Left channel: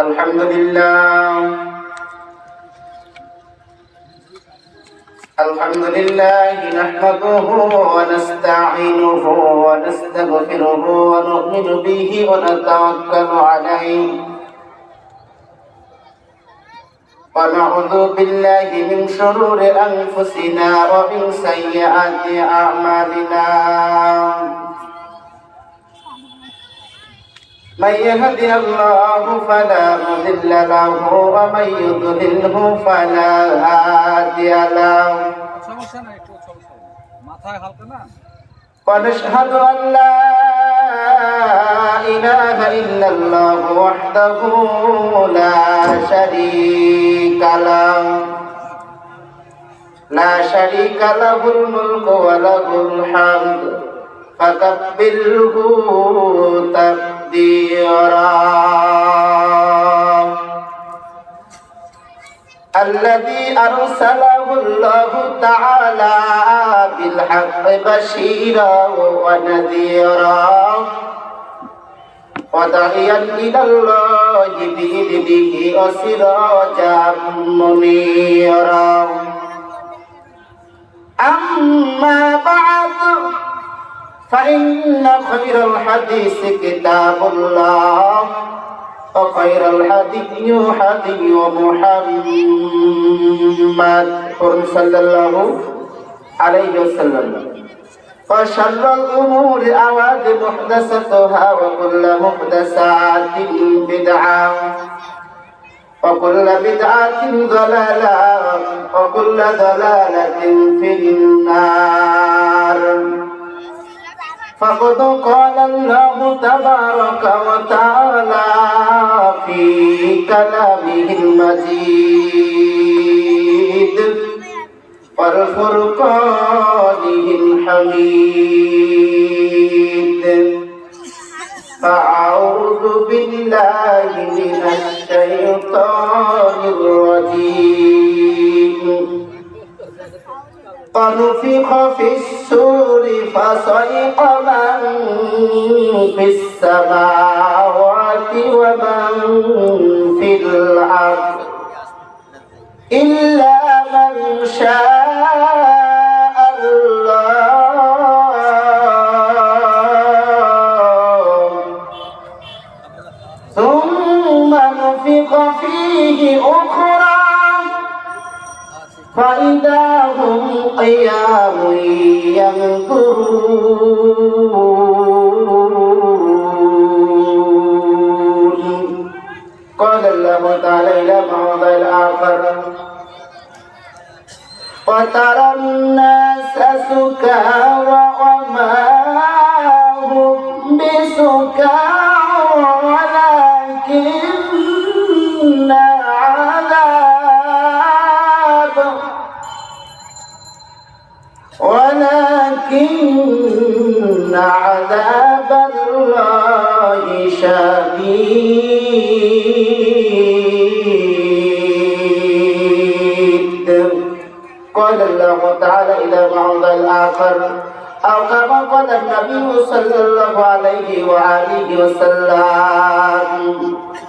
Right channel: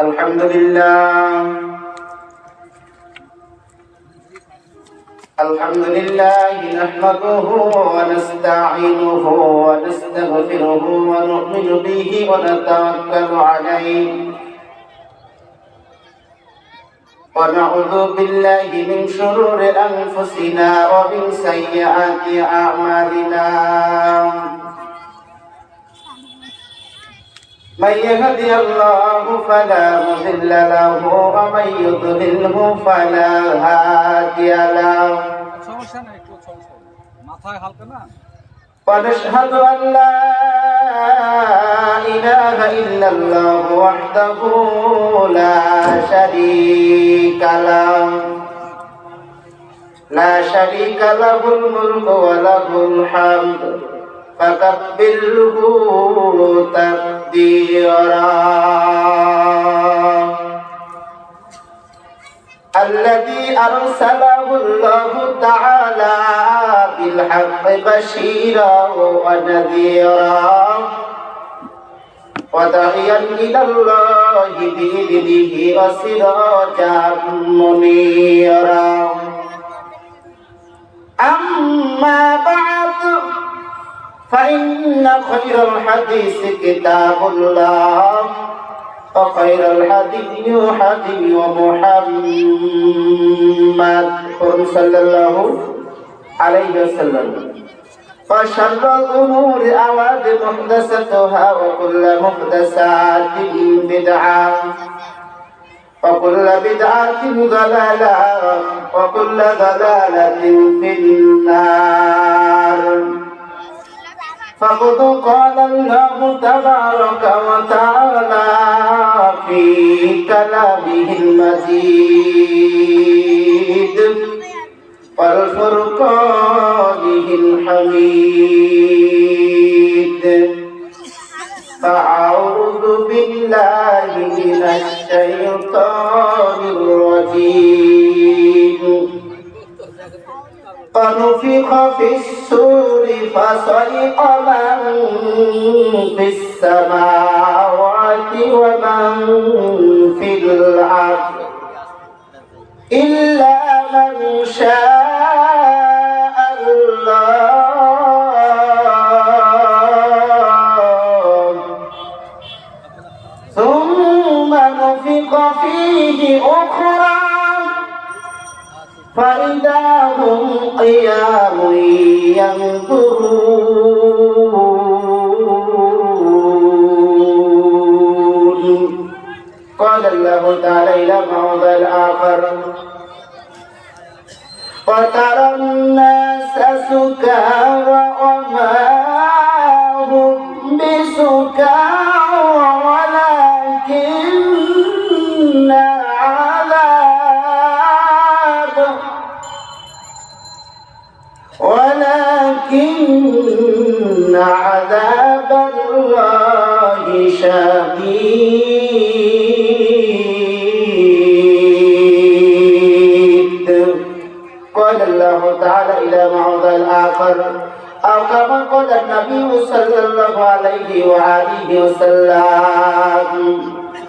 الحمد لله نحمده ونستعينه ونستغفره ونؤمن به ونتوكل عليه ونعوذ بالله من شرور أنفسنا ومن سيئات أعمالنا من يهدي الله فلا مضل له ومن يضلله فلا هادي له ونشهد أن لا إله إلا الله وحده لا شريك له الملك وله الحمد فكبره تقديرا الذي أرسله الله تعالى بالحق بشيرا ونذيرا وداعيا إلى الله بإذنه وسراجا منيرا أما بعد فإن خير الحديث كتاب الله وخير الهدي هدي محمد صلى الله عليه وسلم وشر الأمور محدثاتها وكل محدثات بدعة وكل بدعة ضلالة وكل ضلالة في النار فقد قال الله تبارك وتعالى في كلامه المجيد والفرقانه الحميد فأعوذ بالله من الشيطان الرجيم ونفخ في الصور فصعق من في السماوات ومن في الأرض إلا من شاء الله ثم نفخ فيه أخرى فإذا هم قيام ينظرون قال الله تعالى إلى موضع الآخر وترى الناس سكارى وما هم بسكارى ولكن عذاب الله شديد قال الله تعالى إلى موضع الآخر أو كما قال النبي صلى الله عليه وآله وسلم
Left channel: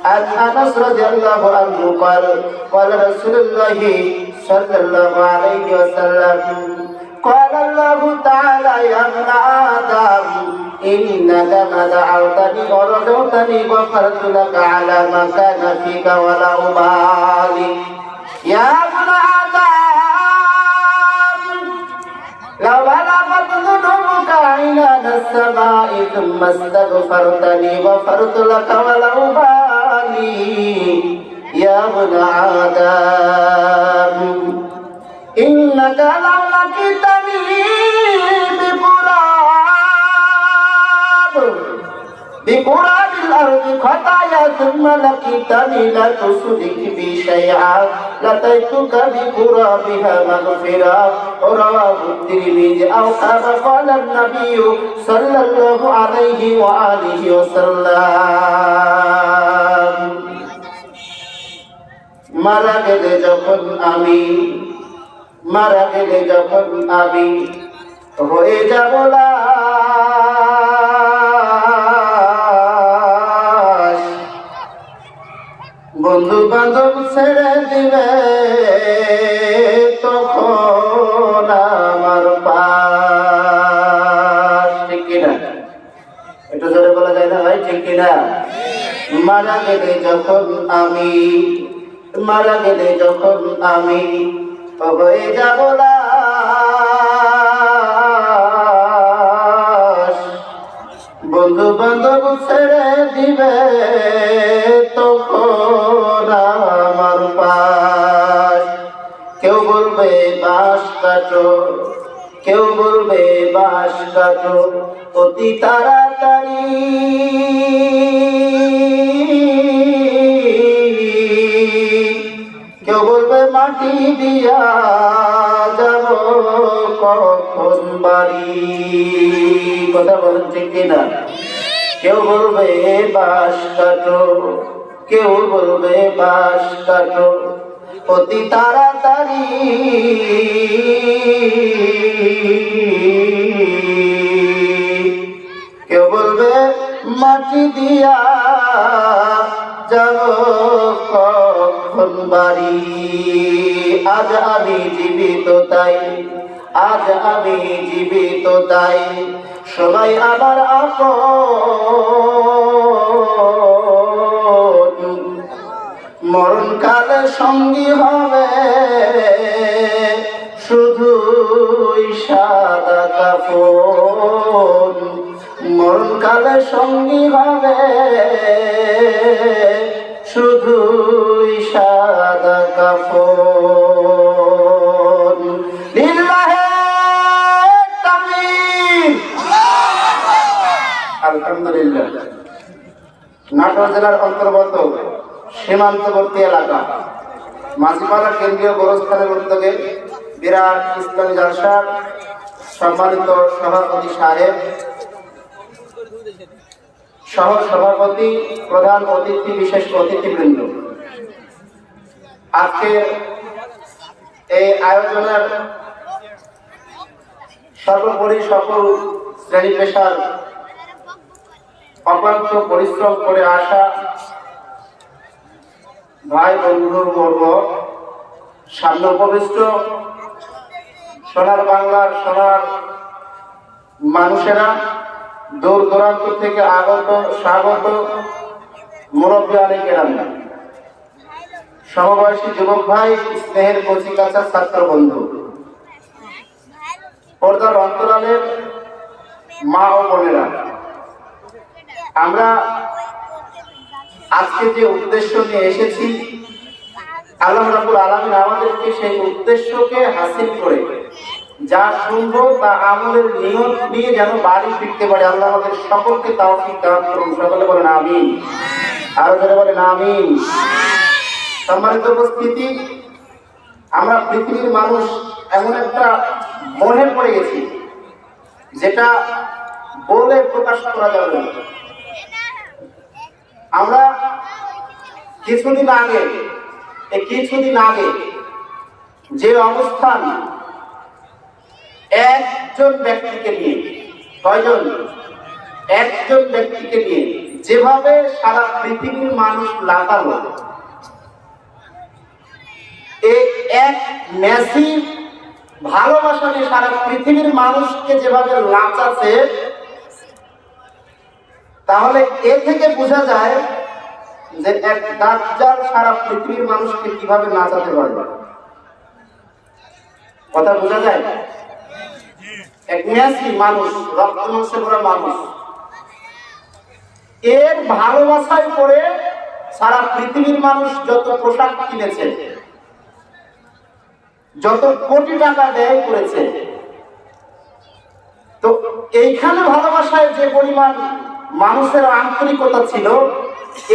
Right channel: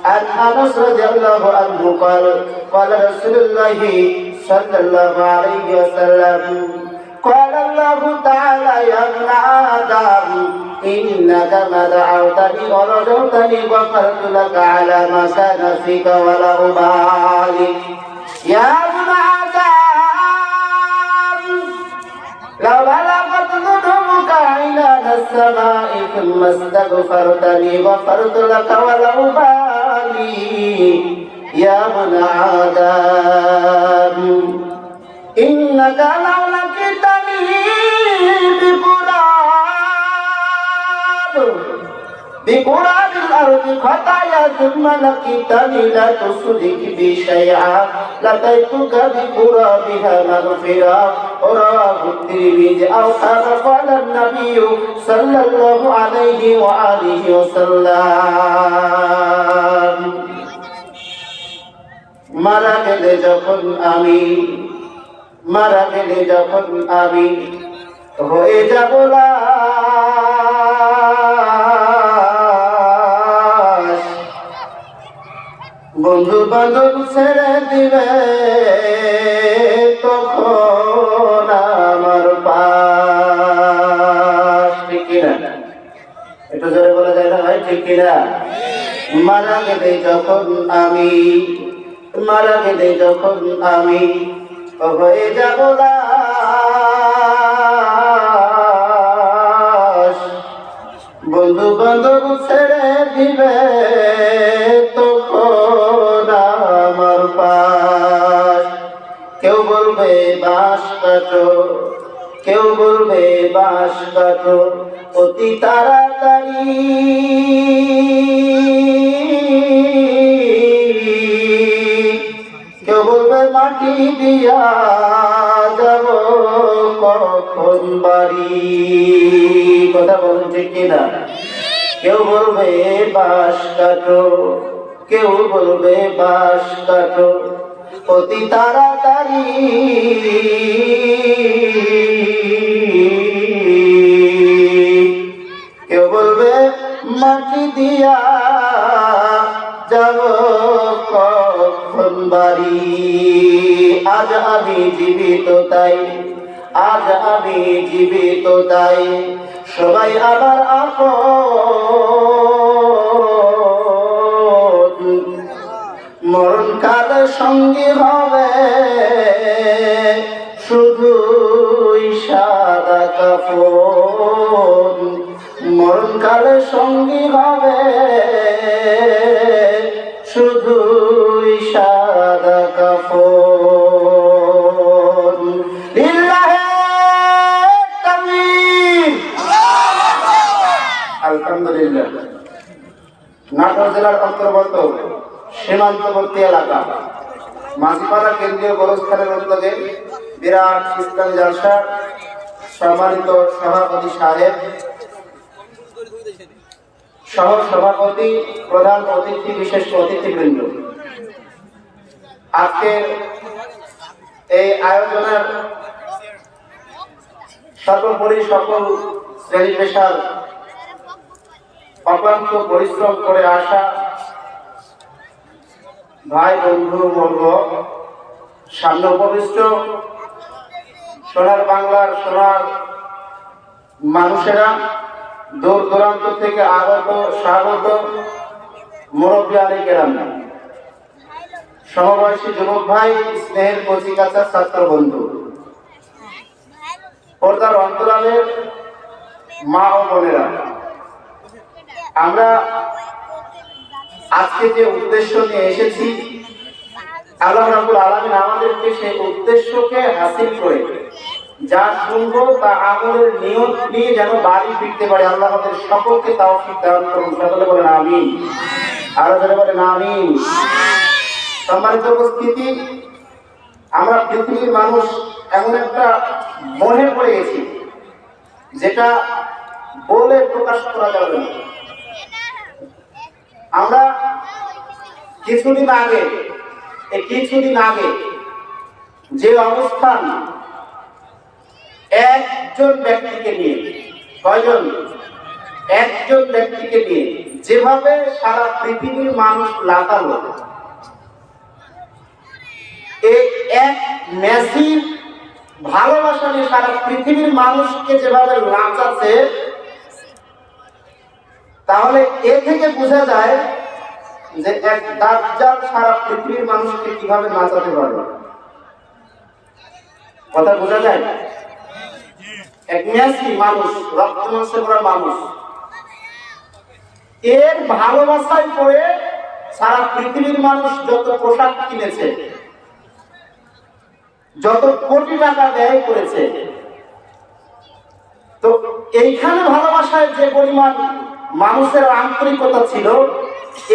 عن أنس رضي الله عنه قال قال رسول الله صلى الله عليه وسلم قال الله تعالى يا ابن آدم إنك ما دعوتني ورجوتني غفرت لك على ما كان فيك ولا أبالي يا ابن آدم لو بلغت ذنوبك عنان السماء ثم استغفرتني غفرت لك ولا أبالي يا ابن آدم إنك لو لقيتني بقراب الأرض خطايا ثم لقيتني لا تشرك بي شيئا لأتيتك بقرابها مغفرة رواه الترمذي أو كما قال النبي صلى الله عليه وآله وسلم মারা গেলে যখন আমি হয়ে যাব লাশ বন্ধু বান্ধব ছেড়ে দিবে তখন আমার পাশ, ঠিক কিনা? একটু জোরে বলা যায় না ভাই, ঠিক কিনা? মারা গেলে যখন আমি, মারা গেলে যখন আমি হয়ে যাব লাশ, বন্ধু বান্ধব ছেড়ে দিবে তখন আমার পাশ। কেউ বলবে বাঁশ কাটো, কেউ বলবে বাঁশ কাটো অতি তাড়াতাড়ি, কেউ বলবে মাটি দিয়া যাব কখন বাড়ি। কথা বলেন ঠিক কিনা? কেউ বলবে বাঁশ কাটো, কেউ বলবে বাঁশ কাটো অতি তাড়াতাড়ি, কেউ বলবে মাটি দিয়া যাব কখন বাড়ি। আজ আমি জীবিত তাই, আজ আমি জীবিত তাই সবাই আমার আপন, মরণকালে সঙ্গী হবে শুধুই সাদা কাফন, মরণকালে সঙ্গী হবে শুধুই সাদা কাফন। লিল্লাহে তাকবীর। আলহামদুলিল্লাহ। নাটোর জেলার অন্তর্গত সীমান্তবর্তী এলাকা মাঝিপাড়া কেন্দ্রীয় গোরস্থানের উদ্যোগে বিরাট ইসলামী জালসার সম্মানিত সভাপতি সাহেব, সহ সভাপতি, প্রধান অতিথি, বিশেষ অতিথিবৃন্দ, আজকের এই আয়োজনের সর্বোপরি সকল শ্রেণী পেশার অক্লান্ত পরিশ্রম করে আসা ভাই বন্ধু বর্গ, সামনে উপবিষ্ট সোনার বাংলার সোনার মানুষেরা, দূর দূরান্ত থেকে আগত স্বাগত মুরব্বী আলী কেরাম, সমবয়সী যুবক ভাই, স্নেহের কচিকাঁচা ছাত্র বন্ধু, পর্দার অন্তরালের মা ও বোনেরা, আমরা আজকে যে উদ্দেশ্য নিয়ে এসেছি, আল্লাহ রাব্বুল আলামিন আমাদেরকে সেই উদ্দেশ্যকে হাসিল করে যা শুনবো তা আমলের নিয়ত নিয়ে যেন বাড়ি ফিরতে পারে। আল্লাহ আমাদের সকলকে তাওফিক দান করুন। সকলে বলেন আমিন। আরো জোরে বলেন আমিন। সম্মানিত উপস্থিতি, আমরা পৃথিবীর মানুষ এমন একটা মোহে পড়ে গেছি যেটা বলে প্রকাশ করা যাবে না। আমরা কিছুদিন আগে যে অবস্থান একজন ব্যক্তিকে নিয়ে, কয়জন? একজন ব্যক্তিকে নিয়ে যেভাবে সারা পৃথিবীর মানুষ লাগালো, এই এক মেসির ভালোবাসা নিয়ে সারা পৃথিবীর মানুষকে যেভাবে নাচাচ্ছে, তাহলে এ থেকে বোঝা যায় যে এক দাজ্জাল সারা পৃথিবীর মানুষকে কিভাবে নাচাতে পারবে। কথা বোঝা যায়? এক মেসি মানুষ, রক্ত মাংসে ভরা মানুষ, এর ভালোবাসায় পড়ে সারা পৃথিবীর মানুষ যত পোশাক কিনেছে, যত কোটি টাকা ব্যয় করেছে, তো এইখানে ভালোবাসায় যে পরিমাণ মানুষের আন্তরিকতা ছিল,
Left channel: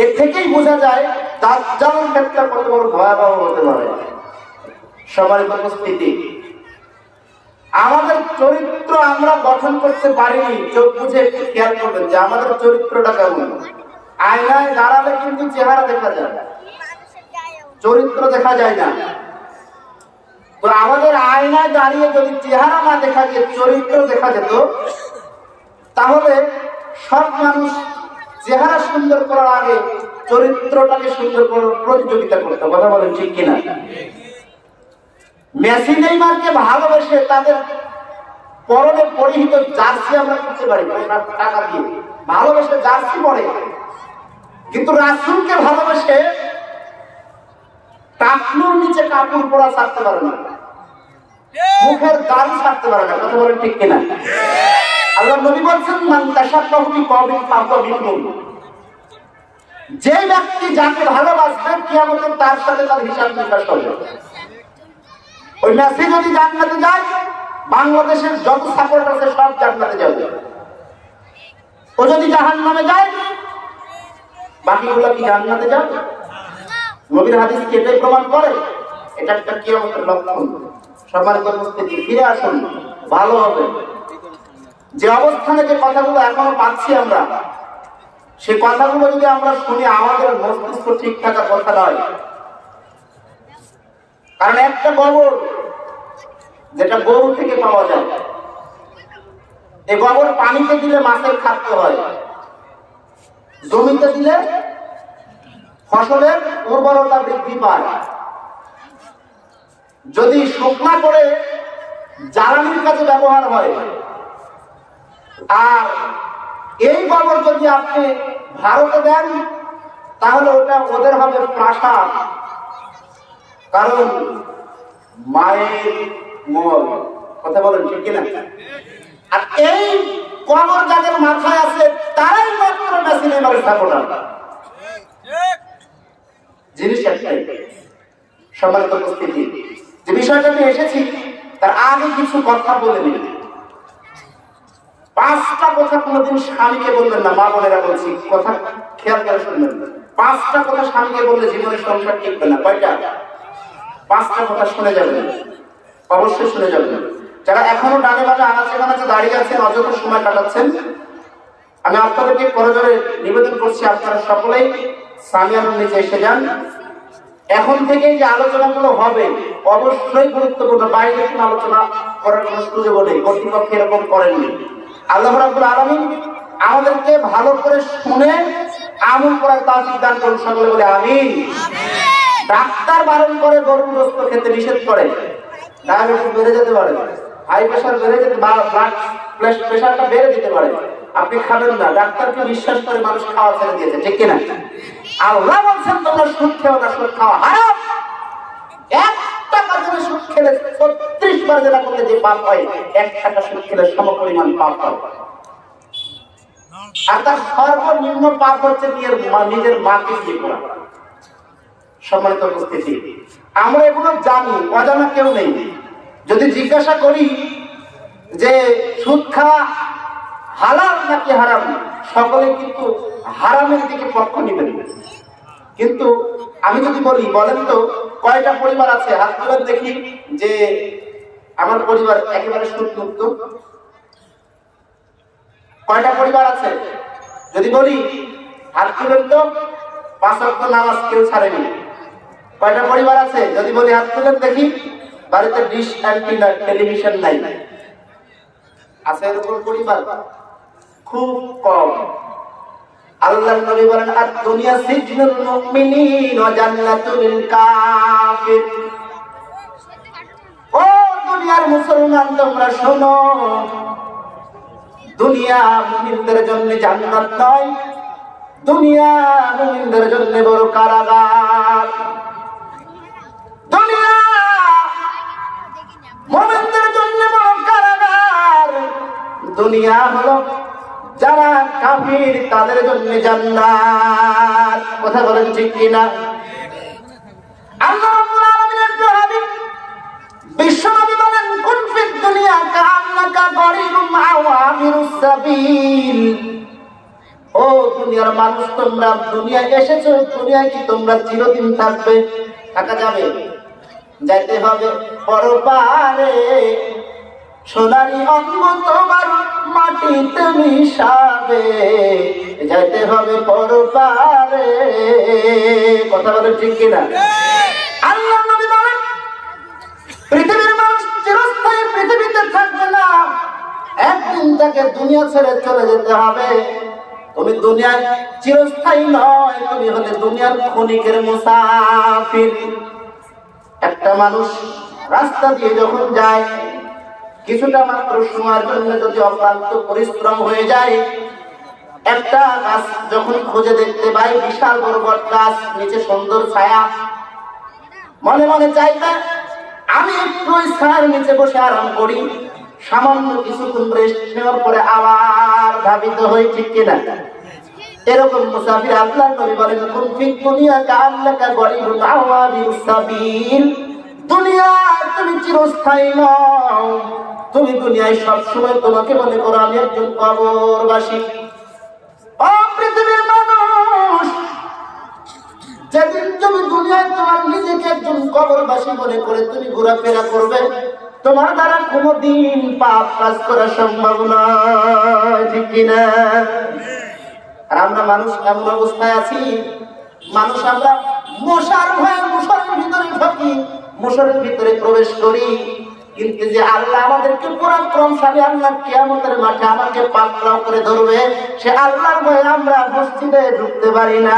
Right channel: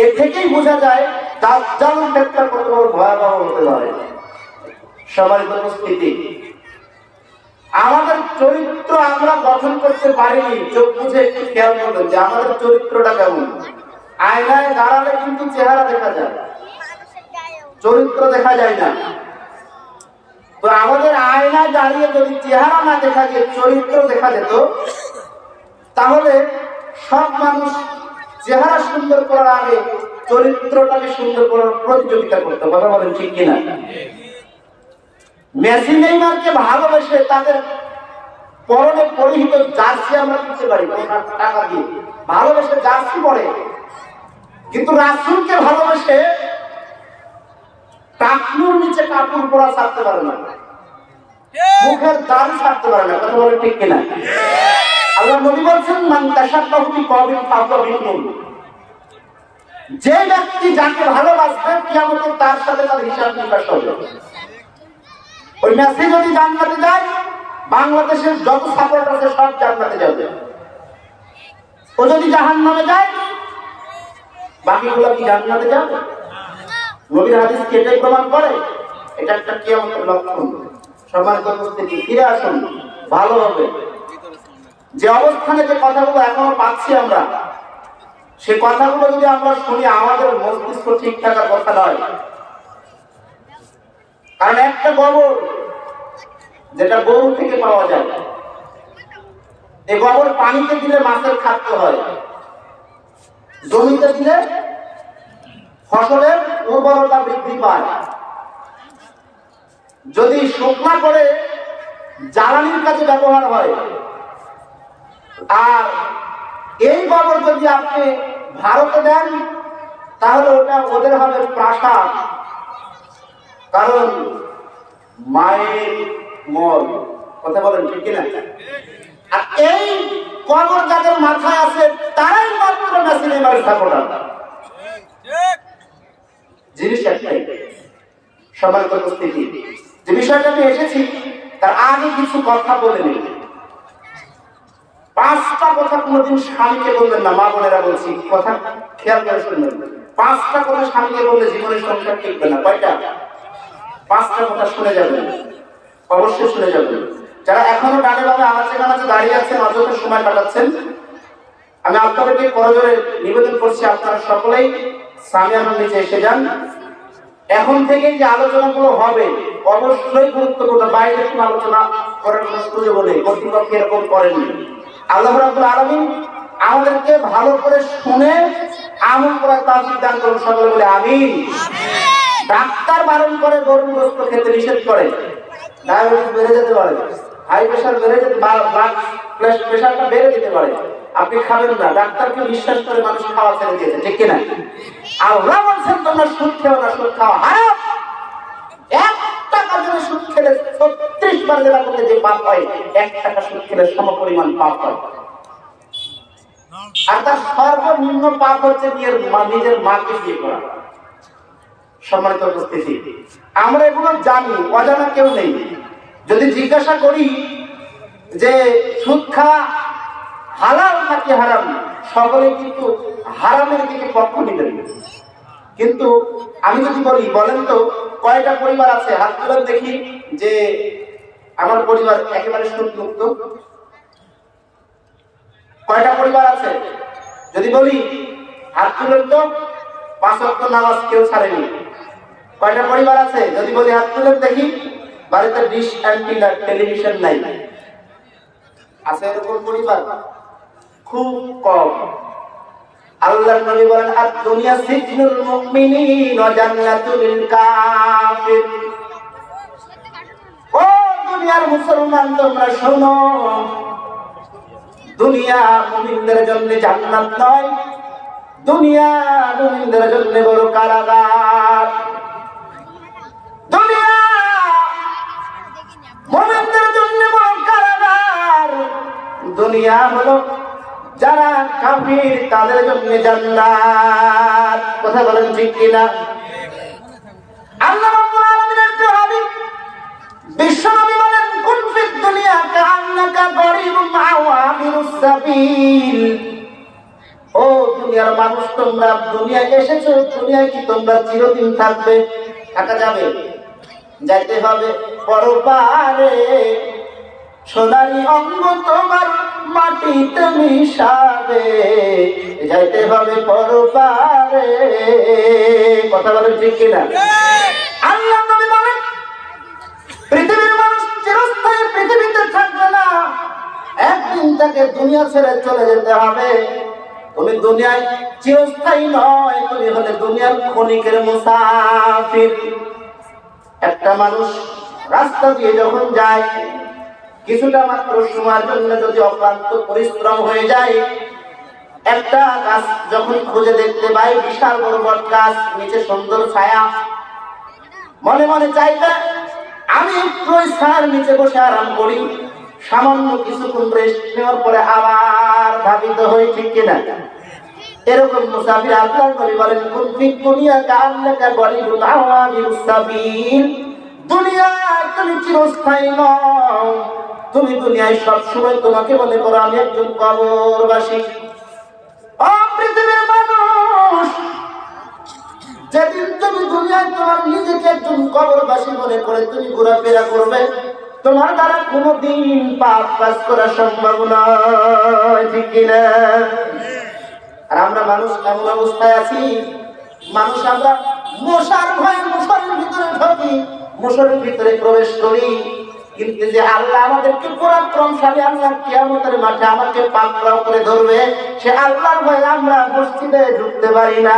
এর থেকেই বোঝা যায় দাজ্জাল একটা কত বড় ভয়াবহ হতে পারে। সম্মানিত উপস্থিতি, আমাদের চরিত্র আমরা গঠন করতে পারিনি। চোখ বুঝে একটু খেয়াল করবেন যে আমাদের চরিত্রটা কেমন। আয়নায় দাঁড়ালে কিন্তু চেহারা দেখা যায়, চরিত্র দেখা যায় না। তো আমাদের আয়নায় দাঁড়িয়ে যদি চেহারা না দেখা যায়, চরিত্র দেখা যেত, তাহলে সব মানুষ চেহারা সুন্দর করার আগে চরিত্রটাকে সুন্দর করার প্রতিযোগিতা করতো। কথা বলেন ঠিক কিনা? মেসি নেইমারকে ভালোবেসে তাদের পরনে পরিহিত জার্সি আমরা কিনতে পারি টাকা দিয়ে, ভালোবেসে জার্সি পরে। কিন্তু রাসূলকে ভালোবেসে টাকনুর নিচে কাপড় পরা ছাড়তে পারে না, মুখের দাড়ি ছাড়তে পারে না। কথা বলেন ঠিক কিনা? আল্লাহ নবী বলছেন, মান তাশাব্বাহা বিকওমিন ফাহুয়া মিনহুম। যে ব্যক্তি যাকে ভালোবাসবে কিয়ামতে তার সাথে তার হিসাব নিকাশ হবে। ওই মেসি যদি জান্নাতে যায়, বাংলাদেশের যত সাপোর্ট আছে সব জান্নাতে যাবে। ও যদি জাহান্নামে যায়, বাকিগুলো কি জান্নাতে যাবে? নবীর হাদিস কি এটাই প্রমাণ করে? এটা একটা কিয়ামতের লক্ষণ। সম্মানিত উপস্থিতি, ফিরে আসুন, ভালো হবে। যে অবস্থানে যে কথাগুলো এখনো পাচ্ছি আমরা, সে কথাগুলো যদি আমরা শুনি, আমাদের মস্তিষ্ক ঠিক থাকার কথা নয়। কারণ একটা গোবর যেটা গরু থেকে পাওয়া যায়, এই গোবর পানিতে দিলে মাছের খাদ্য হয়, জমিতে দিলে ফসলের উর্বরতা বৃদ্ধি পায়। যদি শুকনা করে জ্বালানির কাজে ব্যবহার হয়, আর এই গোবর যদি আপনি ভারতে দেন, তাহলে ওটা ওদের হবে প্রাসাদ। কারণ মায়ের মল। কথা বলেন ঠিক কিনা? আর এই গোবর যাদের মাথায় আছে তারাই মাত্র মেসি নেইমারের সাপোর্টার। জিনিস একটাই। সম্মানিত উপস্থিতি, যে বিষয়টা আমি এসেছি তার আগে কিছু কথা বলে নিই। 5টা কথা কোনোদিন স্বামীকে বলবেন না। মা বোনেরা বলছি, কথা খেয়াল করে শুনবেন। 5টা কথা স্বামীকে বললে জীবনের সংসার টিকবে না। কয়টা? 5টা কথা শুনে যাবেন, অবশ্যই শুনে যাবেন। যারা এখনো ডানে বামে আনাচে কানাচে দাঁড়িয়ে আছেন, অযথা সময় কাটাচ্ছেন, আমি আপনাদেরকে করজোরে নিবেদন করছি, আপনারা সকলেই সামিয়ানোর নিচে এসে যান। এখন থেকে যে আলোচনাগুলো হবে অবশ্যই গুরুত্বপূর্ণ। বাইরে কোনো আলোচনা করার কোনো সুযোগ নেই, কর্তৃপক্ষ এরকম করেননি। আল্লাহ রাব্বুল আলামিন আমাদেরকে ভালো করে শুনে আমল করার তৌফিক দান করুন। সকলে বলে আমিন। ডাক্তার বারণ করে গরুর গোশত খেতে নিষেধ করে, ডায়াবেটিস বেড়ে যেতে পারে, হাই প্রেশার বেড়ে যেতে, ব্লাড প্রেশারটা বেড়ে যেতে পারে, আপনি খাবেন না। ডাক্তারকে বিশ্বাস করে মানুষ খাওয়া ছেড়ে দিয়েছে, ঠিক কিনা? আল্লাহ বলছেন তোমরা সুদ খেও না, সুদ খাওয়া হারাম। 1 টাকা করে সুদ খেলে 36 বার যেটা করলে যে পাপ হয়, 1 টাকা সুদ খেলে সমপরিমাণ পাপ হয়। আর তার সর্বনিম্ন পাপ হচ্ছে নিজের মাকে বিয়ে করা। সম্মানিত উপস্থিতি, আমরা এগুলো জানি, অজানা কেউ নেই। যদি জিজ্ঞাসা করি যে সুদ খাওয়া হালাল নাকি হারাম, সকলে কিন্তু হারামের দিকে পক্ষ নেবেন। কিন্তু আমি যদি বলি, বলেন তো কয়টা পরিবার আছে, হাত তুলেন দেখি, যে আমার পরিবার একেবারে সুদ মুক্ত? কয়টা পরিবার আছে? যদি বলি হাত তুলেন তো, 5 ওয়াক্ত নামাজ কেউ ছাড়েনি। কয়টা পরিবার আছে? যদি বলি হাত তুলেন দেখি, বাড়িতে ডিশ অ্যান্টিনা টেলিভিশন নাই। আছে এরকম পরিবার? খুব কম। আল্লাহর নবী বলেন, আর দুনিয়া সিজনুল মুমিনিন ওয়া জান্নাতুল লিল কাফির। ও দুনিয়ার মুসলমান, তোমরা শোনো, দুনিয়া মুমিনদের জন্য জান্নাত নয়, দুনিয়া মুমিনদের জন্য বড় কারাগার। দুনিয়া মুমিনদের জন্য বড় কারাগার। দুনিয়া হলো যারা কাফির তাদের জন্য জান্নাত। কথা বলেন ঠিক কিনা? আল্লাহ রাব্বুল আলামিনের হাবিব বিশ্বনবী বলেন, কুন ফিদ দুনিয়া কাআন্নাকা গরিবুম আও আবিরুস সাবিল। ও দুনিয়ার মানুষ, তোমরা দুনিয়ায় এসেছো, দুনিয়ায় কি তোমরা চিরদিন থাকবে? থাকা যাবে? যাইতে হবে পরপারে। সোনারি অঙ্গ তোমার মাটিতে মিশাবে, যাইতে হবে পরপারে। কথা বলেন ঠিক কিনা? আল্লাহ নবী বলেন, পৃথিবীর মানুষ চিরস্থায়ী পৃথিবীতে থাকবে না, একদিন তাকে দুনিয়া ছেড়ে চলে যেতে হবে। তুমি দুনিয়ায় চিরস্থায়ী নয়, তুমি হলে দুনিয়ার ক্ষণিকের মুসাফির। একটা মানুষ রাস্তা দিয়ে যখন যায়, কিছুটা মাত্র সময়ের জন্য যদি অক্লান্ত পরিশ্রম হয়ে যায়, একটা গাছ যখন খুঁজে দেখতে পাই, বিশাল বড় বট গাছ, নিচে সুন্দর ছায়া, মনে মনে চাইবে আমি একটু ছায়ার নিচে বসে আরাম করি, সামান্য কিছুক্ষণ রেস্ট নেওয়ার পরে আবার ধাবিত হই, ঠিক কিনা? এরকম মুসাফির আল্লাহর নবী বলেন, কুন ফি দুনিয়া কাআন্নাকা গরিবুন আওয়াবিরুস সাবিল। দুনিয়ায় তুমি চিরস্থায়ী নও, তুমি দুনিয়ায় সব সময় তোমাকে মনে করো আমি একজন কবরবাসী। ও পৃথিবীর মানুষ, যেদিন তুমি দুনিয়ায় তোমার নিজেকে একজন কবরবাসী মনে করে তুমি ঘোরাফেরা করবে, তোমার দ্বারা কোনোদিন পাপ কাজ করা সম্ভব নয়, ঠিক কিনা? আর আমরা মানুষ এমন অবস্থায় আছি, মানুষ আমরা মশার ভয়ে মশারের ভিতরে ঢুকি, মশারের ভিতরে প্রবেশ করি, কিন্তু যে আল্লাহ আমাদেরকে পরাক্রমশালী আল্লাহ কিয়ামতের মাঠে আমাকে পাকড়াও করে ধরবে, সে আল্লাহর ভয়ে আমরা মসজিদে ঢুকতে পারি না।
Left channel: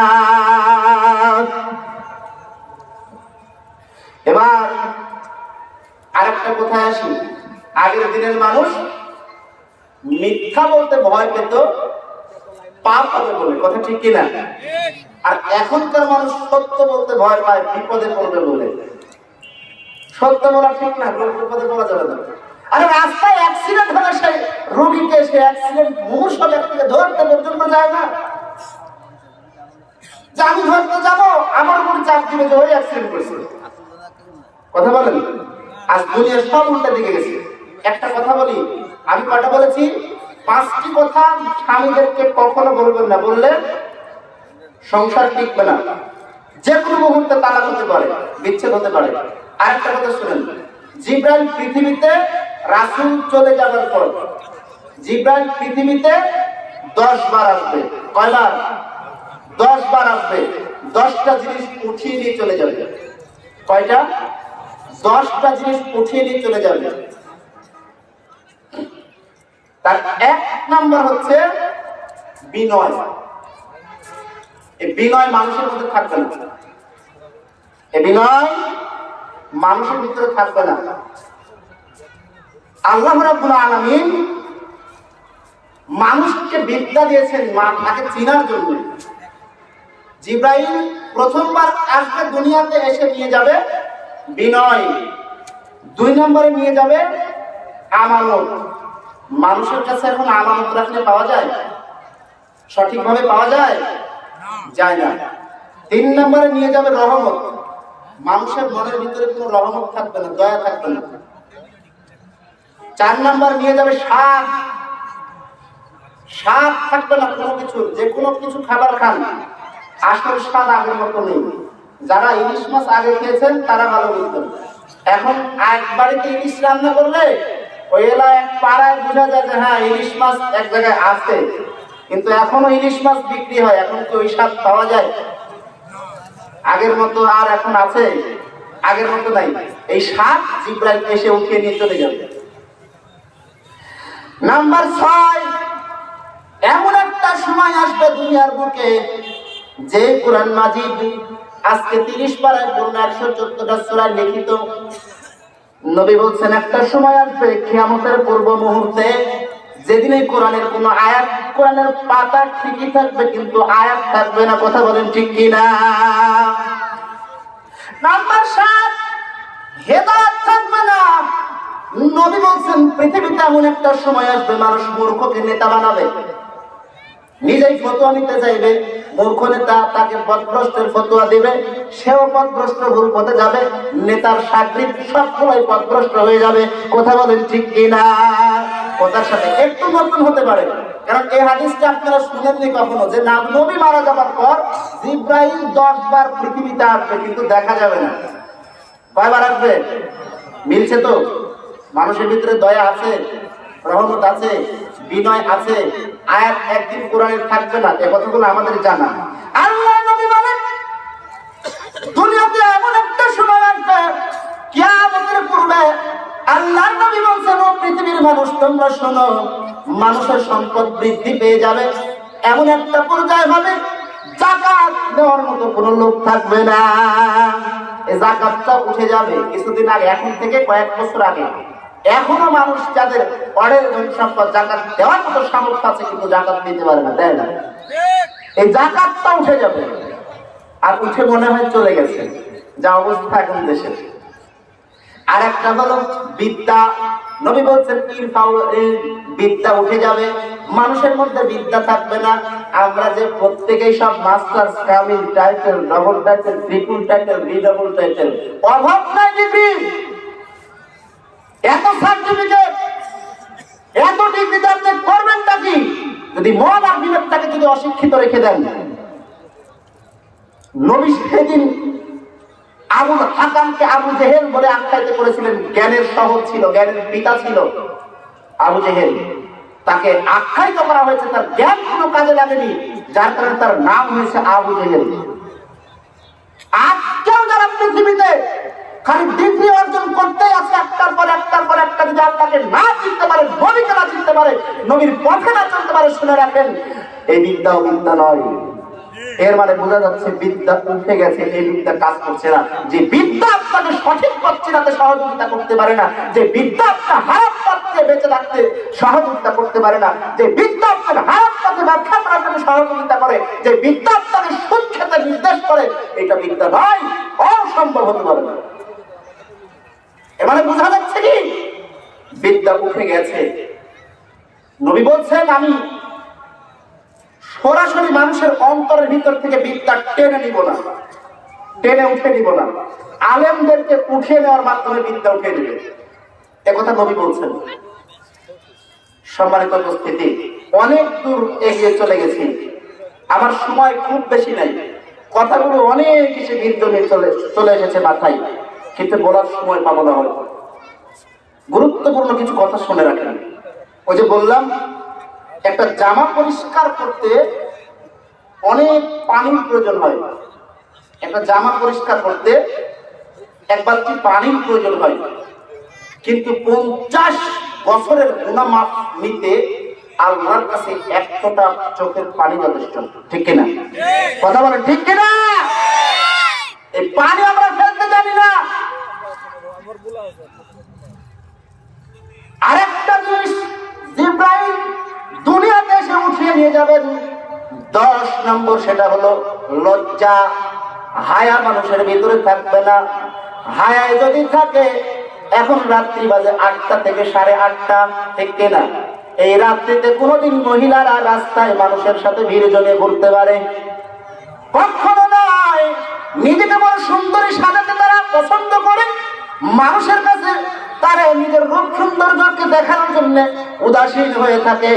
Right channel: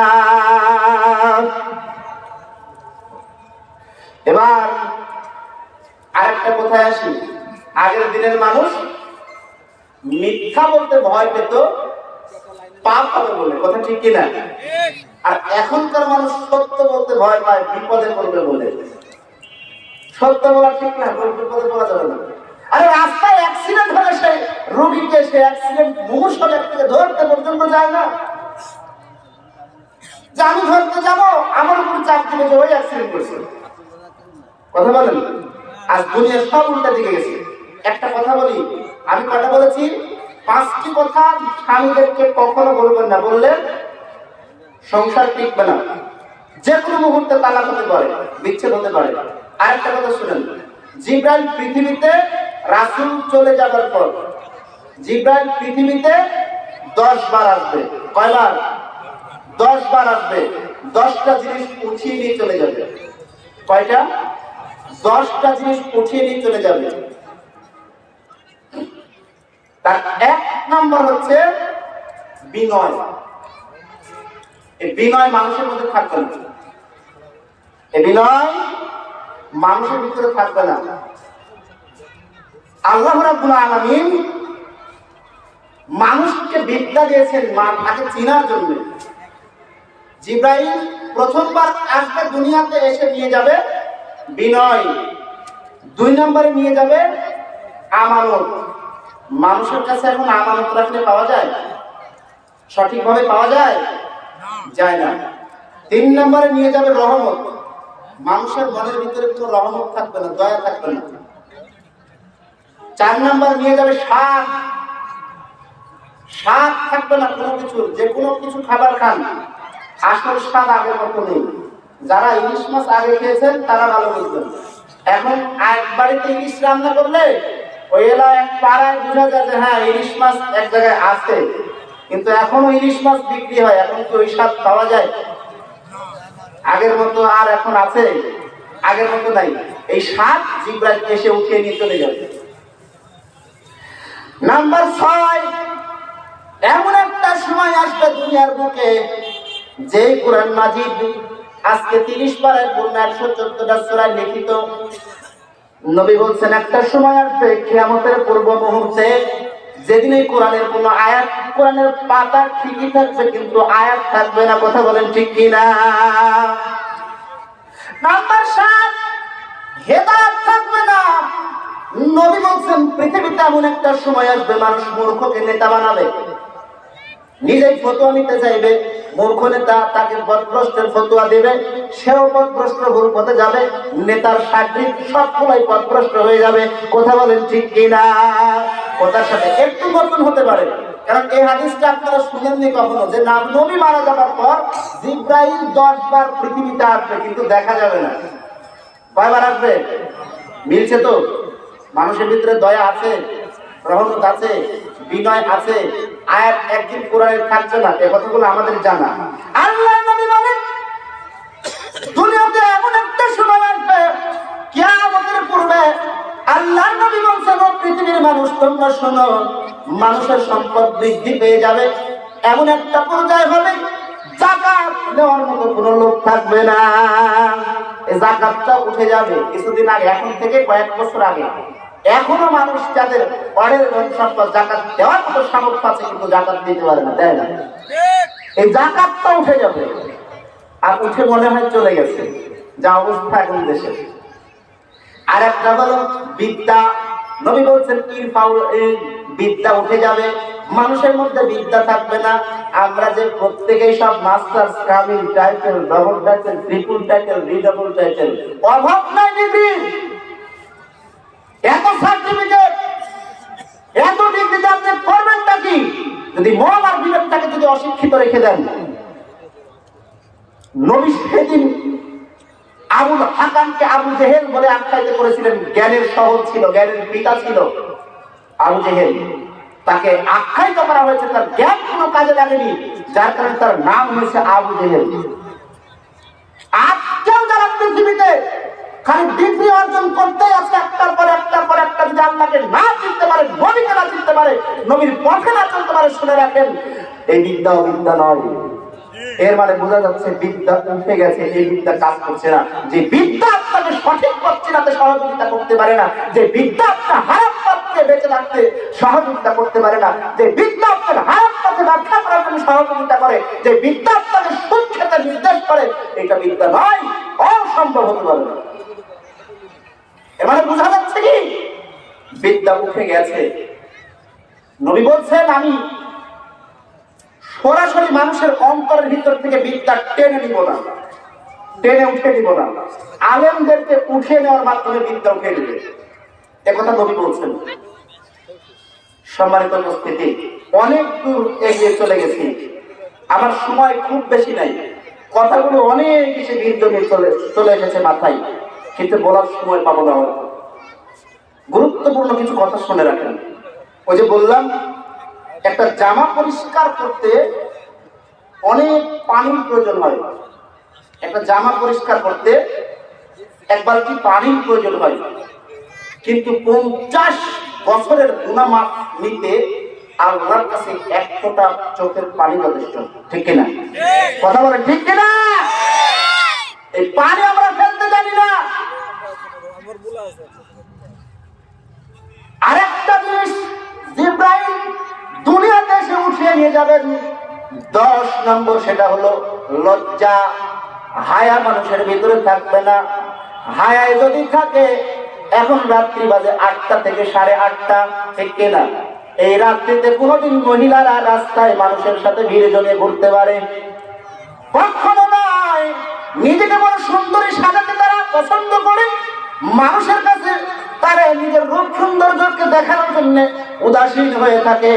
এবার আরেকটা কথায় আসি, আগের দিনের মানুষ মিথ্যা বলতে ভয় পেত পাপ হবে বলে, কথা ঠিক কিনা? আর এখনকার মানুষ সত্য বলতে ভয় পায় বিপদে পড়বে বলে। সত্য বলা ঠিক না, বিপদে বলা যাবে না। আরে রাস্তায় অ্যাক্সিডেন্ট হলে সে রোগীকে সে অ্যাক্সিডেন্ট মুমূর্ষু ব্যক্তিকে ধরতে পর্যন্ত যায় না, যে আমি ধরতে যাবো আমার উপর চাপ দিবে যে ওই অ্যাক্সিডেন্ট করছে। কথা বলেন, আজ দুনিয়ার সব উল্টা দিকে গেছে। একটা কথা বলি, আমি কটা বলেছি? 5টি কথা স্বামীদেরকে কখনো বলবেন না, বললে সংসার টিকবে না, যে কোনো মুহূর্তে তালাক হতে পারে, বিচ্ছেদ হতে পারে। আরেকটা কথা শুনেন, জিব্রাইল পৃথিবীতে রাসূল চলে যাবার পর জিব্রাইল পৃথিবীতে 10 বার আসবে। কয়বার? 10 বার আসবে। 10টা জিনিস উঠিয়ে নিয়ে চলে যাবে। কয়টা? 10টা জিনিস উঠিয়ে নিয়ে চলে যাবে। তার 1 নাম্বার হচ্ছে বিনয়। এই বিনয় মানুষের মধ্যে থাকবে না, এই বিনয় মানুষের ভিতরে থাকবে না। আল্লাহ রাব্বুল আলামিন মানুষকে বিদ্যা দিয়েছেন তাকে চিনার জন্য। জিব্রাইল প্রথমবার আসবে দুনিয়াতে, এসে নিয়ে যাবে বিনয়। 2 নম্বরে নিয়ে যাবে আমানত। মানুষের কাছে এখন আমানত রাখলে পাওয়া যায়? সঠিকভাবে পাওয়া যায়? যায় না। 3 নম্বরে নিয়ে যাবে রহমত। মানুষের মনের ভিতরে কোনো রহমত থাকবে না, দয়া থাকবে না। 4 নম্বর নিয়ে যাবে স্বাদ। স্বাদ থাকবে না কোনো কিছু, যে কোনো কিছু খাবার খান, আসল স্বাদ আগের মতো নেই। যারা ইলিশ মাছ আগে খেয়েছেন তারা ভালো বুঝবেন। এখন এক বাড়িতে ইলিশ রান্না করলে ওই এলাকায় পাড়ায় বোঝা যায় যে হ্যাঁ ইলিশ মাছ এক জায়গায় আছে, কিন্তু এখনো ইলিশ মাছ বিক্রি হয়। এখন কি ওই স্বাদ পাওয়া যায়? আগের মতো আর এখন আছে? আগের মতো নাই। এই স্বাদ জিব্রাইল এসে উঠিয়ে নিয়ে চলে যাবে। নাম্বার 6, এমন একটা সময় আসবে দুনিয়ার বুকে যে কুরআন মাজিদ আজকে 30 পারায় পূর্ণ 114টা সূরায় লিখিত। নবী বলছেন একটা সময় আসবে কিয়ামতের পূর্ব মুহূর্তে, যেদিন এই কোরআনের কোনো আয়াত, কোরআনের পাতা ঠিকই থাকবে কিন্তু আয়াত থাকবে না। কথা বলেন ঠিক কিনা? নাম্বার 7, হেদায়েত থাকবে না। নবী বলছেন পৃথিবীতে এমন একটা সময় আসবে মানুষ মূর্খকে নেতা বানাবে, নিজেই ফতোয়া নিতে চাইবে। মূর্খ নেতা তাকে পথভ্রষ্টের ফতোয়া দিবে, সেও পথভ্রষ্ট ভুল পথে যাবে, নেতার সাকৃত সবগুলোই পথভ্রষ্ট হয়ে যাবে। কথা বলেন ঠিক কিনা? কথার সাথে একটু নতুন হতে পারে, কারণ এই হাদিসটা আপনারা শুনেননি কখনো যে নবী মারা যাবার পর জিব্রাইল 10 বার পৃথিবীতে আসবে, কিন্তু দেখা যাবে না। কয়বার আসবে? মিলছে তো? মানুষের ভিতরে দয়া আছে, রহমত আছে, বিনয় আছে। আয়াত একদিন কোরআনে থাকবে না, এই কথাগুলো আমাদের জানা। আল্লাহর নবী বলেন দুনিয়াতে এমন একটা সময় আসবে কিয়ামতের পূর্বে, আল্লাহর নবী বলছেন ও পৃথিবীর মানুষ তোমরা শোনো, মানুষের সম্পদ বৃদ্ধি পেয়ে যাবে, এমন একটা পর্যায়ে হবে যাকাত দেওয়ার মতো কোনো লোক থাকবে না। এই যাকাতটা উঠে যাবে কিছুদিন আগে, এখন থেকে কয়েক বছর আগে। এখনো মানুষ যাদের অঢেল ধন সম্পদ যাকাত দেওয়ার মতো সামর্থ্য আছে কিন্তু যাকাত দিতে পারে না, তাই না? এই যাকাতটা উঠে যাবে, আর উঠে মনে হয় চলে গেছে, যা অবস্থা এখন দেশে। আর একটা হলো বিদ্যা। নবী বলছেন বিদ্যা উঠে যাবে, মানুষের মধ্যে বিদ্যা থাকবে না। আমরা যে প্রত্যেকেই সব মাস্টার্স, কামিল, title, double title, triple title, রিডবল টাইটেল, অভাব নাই ডিগ্রি, এত সার্টিফিকেট, এত ডিগ্রিতে আপনি করবেনটা কি যদি মন আর বিবেকটাকে যদি অশিক্ষিত রেখে দেন? নবী সেদিন আবুল হাকামকে আবু জেহেল বলে আখ্যায়িত করেছিলেন। জ্ঞানের শহর ছিল, জ্ঞানের পিতা ছিল আবু জেহেল। তাকে আখ্যায়িত করা হয়েছে, তার জ্ঞান কোনো কাজে লাগেনি, যার কারণে তার নাম হয়েছে আবু জেহেল। আজকেও যারা পৃথিবীতে খালি ডিগ্রি অর্জন করতে আছে, একটার পর একটা যদি আল্লাহকে না চিনতে পারে, নবীকে না চিনতে পারে, নবীর পথে না চলতে পারে, শুনে রাখেন এই বিদ্যাও বিদ্যা নয়। এর মানে বোঝা যাচ্ছে বিদ্যা উঠে গেছে, এই বিদ্যা কাজ করছে না। যে বিদ্যা আপনাকে সঠিক পথ চেনাতে সহযোগিতা করতে পারে না, যে বিদ্যা আপনার হারাম পথে বেঁচে থাকতে সহযোগিতা করতে পারে না, যে বিদ্যা আপনার হারাম পথে ব্যবসা করার জন্য সহযোগিতা করে, যে বিদ্যা আপনাকে সুদ খেতে নির্দেশ করে, এটা বিদ্যা নয়, অসম্ভব হতে পারে না। এর মানে বোঝা যাচ্ছে কি বিদ্যা উঠে গেছে। নবী বলছেন আমি সরাসরি মানুষের অন্তরের ভিতর থেকে বিদ্যা টেনে নিব না, টেনে উঠে নিব না, আলেমদেরকে উঠে নেওয়ার মাধ্যমে বিদ্যা উঠে নেবে, একথা নবী বলছেন। সম্মানিত উপস্থিতি, অনেক দূর এগিয়ে চলে গেছি, আমার সময় খুব বেশি নাই, কথাগুলো অনেক কিছু নির্দনে চলে এসেছে মাথায়, কিন্তু বলার সময় পাবো না। হয়তো গুরুত্বপূর্ণ কিছু কথা শুনে রাখেন। ওই যে বললাম একটা জামা পরিষ্কার করতে অনেক পানির প্রয়োজন হয়, একটা জামা পরিষ্কার করতে এক বালতি পানির প্রয়োজন হয়, কিন্তু 50 বছরের গুনাহ মাফ নিতে আল্লাহর কাছে 1 ফোঁটা চোখের পানি যথেষ্ট। ঠিক কিনা? কথা বলেন ঠিক কিনা? এই পানি আমরা ফেলতে জানি না। আরেকটা জিনিস জিবরাইল দুনিয়াতে এসে উঠিয়ে নিয়ে যাবেন 10 নম্বর, সেটা হলো লজ্জা। হায়া মানুষের ভিতরে থাকবে না। হায়ায় যদি থাকে, এখন রাত্রি বাজে 8টা থেকে 8:30, ঠিক কিনা? এই রাত্রিতে কোনোদিন মহিলারা রাস্তায় মানুষের সাথে ভিড় জমে ঘুরতে পারে? কখনো নয়। নিজেকে বড় সুন্দরী সাজাতে তারা পছন্দ করে, মানুষের কাছে তারা নিজের রূপ সৌন্দর্যকে দেখানোর জন্য উদাসীন হয়ে থাকে।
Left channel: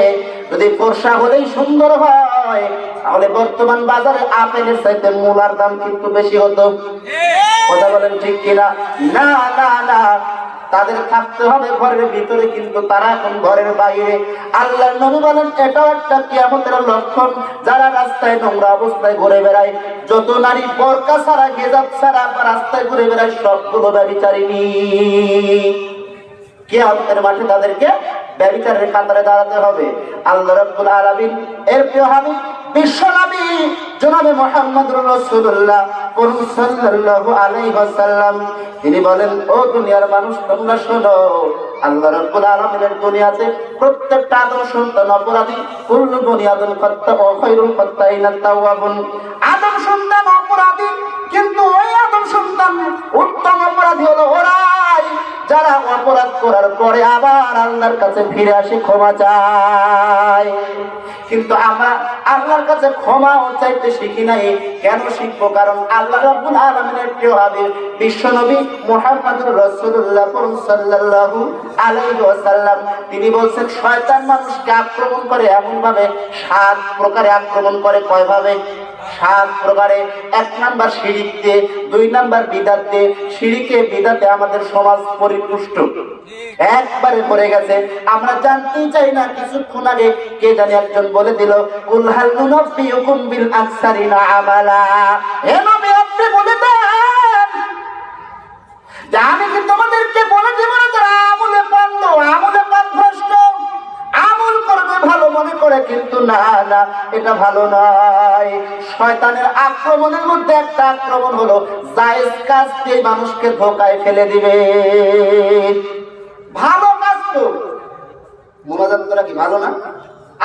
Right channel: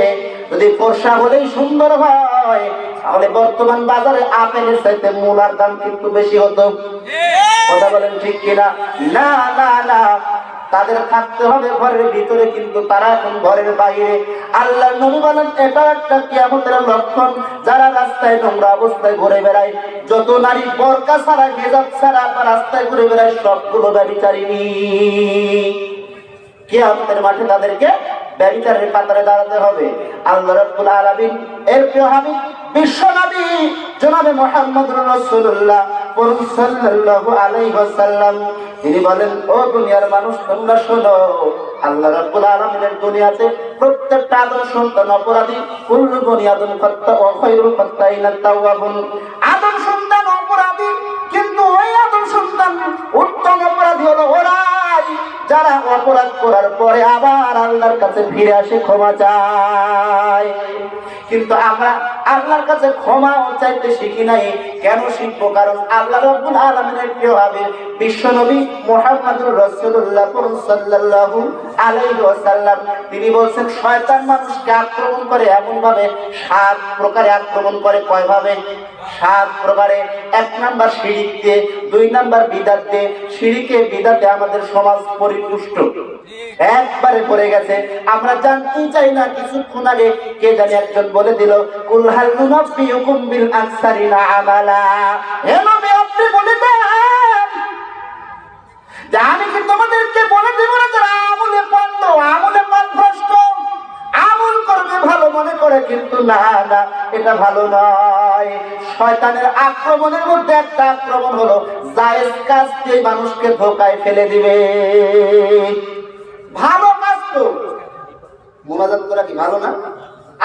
যদি ফর্সা হলেই সুন্দর হয়, তাহলে বর্তমান বাজারে আপেলের চাইতে মূলার দাম কিন্তু বেশি হতো। কথা বলেন ঠিক কিনা? না না না, তাদের থাকতে হবে ঘরের ভিতরে, কিন্তু তারা এখন ঘরের বাইরে। আল্লাহর নবী বলেন এটা একটা কিয়ামতের লক্ষণ। যারা রাস্তায় নোংরা অবস্থায় ঘুরে বেড়ায়, যত নারী বোরকা ছাড়া, হিজাব ছাড়া রাস্তায় ঘুরে বেড়ায়, সবগুলো ব্যভিচারিণী। কিয়ামতের মাঠে তাদেরকে ব্যভিচারের কাতারে দাঁড়াতে হবে। আল্লাহ রাব্বুল আলামিন এর প্রিয় হাবিব বিশ্ব নবী জনাবে মুহাম্মদুর রাসূলুল্লাহ সাল্লাল্লাহু আলাইহি ওয়াসাল্লাম তিনি বলেন, ও দুনিয়ার মানুষ তোমরা শোনো, আল্লাহ রাব্বুল আলামিনের দুনিয়াতে প্রত্যেকটা আদম সন্তান অপরাধী। কুল্লু বনি আদম খাত্তা ওয়া খায়রুল খাত্তাইনা তাওয়াবুন। আদম সন্তান অপরাধী, কিন্তু ওই আদম সন্তান উত্তম অপরাধী হলো ওরাই যারা অপরাধ করার পরে আবার আল্লাহর কাছে ফিরে আসে, ক্ষমা চায়। কিন্তু আমরা আল্লাহর কাছে ক্ষমা চাইতে শিখি নাই। কেন শিখবো? কারণ আল্লাহ রাব্বুল আলামিনের প্রিয় হাবিব বিশ্ব নবী মুহাম্মদুর রাসূলুল্লাহ সাল্লাল্লাহু আলাইহি ওয়াসাল্লাম তিনি বলেন, শয়তান মানুষকে আক্রমণ করে এমন ভাবে 7 প্রকারে আক্রমণ করে। কয় ভাবে? 7 প্রকারে। 1 নাম্বার শিরক দিয়ে, 2 নাম্বার বিদআত দিয়ে। শিরকে বিদআতে আমাদের সমাজ পরিপুষ্ট, একবারে পড়ে গেছে। আমরা জানতেই চাই না। কিছুক্ষণ আগে কে জানি একজন বলে দিল, কুল হাল নুনাব্বিউকুম বিল আকসারিনা আমালা। হে নবী, আপনি বলে দেন যে আমি কি তোমাদেরকে বলে দেব না যারা আমলে পণ্ড, আমলে পথভ্রষ্ট, আমল করবে ভালো মনে করে, কিন্তু না না, এটা ভালো নয়। শয়তানের আক্রমণের মধ্যে একটা আক্রমণ হলো জায়েজ কাজ দিয়ে মানুষকে ধোঁকায় ফেলে দিবে। ভালো কাজ তো মুনাজাত করা কি ভালো না?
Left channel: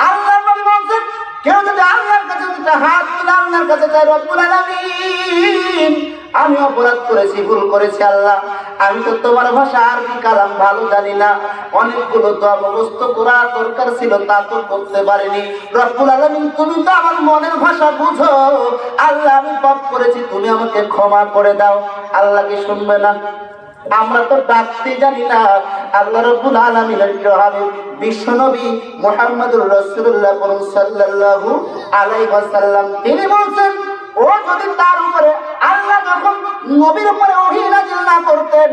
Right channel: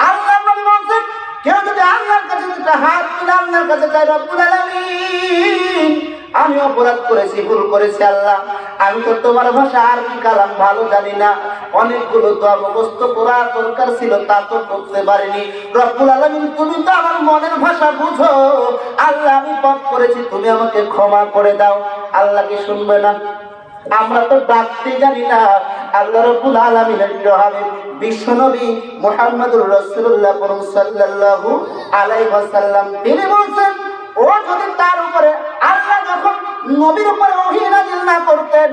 আল্লাহর নবী বলেন, কেউ যদি আল্লাহর কাছে দুটো হাত তুলে আল্লাহর কাছে চায়, রব্বুল আলামিন আমি অপরাধ করেছি, ভুল করেছি আল্লাহ, আমি তো তোমার ভাষা আরবি কালাম ভালো জানি না, অনেকগুলো দোয়া মুখস্থ করা দরকার ছিল, তা তো করতে পারিনি, রব্বুল আলামিন তুমি তো আমার মনের ভাষা বুঝো, আল্লাহ আমি পাপ করেছি, তুমি আমাকে ক্ষমা করে দাও। আল্লাহ কি শুনবে না? আমরা তো ডাকতে জানি না। আল্লাহ রাব্বুল আলামিনের হাবিব বিশ্বনবী মুহাম্মদুর রাসূলুল্লাহ সাল্লাল্লাহু আলাইহি ওয়াসাল্লাম তিনি বলেন, ও যদি তার উপরে আল্লাহ যখন নবীর উপরে ওহী নাযিল না করতেন,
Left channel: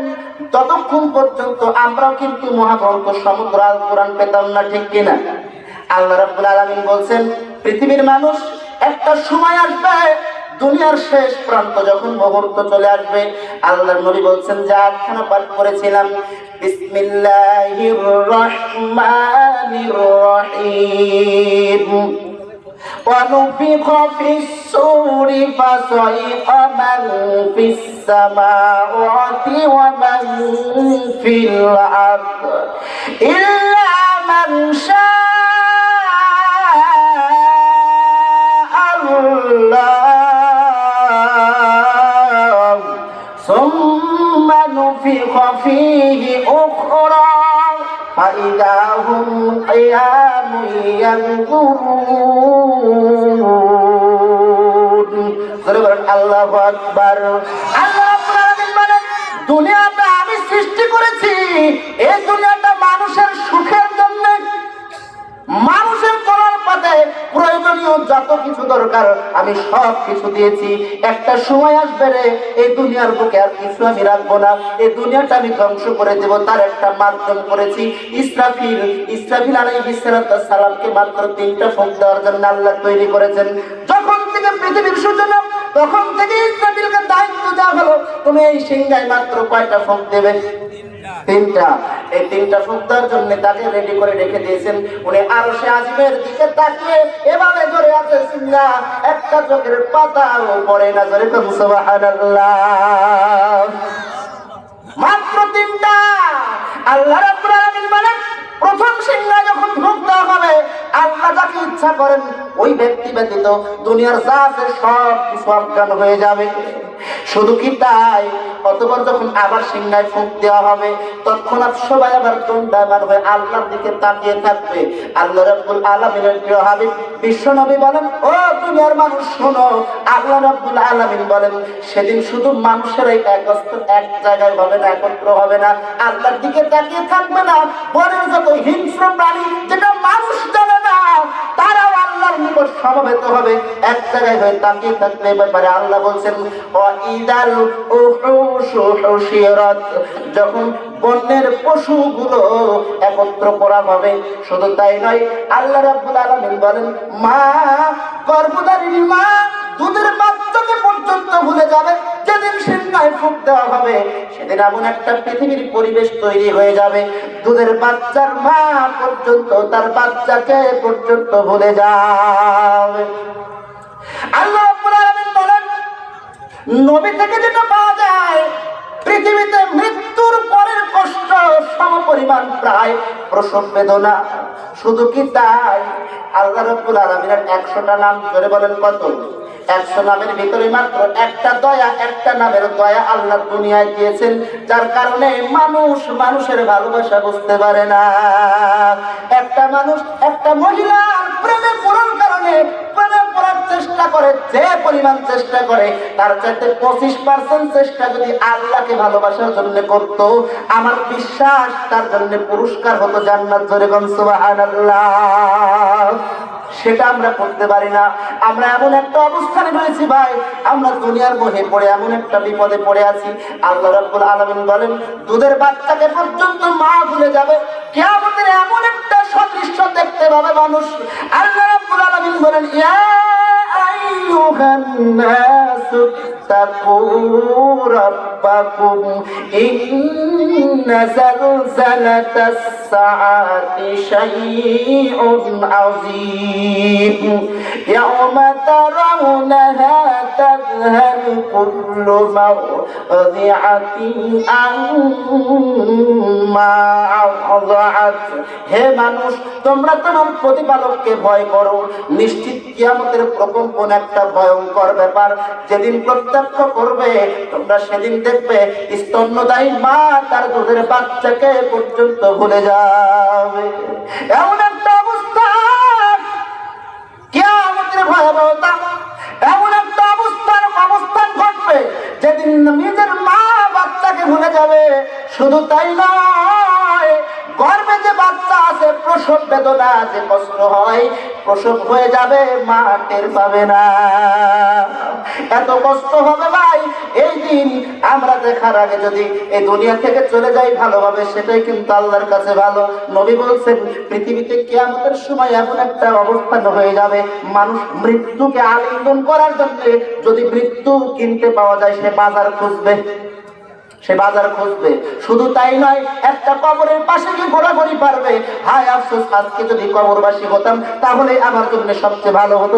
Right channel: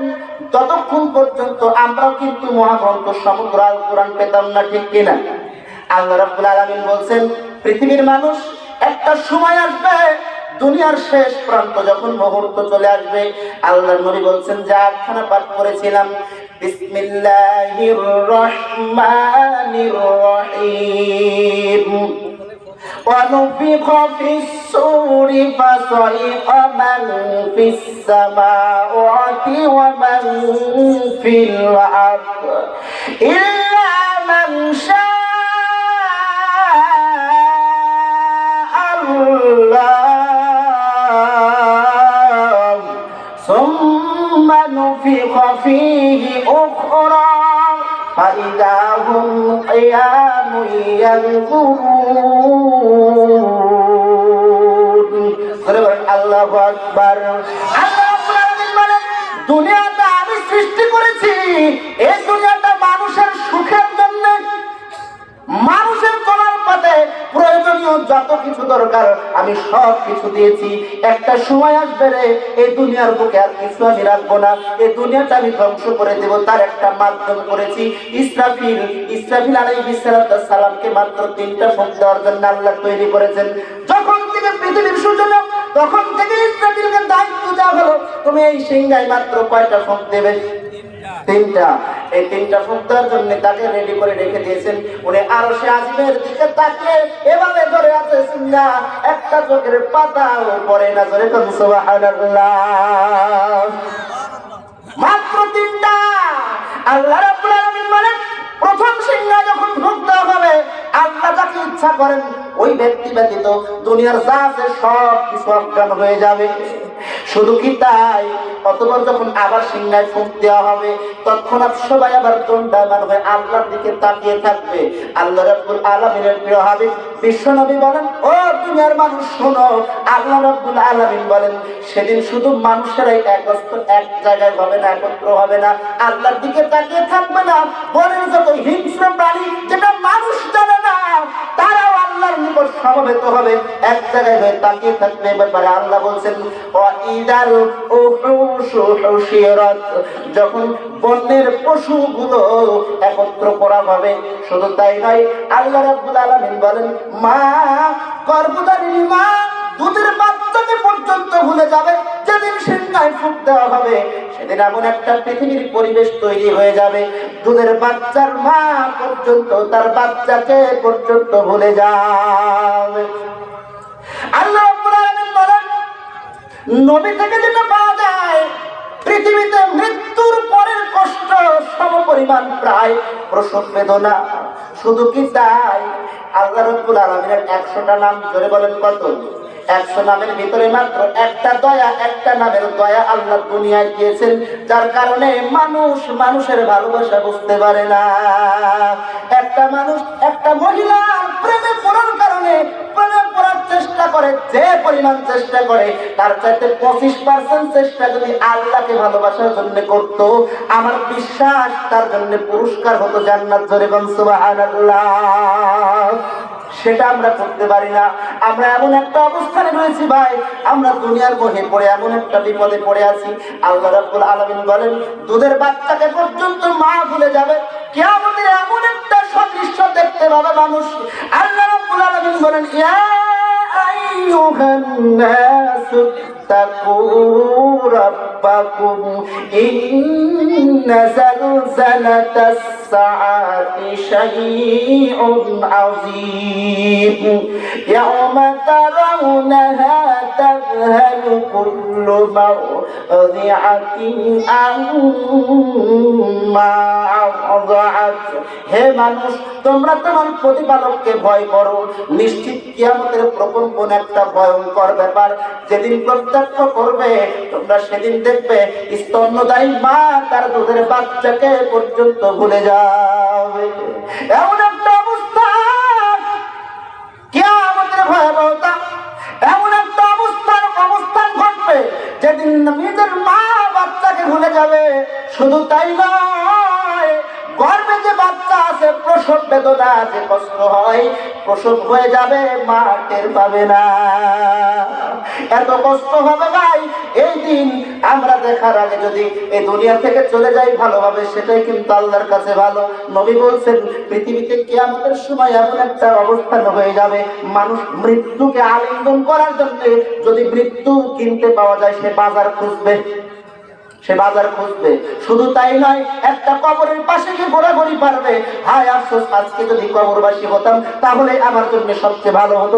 ততক্ষণ পর্যন্ত আমরাও কিন্তু মহাগ্রন্থ সমুদ্র আল কোরআন পেতাম না, ঠিক কিনা? আল্লাহ রাব্বুল আলামিন বলেন, পৃথিবীর মানুষ একটা সময় আসবে, দুনিয়ার শেষ প্রান্ত যখন মুহূর্ত চলে আসবে, আল্লাহর নবী বলছেন যে আয়াতখানা পাঠ করেছিলাম, বিসমিল্লাহির রহমানির রহিম, ونفخ في الصور فصعق من في السماوات ومن في الأرض إلا من شاء الله ثم نفخ فيه أخرى فإذا هم قيام ينظرون। আল্লাহু আকবার। আল্লাহ রাব্বুল আলামিন বলেন, দুনিয়াটা আমি সৃষ্টি করেছি, এই দুনিয়াটা মানুষের সুখের জন্য, মানুষের চলার পথে প্রয়োজনীয় যত কিছু দরকার আমি সব কিছু দিয়েছি। একটা সময় আসবে রে, এই দুনিয়ার বুকে আর কিছু আমি রাখবো না, এই দুনিয়াটা আমি ধ্বংস করে দেব। তার একটা মাধ্যম করেছি ইসরাফিল। ইসরাফিল আলাইহিস সালামকে মাত্র 3টা ফুঁক দেওয়ার জন্য আল্লাহ তৈরি করেছেন। যখন থেকে পৃথিবীর সূচনা, তখন থেকে ইসরাফিলকে দায়িত্ব দেওয়া হলো, তুমি এই সিংহায় মাত্র কয়টা ফুঁক দেবে? 3টা। এই 3টা ফুঁক দেওয়ার জন্য তাকে রেডি করে রেখে দিয়েছেন। উনি আরশে আজিমের দিকে তাকিয়ে এভাবে ধরে আছে, সিংহা একটা চোখের পাতাও পড়ে না, ধরে কোন সুবহানাল্লাহ। মাত্র 3টা। আল্লাহ রাব্বুল আলামিন বলেন, প্রথম সিংহা যখন ফুঁক দেওয়া হবে, আল্লাহ যাকে ইচ্ছা করেন ওই ব্যক্তি ব্যতীত দুনিয়ার যা আছে সব কিছু অজ্ঞান হয়ে যাবে। শুধু কি তাই, অতঃপর যখন আবার সিংহায় ফুঁক দেওয়া হবে, তৎক্ষণাৎ সবাই আবার দণ্ডায়মান হয়ে আল্লাহর দিকে তাকিয়ে থাকবে। আল্লাহ রাব্বুল আলামিনের প্রিয় হাবিব বিশ্বনবী বলেন, ও দুনিয়ার মানুষ শোনো, আল্লাহ রাব্বুল আলামিন বলেন, সেদিন শুধু মানুষেরাই এক জায়গায় হবে না, একত্র হবে না, আল্লাহর দিকে তাকিয়ে থাকবে না, বনের যত হিংস্র প্রাণী যেটা মানুষ জানে না, তারাও আল্লাহর নিকট সমবেত হবে, এক জায়গায় হয়ে তাকিয়ে থাকবে। ব্যাপারে আল্লাহ বলছেন, ওয়াইদাল উহুশু হুশিরাত, যখন বনের পশুগুলো একত্র করা হবে। শুধু তাই নয়, আল্লাহ রাব্বুল আলামিন বলেন, মা গর্ভধারিণী মা দুধের বাচ্চাকে পর্যন্ত ভুলে যাবে। যেদিন সিংহায় ফুঁক দেওয়া হবে, সেদিন এমন একটা পৃথিবীর পরিবেশ তৈরি হয়ে যাবে, দুধের বাচ্চার মা পর্যন্ত তার বাচ্চাকে পর্যন্ত ভুলে যাবে। আল্লাহ রাব্বুল আলামিন বলেন, নবী থেকে যেটা পাওয়া যায়, পৃথিবীতে মৃত্যুর পরের কষ্ট সমপরিমাণ প্রায় প্রসব বেদনা। শুধু কি তাই, আল্লাহ রাব্বুল আলামিনের 100টা নাম, জোরে বলেন কত? 100 নামের ভিতরে মাত্র একটা দয়া, একটা নামের দয়া আল্লাহ দুনিয়ায় দিয়েছেন, যার কারণে মানুষ মানুষের ভালোবাসা বুঝতে পারে না। একটা মানুষ একটা মহিলার প্রেমে পড়ার কারণে প্রেমে পড়ার চেষ্টা করে, যে পরিমাণ চেষ্টা করে তার চাইতে 25% চেষ্টা যদি আল্লাহকে ভালোবাসার জন্য করত, আমার বিশ্বাস তার জন্য পুরস্কার হতো জান্নাত। জোরে বলেন সুবহানাল্লাহ। সেটা আমরা করতে পারি না। আমরা এমন একটা অবস্থানে রয়েছি ভাই, আমরা দুনিয়ার মোহে পড়ে এমন একটা বিপদে পড়ে আছি। আল্লাহ রাব্বুল আলামিন বলেন, দুধের বাচ্চাকে পর্যন্ত মা ভুলে যাবে, কিয়ামতের এমন একটা সদৃশ্য দেখতে পাবে মানুষ। আল্লাহ রাব্বুল আলামিন বলেন, ইয়া আইয়ুহান নাসু তাকু রাব্বাকুম ইন্না জালজালাতাস সাআতি শাইউন আযীম ইয়াওমা তারাউনাহা তাযহালু কুল্লু মারদিআতিন আম্মা আযআত। হে মানুষ, তোমরা তোমার প্রতিপালককে ভয় করো। নিশ্চিত কিয়ামতের প্রকম্পন একটা ভয়ঙ্কর ব্যাপার। যেদিন প্রত্যক্ষ করবে তোমরা, সেদিন দেখবে স্তন্যদায়ী মা তার দুধের বাচ্চাকে পর্যন্ত ভুলে যাবে। এমন একটা অবস্থা, কিয়ামতের ভয়াবহতা, এমন একটা অবস্থান ঘটবে যেদিন নিজের মা বাচ্চাকে ভুলে যাবে। শুধু তাই নয়, গর্ভে যে বাচ্চা আছে, প্রসব বেদনা যে কষ্ট হয়, প্রসব হয়ে যাবে, মা টের পাবে না। এত কষ্ট হবে ভাই এই দিন। আমরা দেখার আগে যদি এই দুনিয়া থেকে চলে যাই ভালোভাবে, সেটাই কিন্তু আল্লাহর কাছে ভালো। নবী বলছেন, পৃথিবীতে কিয়ামতের সময় এমন একটা অবস্থান হয়ে যাবে, মানুষ মৃত্যুকে আলিঙ্গন করার জন্য যদি মৃত্যু কিনতে পাওয়া যায়, সে বাজার খুঁজবে। শুধু তাই নয়, একটা কবরের পাশে যে ঘোরাঘুরি পারবে। হায় আফসোস, আজকে যদি কবরবাসী হতাম তাহলে আমার জন্য সবচেয়ে ভালো হতো।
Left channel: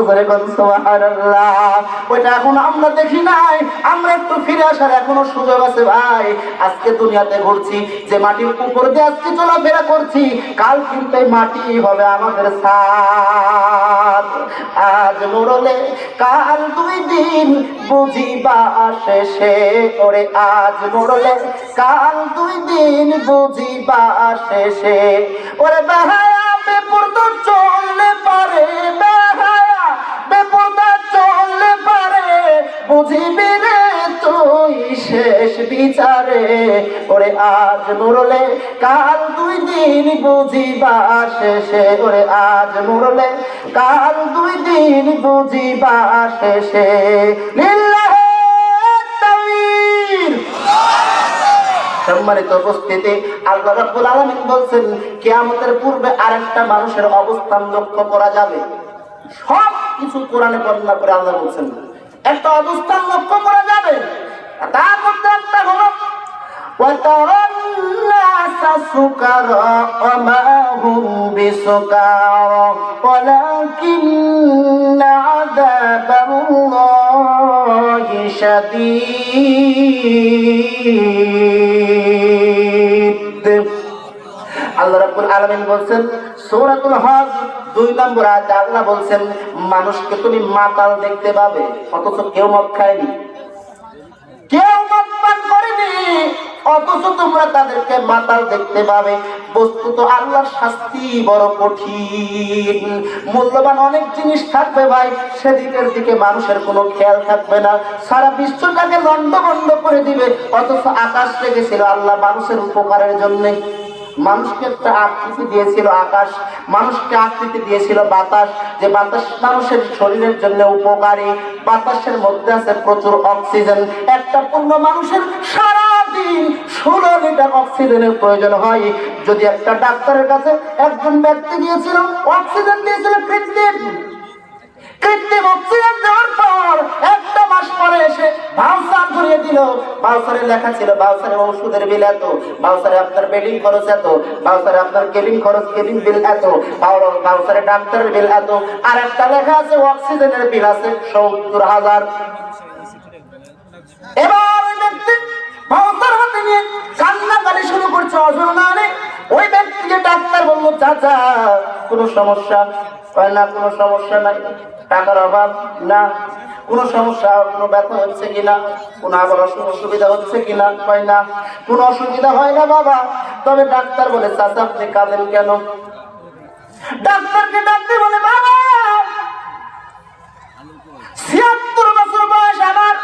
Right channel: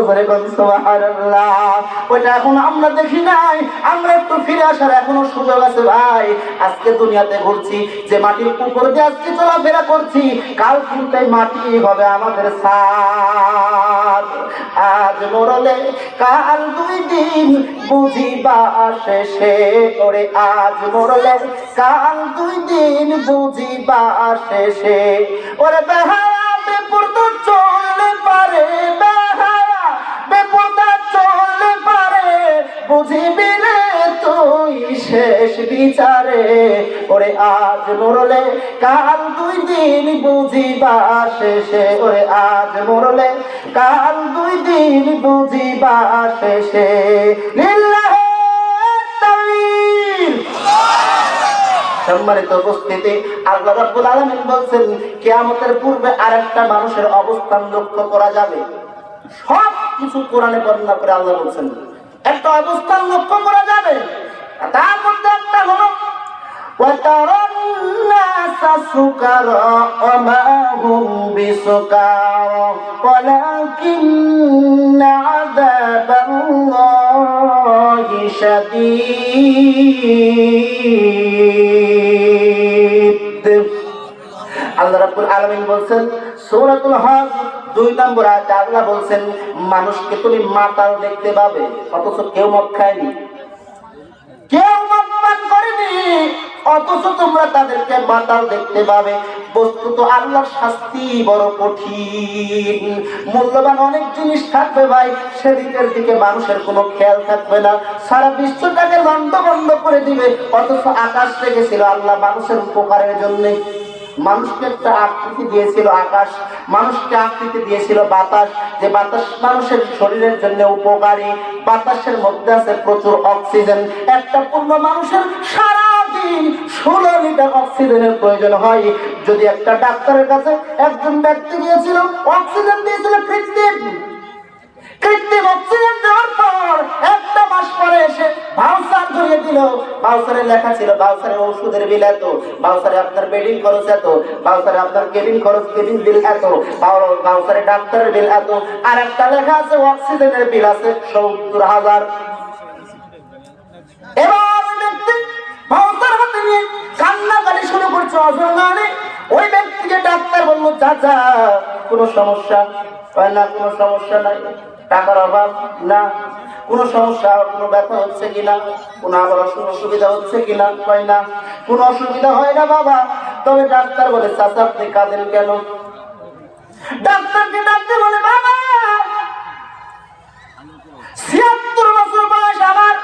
সুবহানাল্লাহ। ওইটা এখন আমরা দেখি নাই। আমরা একটু ফিরে আসার এখনো সুযোগ আছে ভাই। আজকে দুনিয়াতে ঘুরছি, যে মাটির উপর দিয়ে আজকে চলাফেরা করছি, কাল কিন্তু মাটি হবে আমাদের ছাদ। আজ মরলে কাল 2 দিন বুঝিবা শেষে, ওরে আজ মরলে কাল 2 দিন বুঝিবা শেষে। ওরে বেহায়া বেপরদা চললে পারে, বেহায়া বেপরদা চললে পারে, বুঝিবি রে তুই শেষ বিচারে। ওরে আজ মরলে কাল 2 দিন বুঝিবা শেষে, ওরে আজ মরলে কাল 2 দিন বুঝিবা শেষে। লিল্লাহি তাকবীর। সম্মানিত উপস্থিতি, আল্লাহ রাব্বুল আলামিন বলছেন, কিয়ামতের পূর্বে আরেকটা মানুষের অবস্থান লক্ষ্য করা যাবে। সব কিছু কোরআনে বর্ণনা করে আল্লাহ বলছেন, একটা অবস্থান লক্ষ্য করা যাবে। তার মধ্যে একটা হলো وَتَرَى النَّاسَ سُكَارَى وَمَا هُمْ بِسُكَارَى وَلَكِنَّ عَذَابَ اللَّهِ شَدِيدٌ। আল্লাহ রাব্বুল আলামিন বলছেন সূরাতুল হজ 2 নম্বর আয়াতে আল্লাহ বলছেন, মানুষকে তুমি মাতাল দেখতে পাবে, অথচ কেউ মদ খায়নি, কেউ মদ পান করেনি, অথচ তোমরা তাদেরকে মাতাল দেখতে পাবে। বস্তুত আল্লাহর শাস্তি বড় কঠিন। মূল্যবান অনেক জিনিস থাকবে ভাই, সেদিকের দিকে মানুষের কোনো খেয়াল থাকবে না। সারা বিশ্বটাকে লন্ডভন্ড করে দিবে, অথচ আকাশ রেখেছিল আল্লাহ মানুষের উপকারের জন্য। মানুষকে একটা আকৃতি দিয়েছিল আকাশ, মানুষকে আকৃতি দিয়েছিল বাতাস, যে বাতাস মানুষের শরীরের জন্য উপকারী। বাতাসের মধ্যে আছে প্রচুর অক্সিজেন। একটা পূর্ণ মানুষের সারাদিন 16 লিটার অক্সিজেনের প্রয়োজন হয়। যদি একটা ডাক্তারের কাছে একজন ব্যক্তি গিয়েছিল, অক্সিজেন দিয়েছিল কৃত্রিম অক্সিজেন দেওয়ার পর 1 মাস পরে এসে ভাউচার ধরিয়ে দিল। ভাউচারে লেখা ছিল, ভাউচারে ওষুধের বিল এত, ভাউচারে আপনার বেডিং খরচ এত, ভাউচারে আপনার কেবিন বিল এত, ভাউচারে ডাক্তারের বিল এত। আর একটা লেখা আছে অক্সিজেনের বিল আছে 70,000। এবার ব্যক্তি ভাউচার হাতে নিয়ে কান্নাকাটি শুরু করছে, অজরনারে। ওই ব্যক্তিকে ডাক্তার বললো, চাচা কোনো সমস্যা? হয় না, কোনো সমস্যা নাই। টাকার অভাব? না। কোনো সমস্যা, কোনো ব্যথা হচ্ছে কিনা, কোনো আবার অসুবিধা হচ্ছে কিনা? হয় না, কোনো অসুবিধা হয় না বাবা। তবে ডাক্তার বলে, চাচা আপনি কাঁদেন কেন? ডাক্তারকে ডাকতে বলে, বাবা 76 বছর বয়স আমার,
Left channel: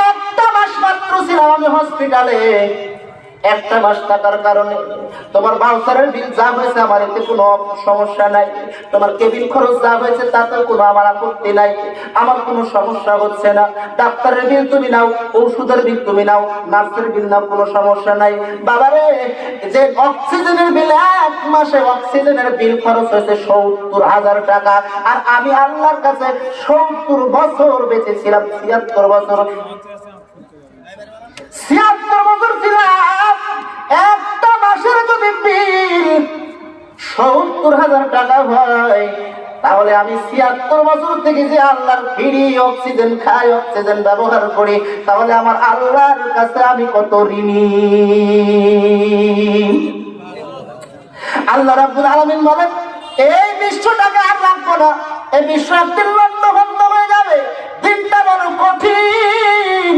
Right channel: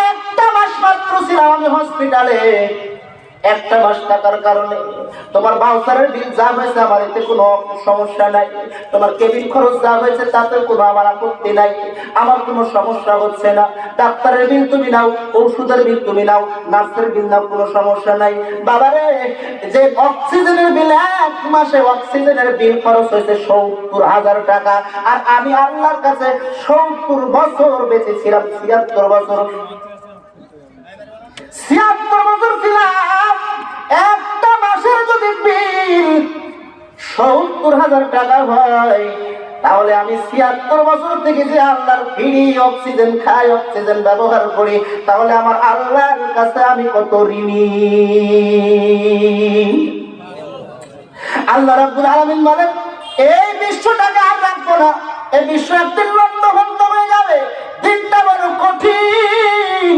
1 মাস মাত্র ছিলাম আমি হসপিটালে। 1 মাস থাকার কারণে তোমার বাউসারের বিল যা হয়েছে আমার এতে কোনো সমস্যা নাই, তোমার কেবিন খরচ যা হয়েছে তাতে কোনো আমার আপত্তি নাই, আমার কোনো সমস্যা হচ্ছে না। ডাক্তারের বিল তুমি নাও, ওষুধের বিল তুমি নাও, নার্সের বিল নাও, কোনো সমস্যা নাই। বাবারে, যে অক্সিজেনের বিল, এক মাসে অক্সিজেনের বিল খরচ হয়েছে ৭০,০০০ টাকা, আর আমি আল্লাহর কাছে ৭০ বছর বেঁচেছিলাম, ৭৬ বছর, ৭৬ বছর ছিলাম। একটা মাসের যদি বিল ৭০,০০০ টাকা হয়, তাহলে আমি ৭৬ বছর থেকে যে আল্লাহর ফ্রি অক্সিজেন খাই, অক্সিজেন ব্যবহার করি, তাহলে আমার আল্লাহর কাছে আমি কত ঋণী। আল্লাহ রাব্বুল আলামিন বলেন, এই বিশ্বটাকে আর রাখবো না, এই বিশ্ব একদিন লন্ডভন্ড হয়ে যাবে, দিনটা বড় কঠিন।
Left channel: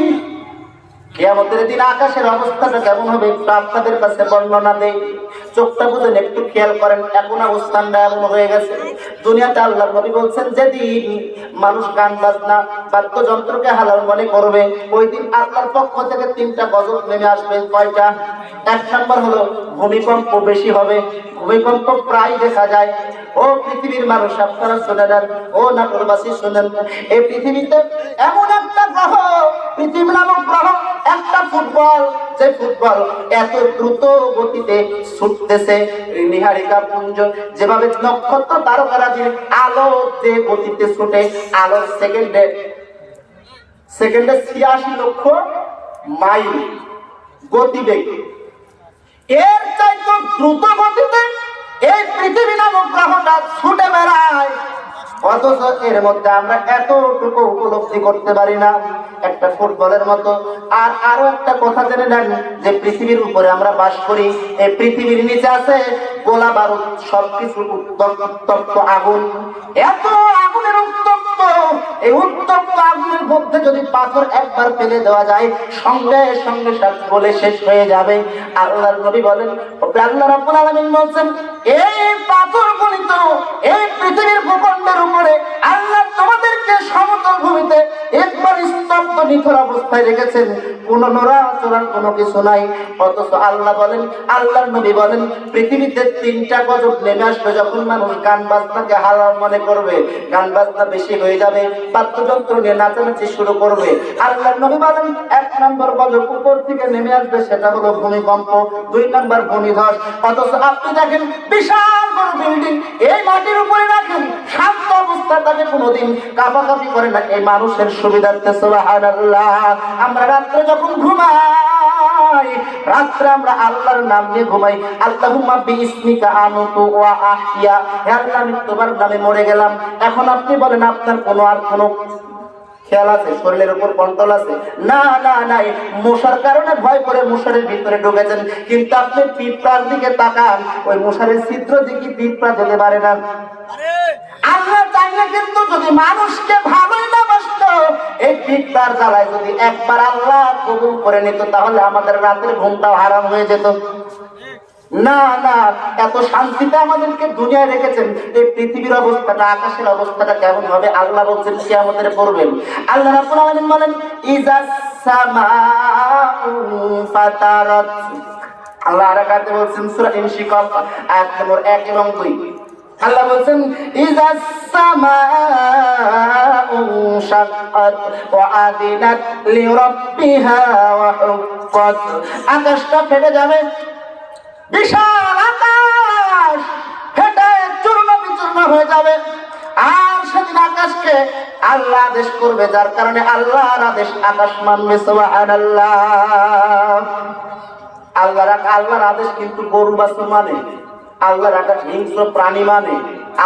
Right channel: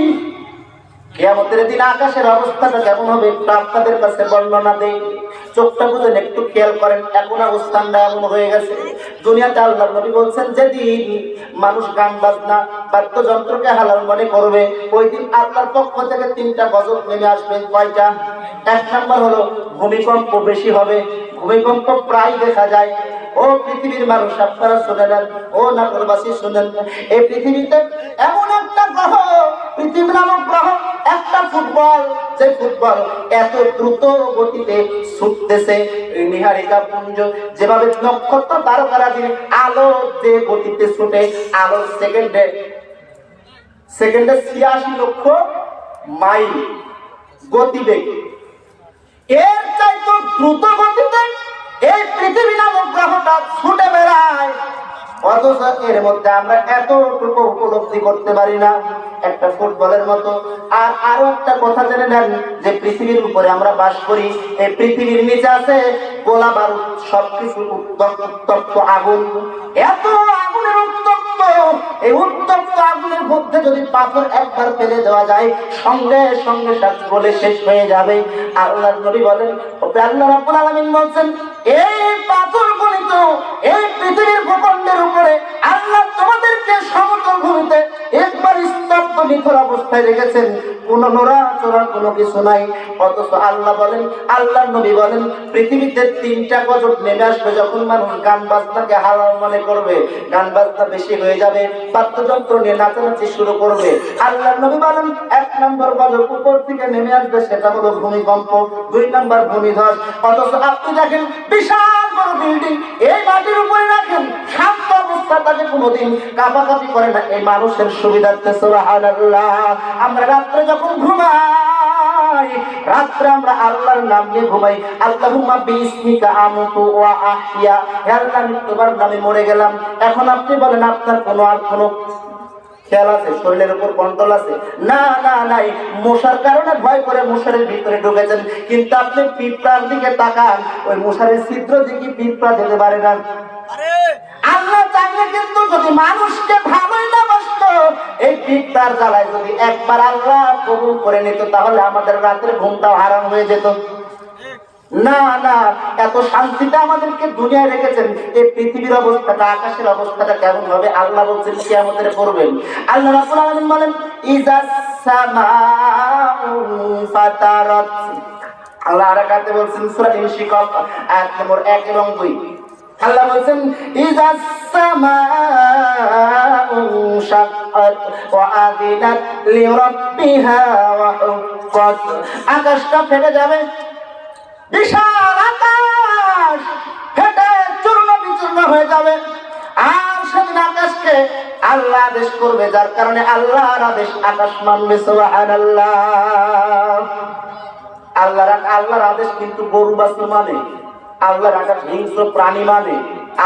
কিয়ামতের দিন আকাশের অবস্থাটা কেমন হবে একটু আপনাদের কাছে বর্ণনা দেই, চোখটা বুঝেন, একটু খেয়াল করেন। এখন অবস্থানটা এমন হয়ে গেছে, দুনিয়াতে আল্লাহর নবী বলছেন, যেদিন মানুষ গান বাজনা বাদ্যযন্ত্রকে হালাল মনে করবে, ওই দিন আল্লাহর পক্ষ থেকে 3টা গজব নেমে আসবে। কয়টা? 1 নাম্বার হলো ভূমিকম্প বেশি হবে, ভূমিকম্প প্রায় দেখা যায়। ও পৃথিবীর মানুষ, আপনারা শুনে নেন, ও নাটোরবাসী শুনেন, এই পৃথিবীতে এমন একটা গ্রহ, পৃথিবী নামক গ্রহ, একটা ফুটবল, যে ফুটবল এত দ্রুত গতিতে ছুটতেছে, নিহারিকা পুঞ্জ যেভাবে নক্ষত্র তারকারাজি আলো যে গতিতে ছুটে, আলো সেকেন্ডে ৮৬ লক্ষ মাইল গতিবেগ, এর চাইতে দ্রুত গতিতে এই পৃথিবী নামক গ্রহটা ছুটে বেড়ায়, অথচ এর মধ্যে আমরা এতটুকু উপলব্ধি করতে পারি না, একটা ফুটবলের মতো। আর আরো একটা কথা জেনে নেন, যে পৃথিবীর উপরে আমরা বাস করি, এই পৃথিবীর নিচে আছে গোলা বারুদ, সবকিছু উত্তপ্ত আগুন, এত আগুনের উত্তপ্ত, এই উত্তপ্ত আগুনের মধ্যে যদি পাথর একবার ফেলে দেওয়া যায়, সঙ্গে সঙ্গে সব গলে শেষ হয়ে যাবে। আল্লাহর নবী বলেন, আল্লাহ রাব্বুল আলামিন বলেন, এই পাথরগুলি তো এই পৃথিবীর ভূখণ্ডের উপরে আল্লাহ তোমাদেরকে সমতল ভূমিতে একবার স্তব্ধ নিথর অবস্থায় রেখেছেন, কোনো নড়াচড়ার কোনো কিছু নাই। অথচ আল্লাহ বলেন, আল্লাহর নবী বলেন, পৃথিবীতে 3টা গজব নেমে আসবে যখন মানুষ গান বাজনাকে হালাল মনে করবে, গান বাজনা বেশি হয়ে যাবে, বাদ্যযন্ত্র নিয়ে নাচানাচি শুরু করবে। আল্লাহর নবী বলেন, 1 নম্বর গজব উপর থেকে নেমে আসবে, সেটা হলো ভূমিকম্প, 2 নম্বর ভূমিধস। অথচ আপনি দেখেন বিশাল বড় বিল্ডিং, এই মাটির উপরে রাখেন, শান্ত অবস্থা, তাকে কোনোদিন কাঁপাকাঁপি করে না, এই মানুষের সুবিধার্থে। সুবহানাল্লাহ। আমরা রাত্রে যখন ঘুমাই, রাত্রে আমরা আল্লাহর নাম নিয়ে ঘুমাই, আল্লাহুম্মা বিইসমিকা আমতু ওয়া আহইয়া, হে আল্লাহ আমি তোমার নামে মরে গেলাম। এখন আপনি বলেন, আপনার কোনো খেয়াল আছে, শরীরের উপর কন্ট্রোল আছে? না না নাই, মশার কারণে ভয় করে মশারের ভিতরে ঢুকেছেন, কিন্তু আপনি পিঁপড়ার দিকে তাকান, ওই মশারের ছিদ্র দিকে পিঁপড়া যেতে পারে না। আল্লাহ চাইলে কিন্তু যদি মানুষকে ভালোই না বাসত, এই পিঁপড়ার জ্বালায় যদি একবার আল্লাহ কবুল করে নিত, তাহলে আমাদের রাতের ঘুমটাও হারাম হয়ে যেত। না না, এত শান্তিতে আমাদেরকে দুনিয়ায় রেখেছেন, এই পৃথিবীর অবস্থাটা, আকাশের অবস্থাটা কেমন হবে আল্লাহ বলছেন কিয়ামতের পড়বেন। আল্লাহ রাব্বুল আলামিন বলেন, ইজাস সামাউ ফাতারাত, আল্লাহ আরাকাতে বলছেন সূরা ইনশিকাক আয়াত নম্বর 1 এবং 2, আল্লাহ বলছেন, ইজাস সামাউ শাক্কাত ওয়া আযিনাত লিরাব্বিহা ওয়া হুক্কাত, আকাশটা ফেটে যাবে, বিশাল আকাশ ফেটে চূর্ণ বিচূর্ণ হয়ে যাবে। আর সেদিন আকাশকে আল্লাহ আদেশ করবে, যার কারণে আল্লাহর আদেশ আকাশ মানবে। সুবহানাল্লাহ। আল্লাহর আদেশ কিন্তু গরু বাছুর মানে, আল্লাহর আকাশ হিংস্র প্রাণী মানে,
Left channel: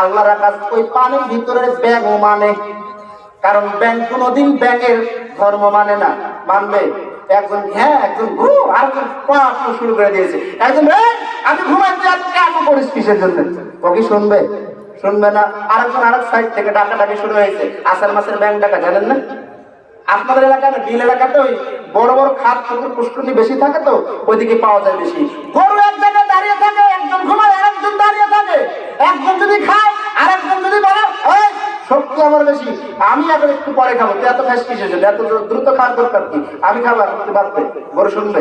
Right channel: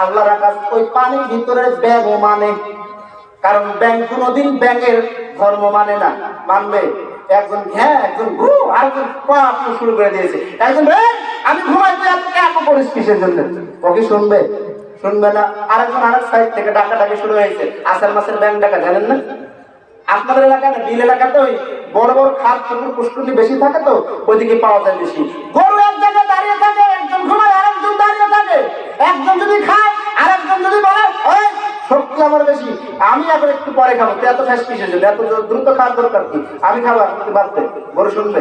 আল্লাহর আকাশ ওই পানির ভিতরের ব্যাঙও মানে। কারণ ব্যাঙ কোনোদিন ব্যাঙের ধর্ম মানে না, মানবে? একজন হ্যাঁ, একজন ঘু, আরেকজন শুরু করে দিয়েছে, একজন আমি ঘুমাইতে এত করিস কিসের জন্য, ও কি শুনবে? শুনবে না। আরেকজন আরেক সাইড থেকে ডাকাডাকি শুরু হয়েছে, আষাঢ় মাসের ব্যাঙ ডাকা, জানেন না? আপনাদের এলাকায় না, বিল এলাকাতে ওই বড় বড় খাদ পুকুর পুষ্করণী বেশি থাকে, তো ওইদিকে পাওয়া যায় বেশি। গরু এক জায়গায় দাঁড়িয়ে থাকে, একজন ঘুমায়, আরেকজন দাঁড়িয়ে থাকে, একজন যদি খায় আরেকজন যদি বলে ওই শক্তি আমার বেশি, আমি এখন একটু পরে খাবো, তুই এত খাস কিসের জন্য, এত দ্রুত খাওয়ার দরকার কি, আমি খাবো এখন, তুই বাদ দে। গরু শুনবে?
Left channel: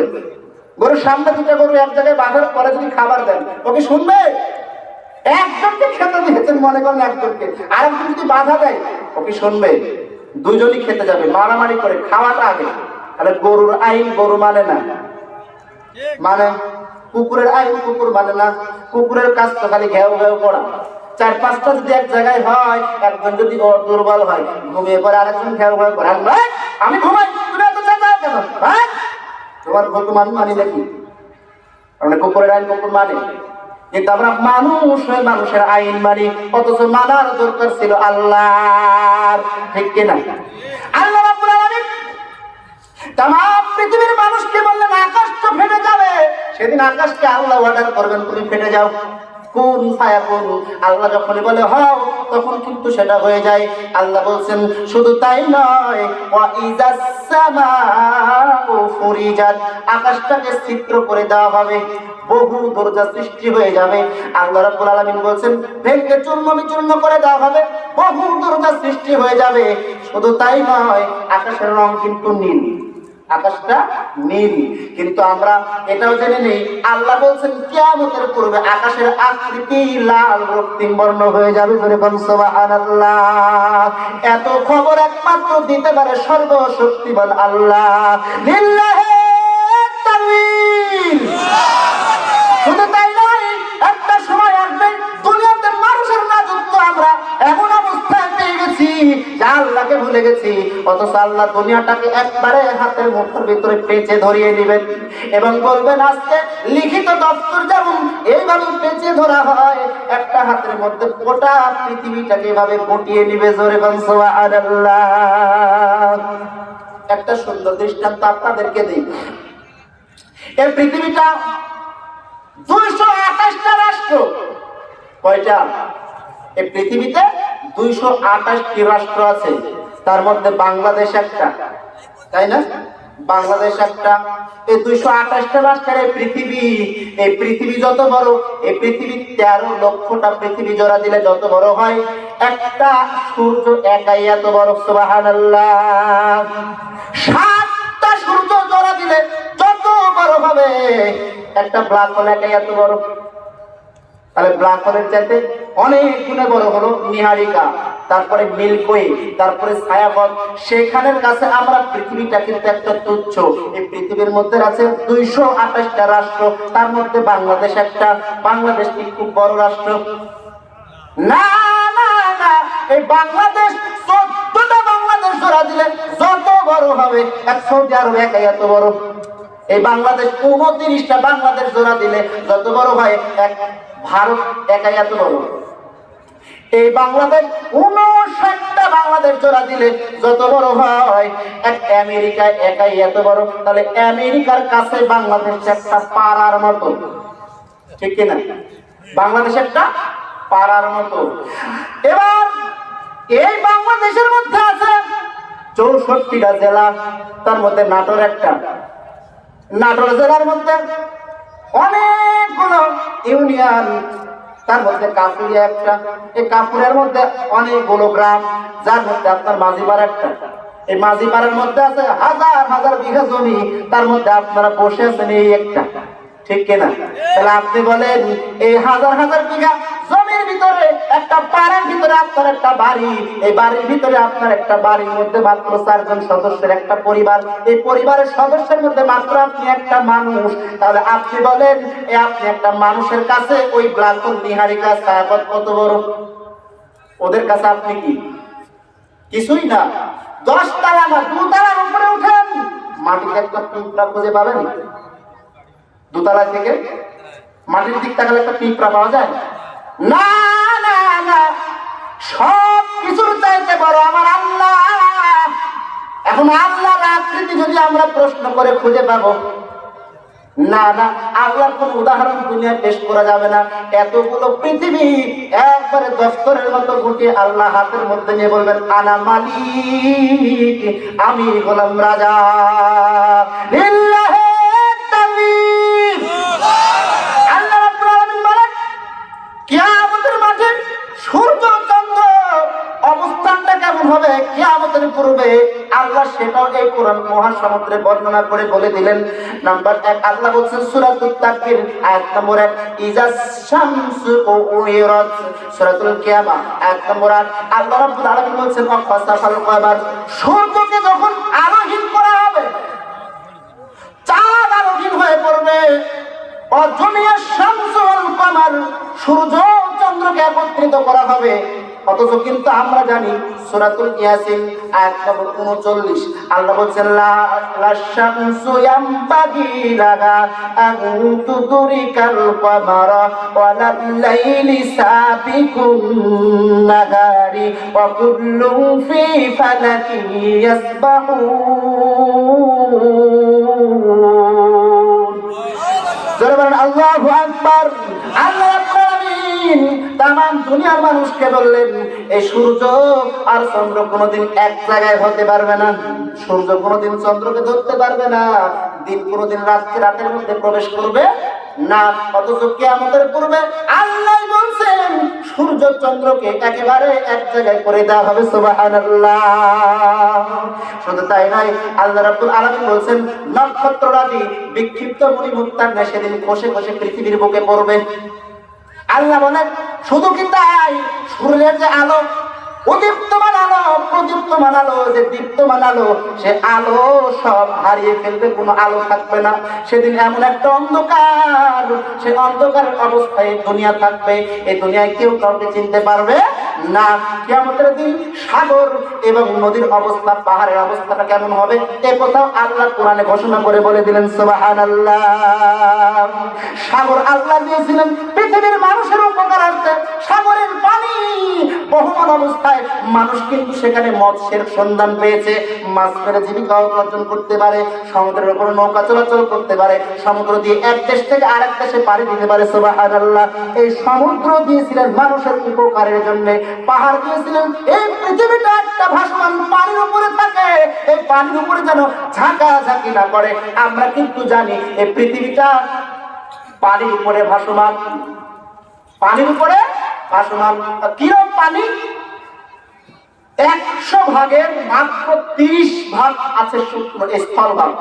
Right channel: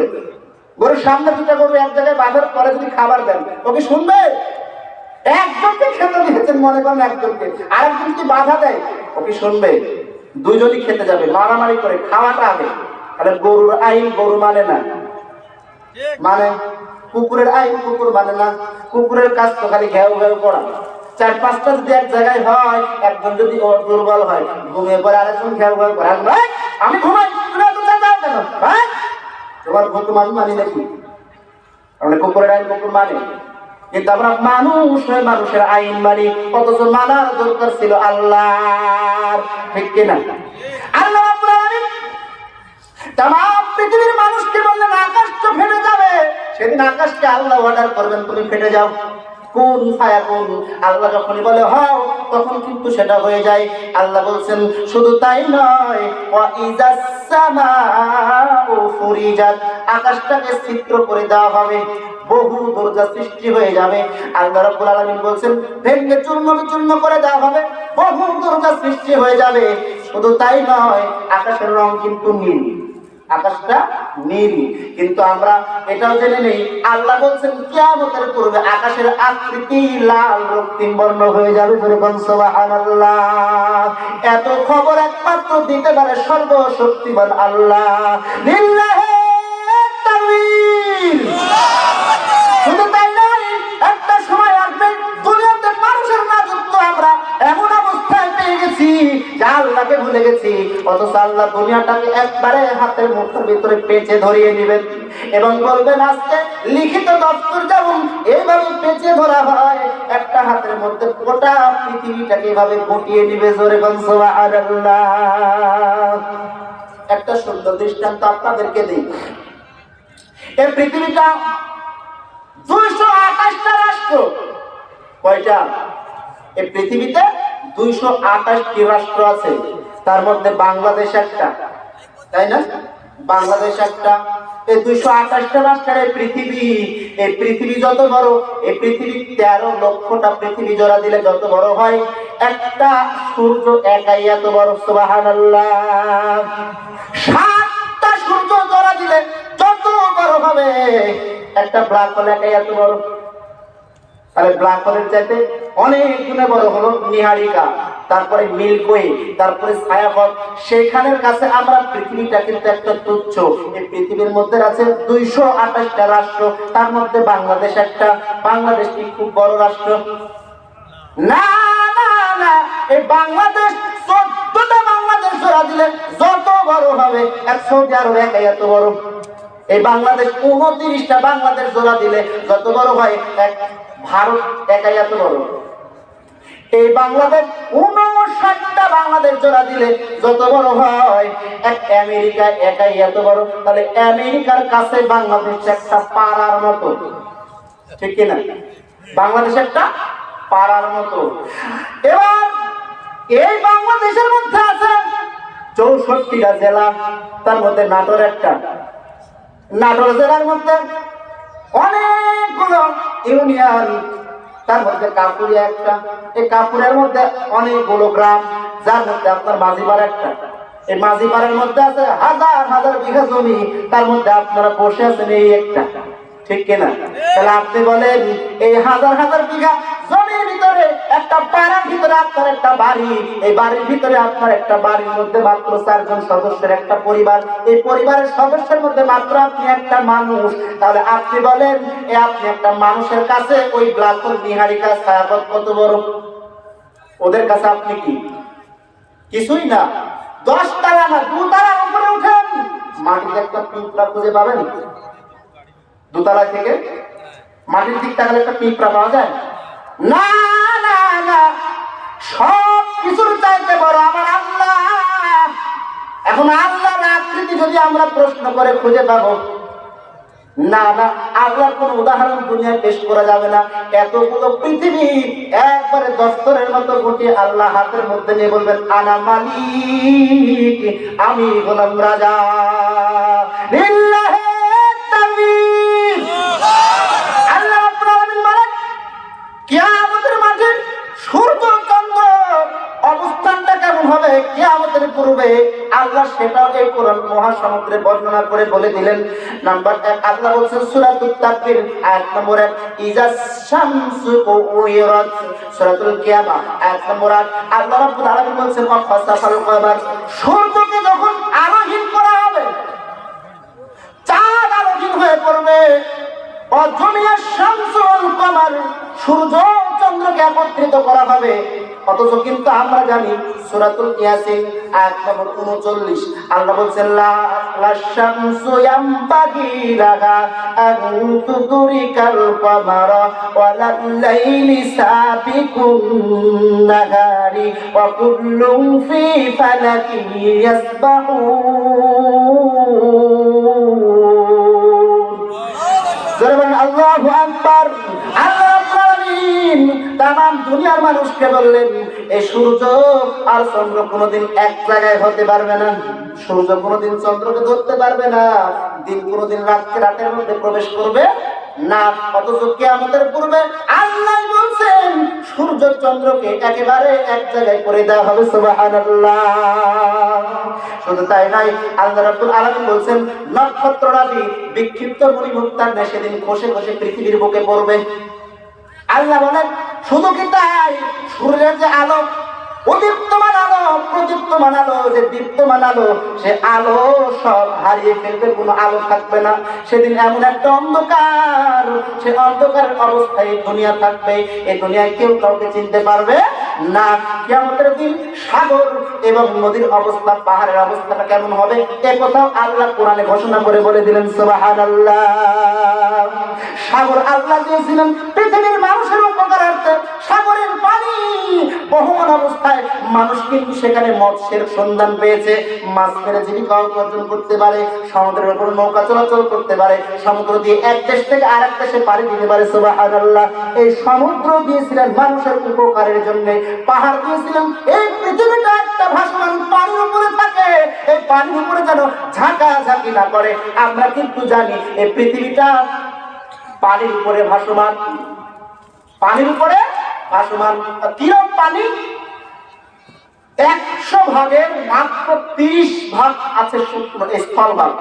গরুর সামনে দুটো গরু এক জায়গায় বাঁধার পরে যদি খাবার দেন, ওকে শুনবে? একজনকে খেতে দিয়েছেন মনে করেন, একজনকে, আরেকজন যদি বাধা দেয়, ওকে শুনবে? দুইজনই খেতে যাবে, মারামারি করে, খাওয়াটা আগে। তাহলে গরুর আইন গরু মানে না, মানে কুকুরের আইন কুকুর মানে না। কুকুরের কাজ তো খালি ঘেউ ঘেউ করা। চার পাঁচটা যদি এক জায়গায় হয়, একজন যদি দুর্বল হয়, ঘুমিয়ে পড়ে, আরেকজন ঘেউ ঘেউ করে, আমি ঘুমাই, তুমি এত চেঁচাও কেন? তোমার হুকুম মানি নাকি? আমরা কুকুরের আইন কুকুর মানে, কিন্তু আমরা মানুষ হয়ে মানুষের আইন মানি, অথচ মানার দরকার ছিল আল্লাহর। ঠিক কিনা? আল্লাহ রাব্বুল আলামিন তামাম পৃথিবীর মানুষকে বললেন আকাশ তো ফেটে যাবে। সেদিন আকাশকে আল্লাহ অর্ডার করবেন, তুমি ফেটে যাও। কুন ফায়াকুন, আল্লাহ যখনই বলে হও, তখন কিন্তু সেটা হয়ে যায়। আল্লাহ বলছেন শুধু তাই নয়, ওয়া ইযাস সামাউ ফুরিজাত, আকাশটাকে ছিদ্র করে দেওয়া হবে, বহু দরজা সৃষ্টি হয়ে যাবে। আল্লাহ রাব্বুল আলামিন বলছেন ভেঙে চূর্ণ বিচূর্ণ করে দেওয়া হবে, বহু দরজা সৃষ্টি হয়ে যাবে। শুধু তাই নয়, আকাশের রং কিন্তু নীল, আকাশটা নীল। কিন্তু আমরা এটাও জেনে নেই, আল্লাহ বলছেন কিয়ামতের পূর্বে আকাশের আকৃতি লাল রক্তিম বর্ণ হয়ে যাবে। সুবহানাল্লাহ। এত খবর একমাত্র দিতে পারে সর্বশক্তিমান আল্লাহ। লিল্লাহি তাকবীর। শুধু তাই নয়, একটা সময় আসবে দুনিয়াতে মানুষের রাজত্ব আমরা এমন অবস্থায় পেয়ে গেছি যে আল্লাহকে ভুলে গেছি, অথচ আল্লাহ দুনিয়াটাকে একবারে হাতের মুঠোর ভিতরে পেঁচে ধরিয়ে নেবেন এবং বলবেন আজকে লিখিত দপ্তর যেমন এইভাবে পেঁচে ধরা হয়, একটা হাতের মধ্যে গোটা পৃথিবীটাকে এভাবে গুটিয়ে নিবে। জোরে বল সুবহানাল্লাহ। একটা সুন্দর দৃষ্টান্ত আপনাদেরকে দিই। এই পৃথিবীটা 228টা রাষ্ট্র। কয়টা? এই পৃথিবীতে 228টি রাষ্ট্র আছে, তার মধ্যে বাংলাদেশ একটা, তাই না? বাংলাদেশ একটা। এই 228টা রাষ্ট্রের এই পৃথিবী যত বড়, এই পৃথিবী 13 লক্ষটা পৃথিবী জোড়া দিলে যত বড় হয়, একটা সূর্য একাই এত বড়। সুবহানাল্লাহ। 7টা সূর্য জোড়া দিলে যত বড় হবে, একটা ব্ল্যাক হোল একাই এত বড়। তাহলে ব্ল্যাক হোলের চাইতে অনেক গুণে বড় হলো নিহারিকা, তারপরে মিল্কওয়ে, তারপরে ছায়াপথ। সেখানের কাছে আমরা পৃথিবীটা কিন্তু একটা তুচ্ছ। এই পৃথিবীর মধ্যে আছে 228টা রাষ্ট্র, তার মধ্যে বাংলাদেশ একটা। বাংলাদেশ কি খুব বড় রাষ্ট্র? না না না, এই বাংলাদেশ 14টা বাংলাদেশ জোড়া দিলে যত বড় হবে, 100 আরব একাই এত বড়। এই বাংলাদেশ 29টা বাংলাদেশ জোড়া দিলে যত বড় হয়, এক ভারত একাই এত বড়। এই বাংলাদেশ 59টা বাংলাদেশ জোড়া দিলে যত বড় হয়, এক আমেরিকা একাই এত বড়। তাহলে আমেরিকার কাছে বাংলাদেশ একটা পাড়ার মতো। ঠিক কিনা? বাংলাদেশ একটা পাড়ার মতো। এবার এই বাংলাদেশের মধ্যে আছে 64টা জেলা, তার মধ্যে নাটোর একটা। নাটোর জেলার মধ্যে অনেকগুলো ইউনিয়ন, তার মধ্যে কাপুরিয়া একটা। এই কাপুরের মধ্যে অনেকগুলো গ্রাম, যার মধ্যে আপনার মাঝিপাড়া একটা। এই মাঝিপাড়ার মধ্যে আছে হাজার হাজার বিঘা জমি, তার মধ্যে আপনারা বসে আছেন এই একটা। ঠিক কিনা? তাহলে আপনি বলেন এই হাজার হাজার বিঘা জমির ভিতরে একটা পাড়ার ভিতরে আপনার একটা বাড়ি, এই বাড়ির ভিতরে আপনার একটা বাড়ির মধ্যে মাত্র 4 জন সদস্যের একটা পরিবার, এই পরিবারের সদস্যের মধ্যে মাত্র আপনি একটা মানুষ। তাহলে আপনি বলেন আপনি একটা মানুষের কাছে ওই ব্ল্যাক হোল নিহারিকা ছায়াপথ কত বড়? ওদের কাছে আপনি কি? কিছুই না। 10 তলা না, 2 তলার উপরে উঠেন, মাটিতে একটা পিঁপড়া খুঁজে পাবেন? 2 তলা থেকে মাটির দিক তাকালে একটা পিঁপড়া পাওয়া যায় না? না না, সব কিছুর চাইতে বড় আমার আল্লাহ। এখন আল্লাহর আকৃতি যদি আমরা প্রশ্ন করে খুঁজে পাবো না? না, আল্লাহর কোন উদাহরণ দুনিয়ায় পেশ করা যাবে না। এতগুলো পৃথিবী একবারে দস্তরের মতো গুটিয়ে আল্লাহ হাতের মধ্যে নিয়ে বলবেন আনা মালিক, আমি গোলাম রাজা। লিল্লাহি তাকবীর। আল্লাহ রাব্বুল আলামিন বলেন কিয়ামতের মাঠে সূর্য চন্দ্র অবস্থানটা কেমন হবে কিয়ামতের পূর্বে, আল্লাহ সেটাও এই কোরআন মহাসমুদ্রে বর্ণনা করে বলে দিলেন। নাম্বার 1 আল্লাহ বলছেন সূরাতুত তাকবীর আয়াত নম্বর 1, ইজা শামসু কুইরাত, সূরাতুল কিয়ামা আয়াত নম্বর 8 আল্লাহ রাব্বুল আলামিন বলছেন ওয়াখাসাফাল কমার, সূর্যকে যখন আলোহীন করা হবে, চাঁদ আলোহীন হয়ে পড়বে, অজমিয়া শামসু ওয়াল কমার, সূর্য চন্দ্রকে একত্রিত করা হবে। অথচ কিন্তু আমরা জানি সূরাতুল ইয়াসিন আয়াত নম্বর 39 আল্লাহ বলছেন লা শামসু ইয়ামবাগি লাহা আন তুদরিকাল কমারা ওয়ালা লাইলি সাবিকুন নাহারি ওয়া কুল্লুন ফি ফালাকি ইয়াসবাহুন। জোরে বলেন আল্লাহু আকবার। আল্লাহ রাব্বুল আলামিন তামাম দুনিয়ার মানুষকে বললেন এই সূর্য আর চন্দ্র কোনোদিন এক জায়গায় হতে পারবে না, সূর্য কোনোদিন চন্দ্রকে ধরতে পারবে না, দিন কোনোদিন রাতের মধ্যে প্রবেশ করবে না। অথচ কিয়ামতের পূর্বে আল্লাহ বলছেন সূর্য চন্দ্রকে একেবারে এক জায়গায় করে দেওয়া হবে। সুবহানাল্লাহ। শুধু তাই নয়, আল্লাহ রাব্বুল আলামিন বলছেন নক্ষত্ররাজি বিক্ষিপ্ত মণিমুক্তার ন্যায় সেদিন খসে খসে পৃথিবীর বুকে পড়বে। আল্লাহ বলেন শুধু কি তাই, সূর্যের যে আলো, উদীপ্তমান আলো, প্রদীপ্তমান আলো, যে দীপ্তমান আলো, সে আলো সব হারিয়ে ফেলবে, কোনো আলো থাকবে না। সেদিন এমন একটা অন্ধকার, সে অন্ধকারের অবস্থায় দুনিয়া থাকবে, এই দুনিয়ায় কেউ কাউকে চিনতে পারবে না। কিয়ামতের দিন সাগর এবং নদীর অবস্থা, পাহাড়ের অবস্থাটা কেমন হবে, এ কথাও আল্লাহ কোরআনে ঘোষণা করে বলে দিলেন। সুবহানাল্লাহ। সাগর আল্লাহ দিয়েছিলেন পৃথিবীর মানুষের উপকারার্থে। সাগরের পানি বহমান অবস্থায় মানুষ কিন্তু সেখানে মৎস্যের সন্ধান পেয়েছে, মাছ মেরে জীবিকা অর্জন করতে পারে, সমুদ্রের উপর নৌকা চলাচল করতে পারে, সমুদ্র দিয়ে এক দেশ থেকে আরেক দেশে পাড়ি দিতে পারে। সুবহানাল্লাহ। এই সমুদ্র দিয়েছিলেন মানুষের উপকারের জন্য, পাহাড় দিয়েছিলেন এই পৃথিবীটা একটা ভাসমান পানির উপরে থাকে, এই পানির উপরে যেন ঝাঁকাঝাঁকি না করে। আমরা কিন্তু জানি এই পৃথিবীটা পানির উপরে ভাসমান, পানির উপরে ভাসমান। কিরকম পানি? 100 ভাগের মাত্র 30 ভাগ আছে স্থলভাগ,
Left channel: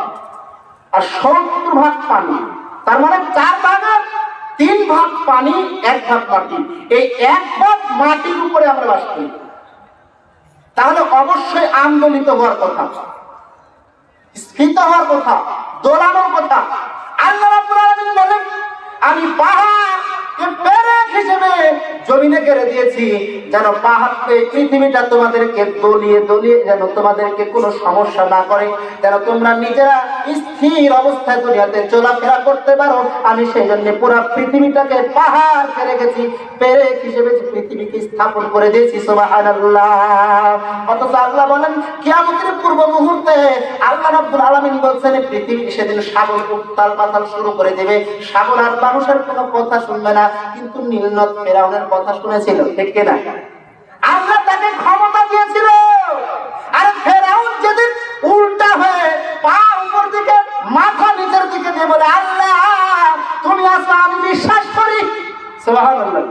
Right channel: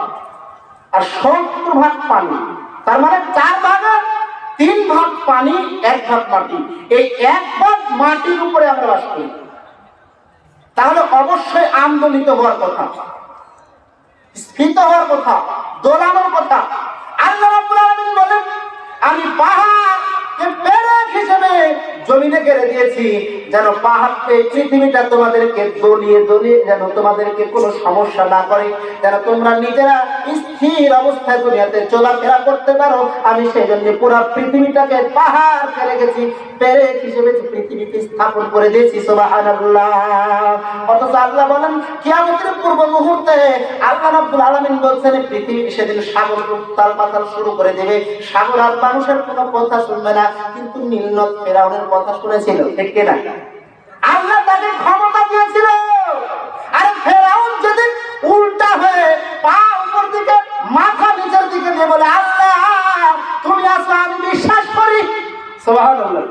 আর 70 ভাগ পানি। তার মানে 4 ভাগের 3 ভাগ পানি, 1 ভাগ মাটি। এই 1 ভাগ মাটির উপরে আমরা বাস করি। তাহলে অবশ্যই আন্দোলিত হওয়ার কথা, স্ফীত হওয়ার কথা, দোলানোর কথা। আল্লাহ রাব্বুল আলামিন বলেন আমি পাহাড়কে পেরেক হিসেবে জমিনে গেড়ে দিয়েছি, যেন পাহাড়কে, পৃথিবীটা তোমাদেরকে দলিয়ে দলিয়ে যেন তোমাদেরকে কোনো সমস্যা না করে, যেন তোমরা নিজেরা স্থির অবস্থায় দুনিয়াতে চলাফেরা করতে পারো। আমি সেই জন্য পুরো পৃথিবীটাকে পাহাড় করে রেখেছি, পেরেক হিসেবে পৃথিবীকে স্থাপন করে দিয়েছি। সুবহানাল্লাহ। অথচ আল্লাহ বলেন কিয়ামতের পূর্ব মুহূর্তে আল্লাহ রাব্বুল আলামিন বলছেন পৃথিবী সেদিন সাগর উত্তাল পাতাল শুরু করে দেবে। সাগর আর মানুষের কোনো কথা শুনবে না, কিন্তু নীলনদ ফেরাউনের কথা শুনেছিল, ঠিক কিনা? আল্লাহ তাকে ক্ষমতা দিয়েছিল। আর ফেরাউন যেদিন উল্টা হয়ে পা উপর দিকে মাথা নিচের দিকে দিয়ে বলে আল্লাহ তুমি আছো আমি বিশ্বাস করি। সুবহানাল্লাহ।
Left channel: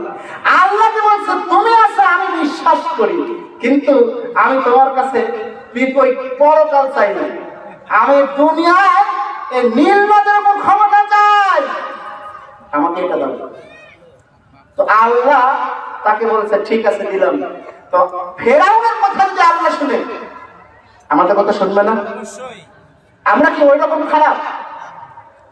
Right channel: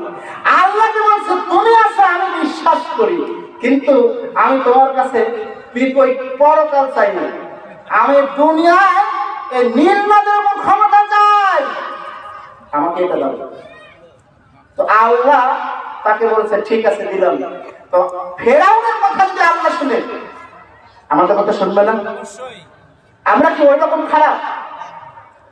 আল্লাহ কি বলছে? তুমি আছো আমি বিশ্বাস করি, কিন্তু আমি তোমার কাছে পরকাল চাই না, আমি দুনিয়ায় এই নীলনদের উপর ক্ষমতা চাই, আমাকে এটা দাও। তো আল্লাহ তাকে বলছে ঠিক আছে দিলাম। তো ফেরাউনের কথা যদি আল্লাহ শুনে, আমাদের কথা শুনবে না? আমরা কি ওই রকম খারাপ?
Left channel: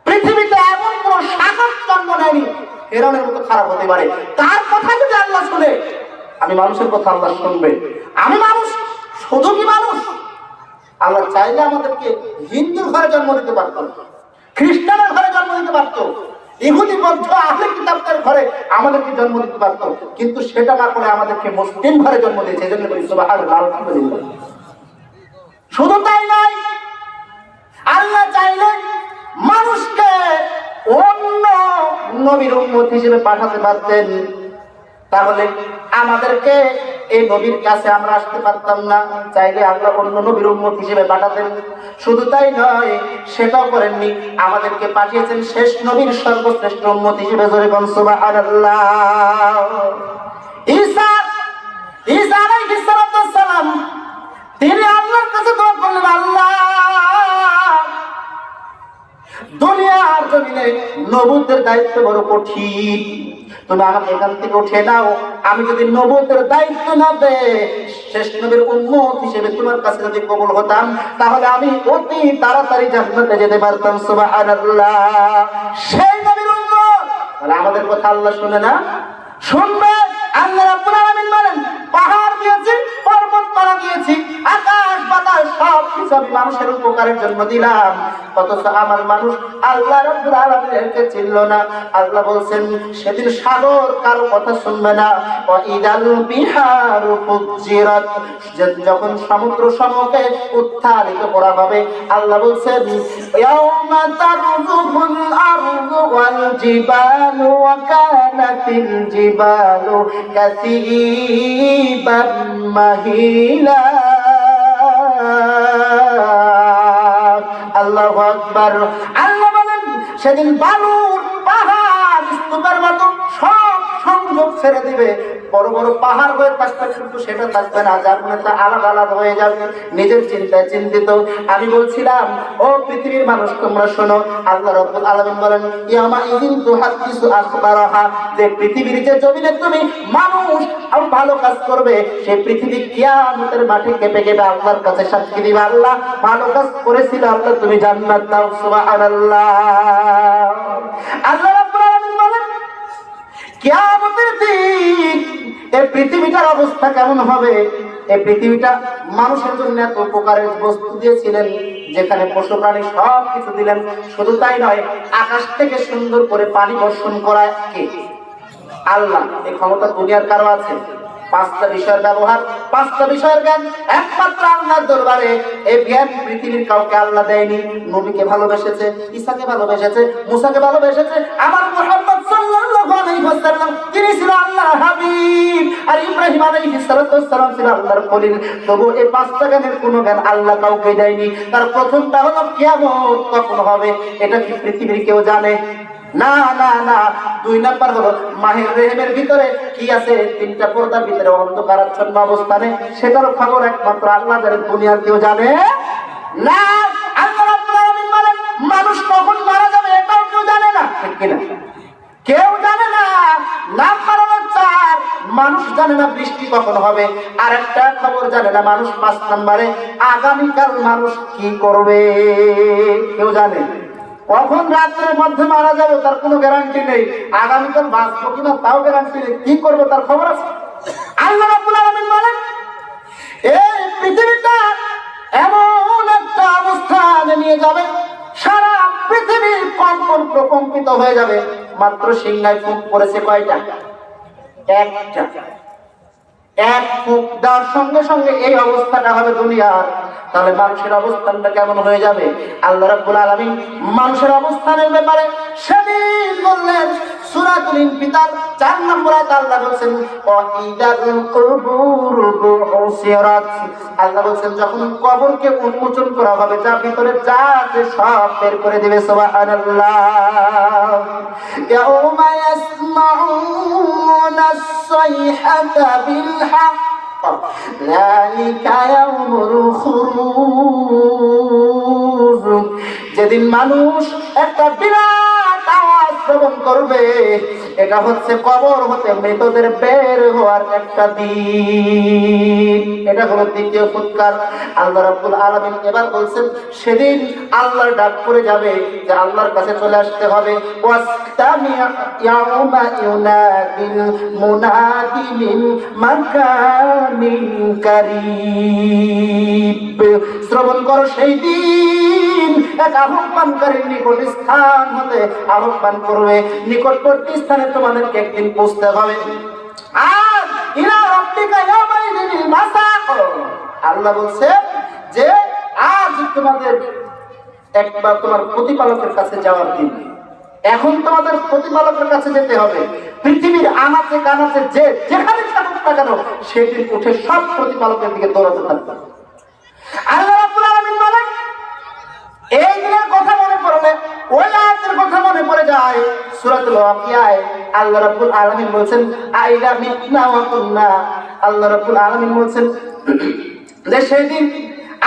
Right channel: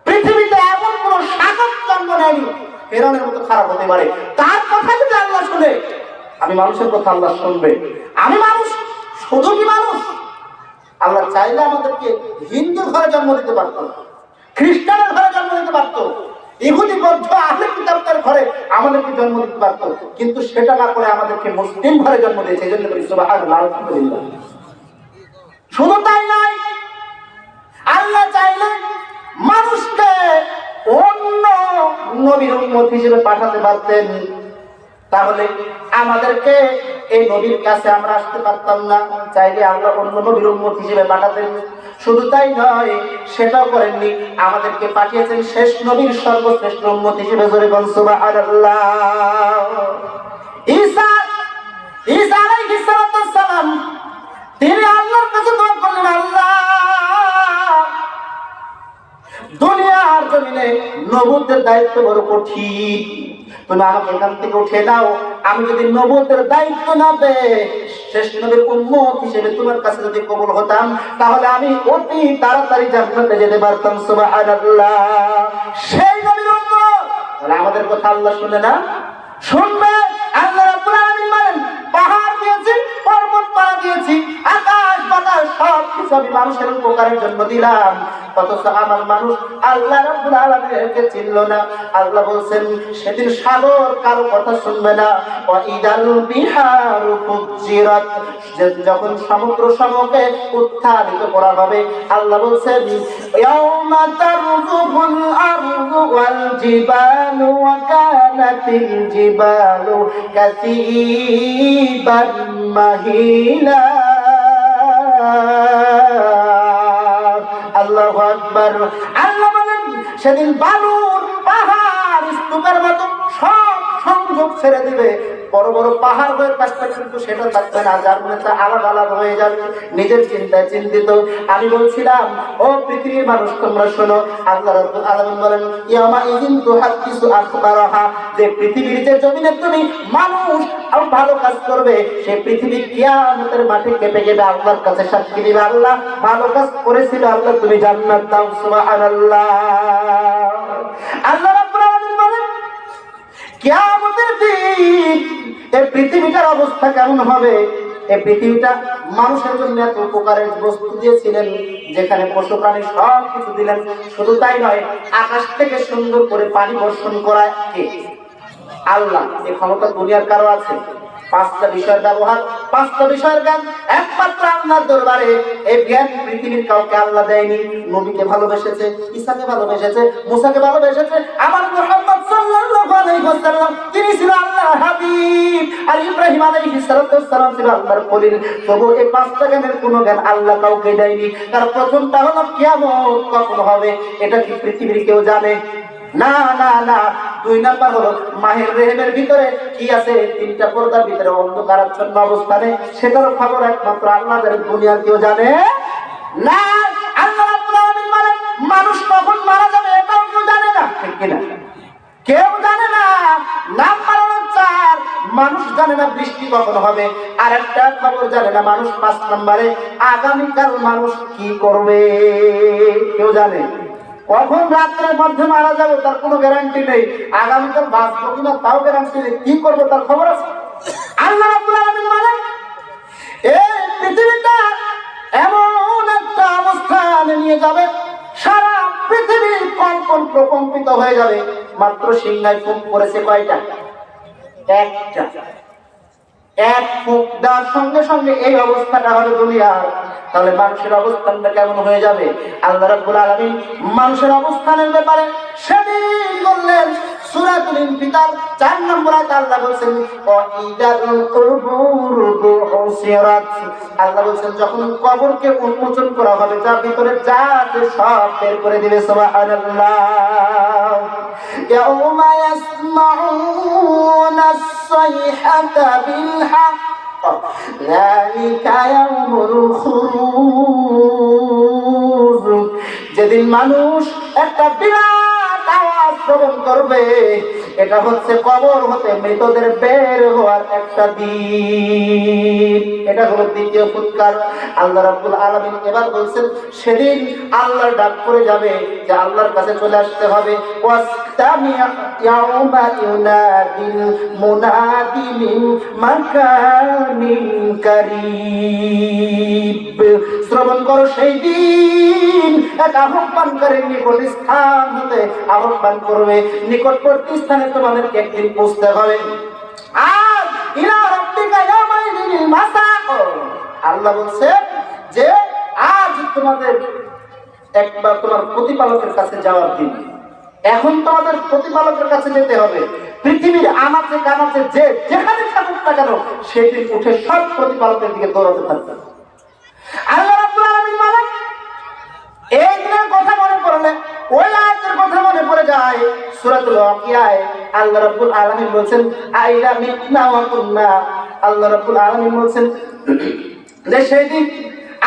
পৃথিবীতে এমন কোন শাসক জন্ম নেয়নি ফেরাউনের মতো খারাপ হতে পারে। তার কথা যদি আল্লাহ শুনে, আমি মানুষের কথা আল্লাহ শুনবে। আমি মানুষ, শুধু কি মানুষ? আল্লাহ চাইলে আমাদেরকে হিন্দুর ঘরে জন্ম দিতে পারত, খ্রিস্টানের ঘরে জন্ম দিতে পারত, ইহুদি বৌদ্ধ আহলে কিতাবদের ঘরে আমাদেরকে জন্ম দিতে পারত, কিন্তু সেটা না করে আমাদেরকে মুসলিম ঘরে জন্ম দিয়েছে। এজন্য বলি সুবহানাল্লাহ, আলহামদুলিল্লাহ। শুধু তাই নয়, আল্লাহ চাইলে মানুষকে অন্য নবীর উম্মত হিসেবে পাঠাতে পারতেন, তাহলে আমাদেরকে এই নবীর কাছে আমরা আসতে পারতাম না। চাইলে আল্লাহ অন্য নবীর উম্মত হিসেবে পাঠাতেন। শুধু তাই নয়, সেটাও করেননি, আমাদেরকে পাঠিয়েছেন শেষ নবীর সর্বশ্রেষ্ঠ উম্মত হিসেবে। জোরে বলুন সুবহানাল্লাহ। ঈসা আলাইহিস সালাম তিনি আল্লাহর কাছে দোয়া করলেন, আল্লাহ দুনিয়ার জমিনে নবুয়তের দায়িত্ব বড় কঠিন, তুমি আমাকে এখান থেকে উঠে দাও। আমি যদি নবুয়তের দায়িত্ব না পেয়ে শেষ নবীর উম্মত হিসেবে তোমার কাছে যদি কবুল হতাম, তাহলে আমি অতি তাড়াতাড়ি জান্নাতে যেতে পারতাম। সুবহানাল্লাহ। সেই নবীর উম্মত, তাহলে আমাদের কথা আল্লাহ শুনে না? শুনবে। আল্লাহ রাব্বুল আলামিন বলেন, পাহাড় দিয়েছি, পর্বত পাড়া দিয়েছি, আকাশ বাতাস সব কিছু আমি মানুষের উপকারের জন্য দিলাম, অথচ আমার মানুষ আল্লাহ রাব্বুল আলামিনকে চিনল না। আল্লাহ বলছেন, সেদিন সাগর কারো কথা শুনবে না। ওয়া ইদাল বিহারু ফুজ্জিরাত, যখন সমুদ্র সমূহকে উত্থাপিত করা হবে, আল্লাহ বলছেন, ইয়াউমা তারজুফুল আরদু ওয়াল জিবালু ওয়া কানাতিল জিবালু কাসীবান মাহিলা। আল্লাহু আকবার। আল্লাহ বলেন, সেদিন বালুর পাহাড় স্তূপের মতো সব সংযোগ ছেড়ে দিবে, বড় বড় পাহাড় হয়ে থাকবে, কিন্তু সেটা থাকবে না, যার মনে তা আলাদা আলাদা হয়ে যাবে, নিজের চিন্তায় চিন্তিত। আমি বলছিলাম, ও পৃথিবীর মানুষ তোমরা শোনো, আল্লাহ রাব্বুল আলামিন বলেন, ইয়ামা ইযিন তুহাদ্দিসু আখবারাহা, যে পৃথিবীর যে জমিনে তুমি মানুষ আর ভালো কাজ করবে, সেই পৃথিবী কিয়ামতের মাঠে কেঁপে কেঁপে আল্লাহর কাছে সাক্ষী দিবে, আল্লাহ ভালো কাজ করেছিল, আল্লাহ তুমি জান্নাত দাও। সুবহানাল্লাহ। আল্লাহ রাব্বুল আলামিন বলেন, কিয়ামতের দিন এই পৃথিবীটার অবস্থা কেমন হবে? এই পৃথিবীটা মানুষের জন্য এত উপকারের বস্তু দিয়েছিলেন, যেখানে পশু প্রাণী সব কিছু দিলেন। শুধু তাই নয়, আকাশ থেকে সুন্দর করে পানি বর্ষণ করায় কে? আল্লাহ। এই ক্ষমতা দুনিয়ার কারো আছে? 5টা বিষয়ের ব্যবহার, 5টা বিষয়ের জ্ঞান একমাত্র আল্লাহর দরবারে। এই জ্ঞান পৃথিবীর কাউকে আল্লাহ দেয়নি। নবীকে ভালোবেসেছে, ঈসাকে ভালোবেসেছে, মুসাকে ভালোবেসেছে, আমার মুহাম্মদ সাল্লাল্লাহু আলাইহি ওয়াসাল্লাম তিনি ছিল আল্লাহর হাবিব, আর ইব্রাহিম আলাইহিস সালাম ছিল আল্লাহর খলিল। তবু এই 5টা জ্ঞানের কোনো জ্ঞান আল্লাহ কাউকে দেয়নি। তার প্রথমটা হলো কিয়ামত কখন হবে, এটা কি পৃথিবীর কেউ জানে? না না না। 2 নাম্বার হলো মাহের রেহেমের ভিতরে কি আছে, 3টা পর্দার ভিতরে অন্ধকারাচ্ছন্ন অবস্থানে, সেটার খবর একমাত্র আল্লাহ জানেন, দুনিয়ার কেউ জানে না। আল্লাহ রাব্বুল আলামিন বলেন, মানুষ কখন মারা যাবে এটাও কেউ জানে না, ঠিক কিনা? কেউ জানে না। নাম্বার হলো 4, মানুষ জানে না বৃষ্টি কখন হবে। আর একটা খবর জানে না মানুষ, 5 নম্বরে আগামীকাল মানুষ কি করবে কেউ জানে। কখন রাত্রের মধ্যে মারা যাবো তার কোনো গ্যারান্টি নেই, আগামীকাল বাঁচবো কিনা তাও গ্যারান্টি নেই, কি করবো তার খবর আছে? আল্লাহ রাব্বুল আলামিন বলেন, এই পৃথিবীটা এমন একটা অবস্থানে নিয়ে যাবে, সারা পৃথিবী কম্পন প্রকম্পিত হয়ে যাবে। মাত্র সিংহায় ফুঁক পড়েছে কয়টা? একটা। এক ফুঁক দেওয়ার সঙ্গে সঙ্গে এই অবস্থাটা হবে দুনিয়ার। তাহলে মানুষের অবস্থানটা কেমন হয়ে যাবে? আল্লাহ রাব্বুল আলামিন মানুষের অবস্থানের ব্যাপারে সেদিন বললেন, সূরাতুল ইনফিতার 4 নম্বর আয়াতে আল্লাহ বলেন, ওয়াইদাল কুবুর বুসিরাত। আল্লাহ বলেন, যখন কবরকে উন্মোচন করা হবে, যার ভিতরে যা আছে সব বের করে দিবে। সুবহানাল্লাহ। ইয়াউমা ইয়াসমাউনা আস-সাইহাতা বিল হক যালিকা ইয়াউমুল খুরুজ। যেদিন মানুষ একটা বিরাট আওয়াজ শ্রবণ করবে, এটা হচ্ছে কবর হতে মৃতদের বের হওয়ার একটা দিন। এটা হলো দ্বিতীয় ফুৎকার। আল্লাহ রাব্বুল আলামিন এবার বলছেন, সেদিন আল্লাহর ডাক পড়ে যাবে, যে আল্লাহর কাছে চলে আসতে হবে। ওয়াস্তামি'আ ইয়াউমা ইউনাদিল মুনাদি মিন মাকানিন কারীব। শ্রবণ করো, সেই দিন এক আহ্বানকারীর নিকট স্থান হতে আহ্বান করবে, নিকটবর্তী স্থানে তোমাদেরকে একদিন পৌঁছতে হবে। আর ইলা রাব্বিকা ইয়াউমাইযিল মাসাক। আল্লাহ বলছে যে আজ তোমাদের একবার তোমার প্রতিপালকের কাছে যাওয়ার দিন। এখন তোমাদের প্রতিপালকের কাছে যেতে হবে। পৃথিবীর আনাচে কানাচে যে যেখানে থাকুক না কেন, সেদিন উঠে সব প্রতিপালকের দিকে দৌড়াতে থাকবে। আল্লাহ রাব্বুল আলামিন বলেন, এই দিনের কথা মনে পড়লে ওই আয়াতের কথা মনে পড়ে যায়। সূরাতুল ওয়াকিয়ায় আল্লাহ রাব্বুল আলামিন বলেন, আইলা মিতনা ওয়া কুন্না। আল্লাহ রাব্বুল আলামিন বলেন, যে সেই দিন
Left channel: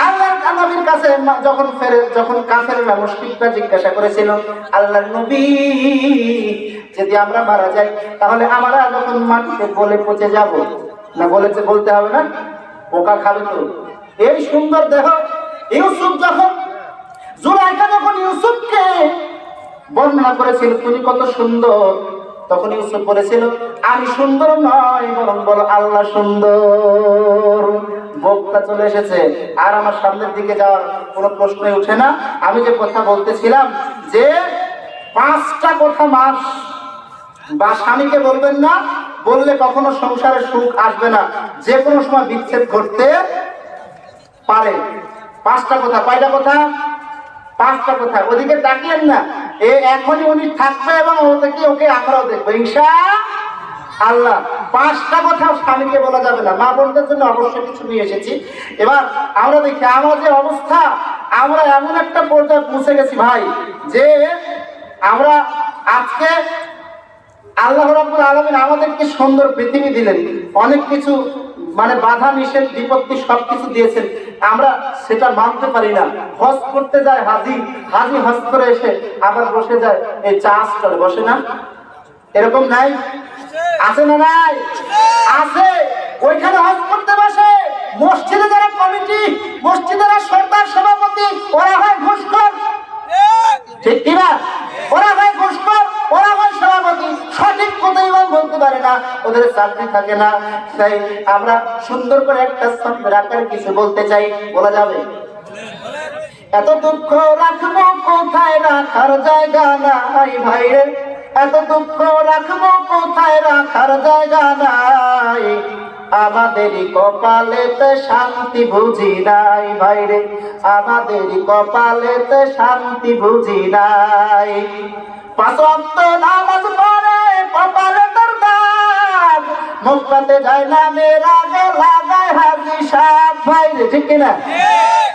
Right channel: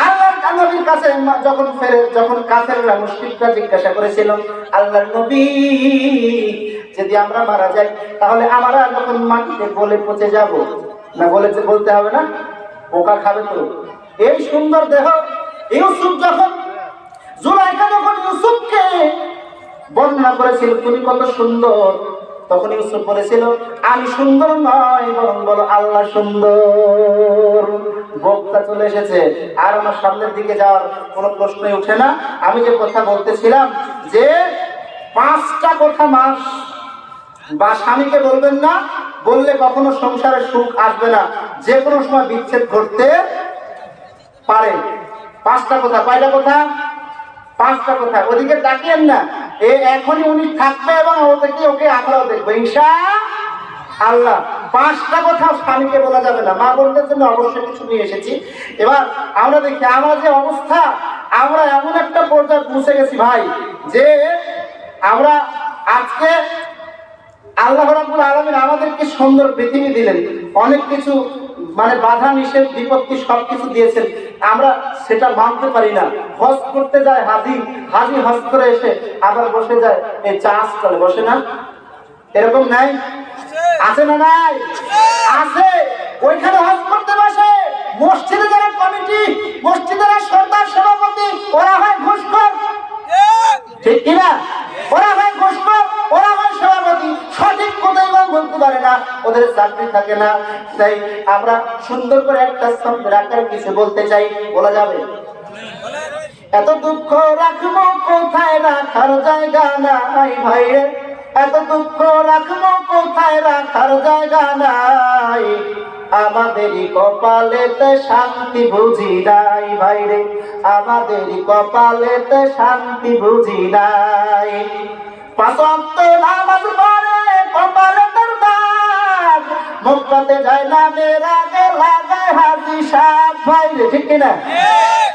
আল্লাহর নবীর কাছে যখন কাফেররা মুশরিকরা জিজ্ঞাসা করেছিল, আল্লাহর নবী যদি আমরা মারা যাই তাহলে আমরা যখন মাটিতে গলে পচে যাব, না বলতে হবে না, পোকা খাবে তো। এই সুন্দর দেহ ইউসুফ যখন জুলাইখা যখন ইউসুফকে বর্ণনা করেছিল তুমি কত সুন্দর, তখন ইউসুফ বলেছিল আমি সুন্দর নয়, বরং বলো আল্লাহ সুন্দর। বক্তা চলে এসেছে, আর আমার সামনের দিকে যাওয়ার কোনো প্রশ্নই ওঠে না। আমি যে কথা বলতেছিলাম যে 5টা কথা মাস বা স্বামীকে বলবেন না, বললে কখনো সংসারে সুখ আসবে না, যে কোনো সময় বিচ্ছেদ ঘটতে পারে। 5টা কথা। কয়টা কথা? 5টা কথা। ওদিকে তাকিয়েন না, এখনই উনি থাকবে এবং ওকে আমরাও দেখবো ইনশাআল্লাহ। 5টা কথা স্বামীকে বলা যাবে না। মা বোনদের জন্য অবশ্যই কিছু নিয়ে এসেছি। এবার আমরা দেখি আমার যে অবস্থা, আমরা এমন একটা পর্যায়ে পৌঁছে গেছি ভাই, যে আমরা আজকে আল্লাহ রাব্বুল আলামিন আমাদেরকে সুন্দর পৃথিবী দিলেন, অনেক কিছু মানে বাধা নিষেধ বিপত্তি সবকিছু দিয়েছেন, আমরা সেটা মানতে পারি না। হজ করতে যায় হাজি হজ করে এসে আবার বসে যায় এই চা স্টলে, বসে না? এরকম নাই? আছে না নাই? আছে। ওইখানে হজ করতে বসে মসজিদে যারা কমিটি, মসজিদের সরদার সভাপতি, ওরা হয় ঘুষখোর, ঠিক কিনা? ওরা হয় ঘুষখোর, ওরা হয় সভাপতি, সঠিক কথাই বলতে পারে না, ওদের চাকরি থাকে না। তাই আমরা সুন্দর করে একটা ছন্দের আকারে কিছু বলতে চাই, বলা যাবে? এত দুঃখ রাখবো কোথায়, রাখার জায়গা নাই ভাইরে, এত দুঃখ রাখবো কোথায়, রাখার জায়গা নাই, আমাদেরই কপালেতে শান্তি বুঝি নাই ভাইরে, আমাদেরই কপালেতে শান্তি বুঝি নাই। 5 ওয়াক্ত নামাজ পড়ে কপালে তোর দাগ, মক্কাতে যায় না মেরা লাগায় হাজি সাহেব ভাইরে, ঠিক কিনা?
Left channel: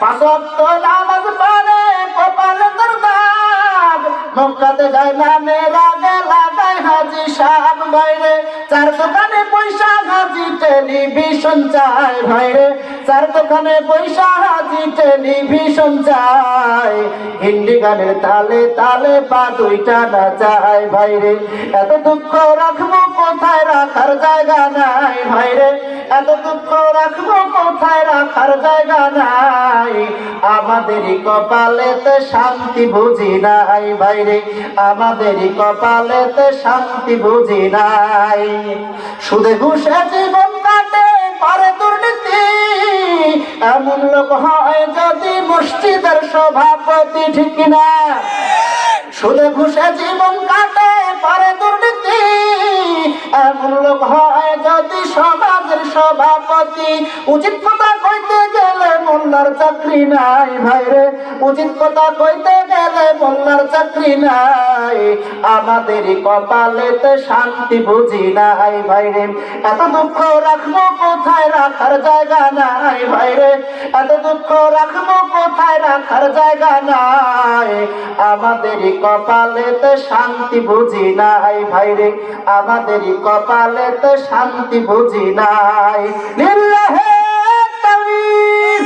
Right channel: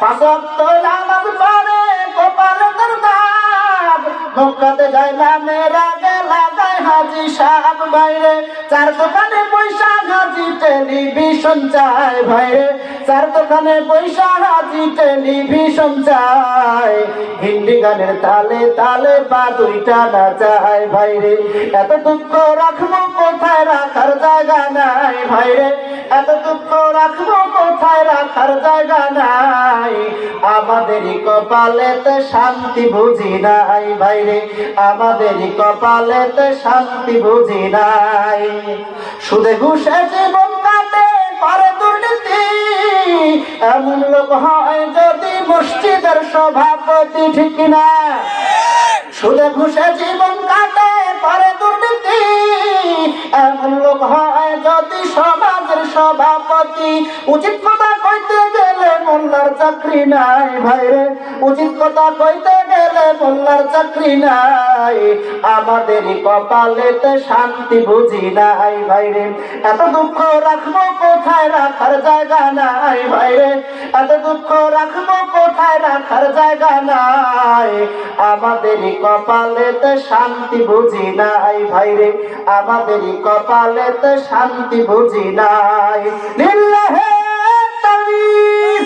5 ওয়াক্ত নামাজ পড়ে কপালে তোর দাগ, মক্কাতে যায় না মেরা লাগায় হাজি সাহেব ভাইরে, 4 দোকানে পয়সা হাজি টেলিভিশন চায় ভাইরে, 4 দোকানে পয়সা হাজি টেলিভিশন চায়, হিন্দি গানের তালে তালে বা 2টা না চায় ভাইরে, এত দুঃখ রাখবো কোথায়, রাখার জায়গা নাই ভাইরে, এত দুঃখ রাখবো কোথায়, রাখার জায়গা নাই, আমাদেরই কপালেতে শান্তি বুঝি নাই ভাইরে, আমাদেরই কপালেতে শান্তি বুঝি নাই। সুদে ঘুষে জীবন কাটে করে দুর্নীতি, এমন লোক হয় যদি মসজিদের সভাপতি, ঠিক না? সুদে ঘুষে জীবন কাটে করে দুর্নীতি, এমন লোক হয় যদি সমাজের সভাপতি, উচিত কথা কইতে গেলে মোল্লার চাকরি নাই ভাইরে, উচিত কথা কইতে গেলে মোল্লার চাকরি নাই, আমাদেরই কপালেতে শান্তি বুঝি নাই ভাইরে, এত দুঃখ রাখবো কোথায়, রাখার জায়গা নাই ভাইরে, এত দুঃখ রাখবো কোথায়, রাখার জায়গা নাই, আমাদেরই কপালেতে শান্তি বুঝি নাই ভাইরে, আমাদেরই কপালেতে শান্তি বুঝি নাই। লিল্লাহে তাকবীর।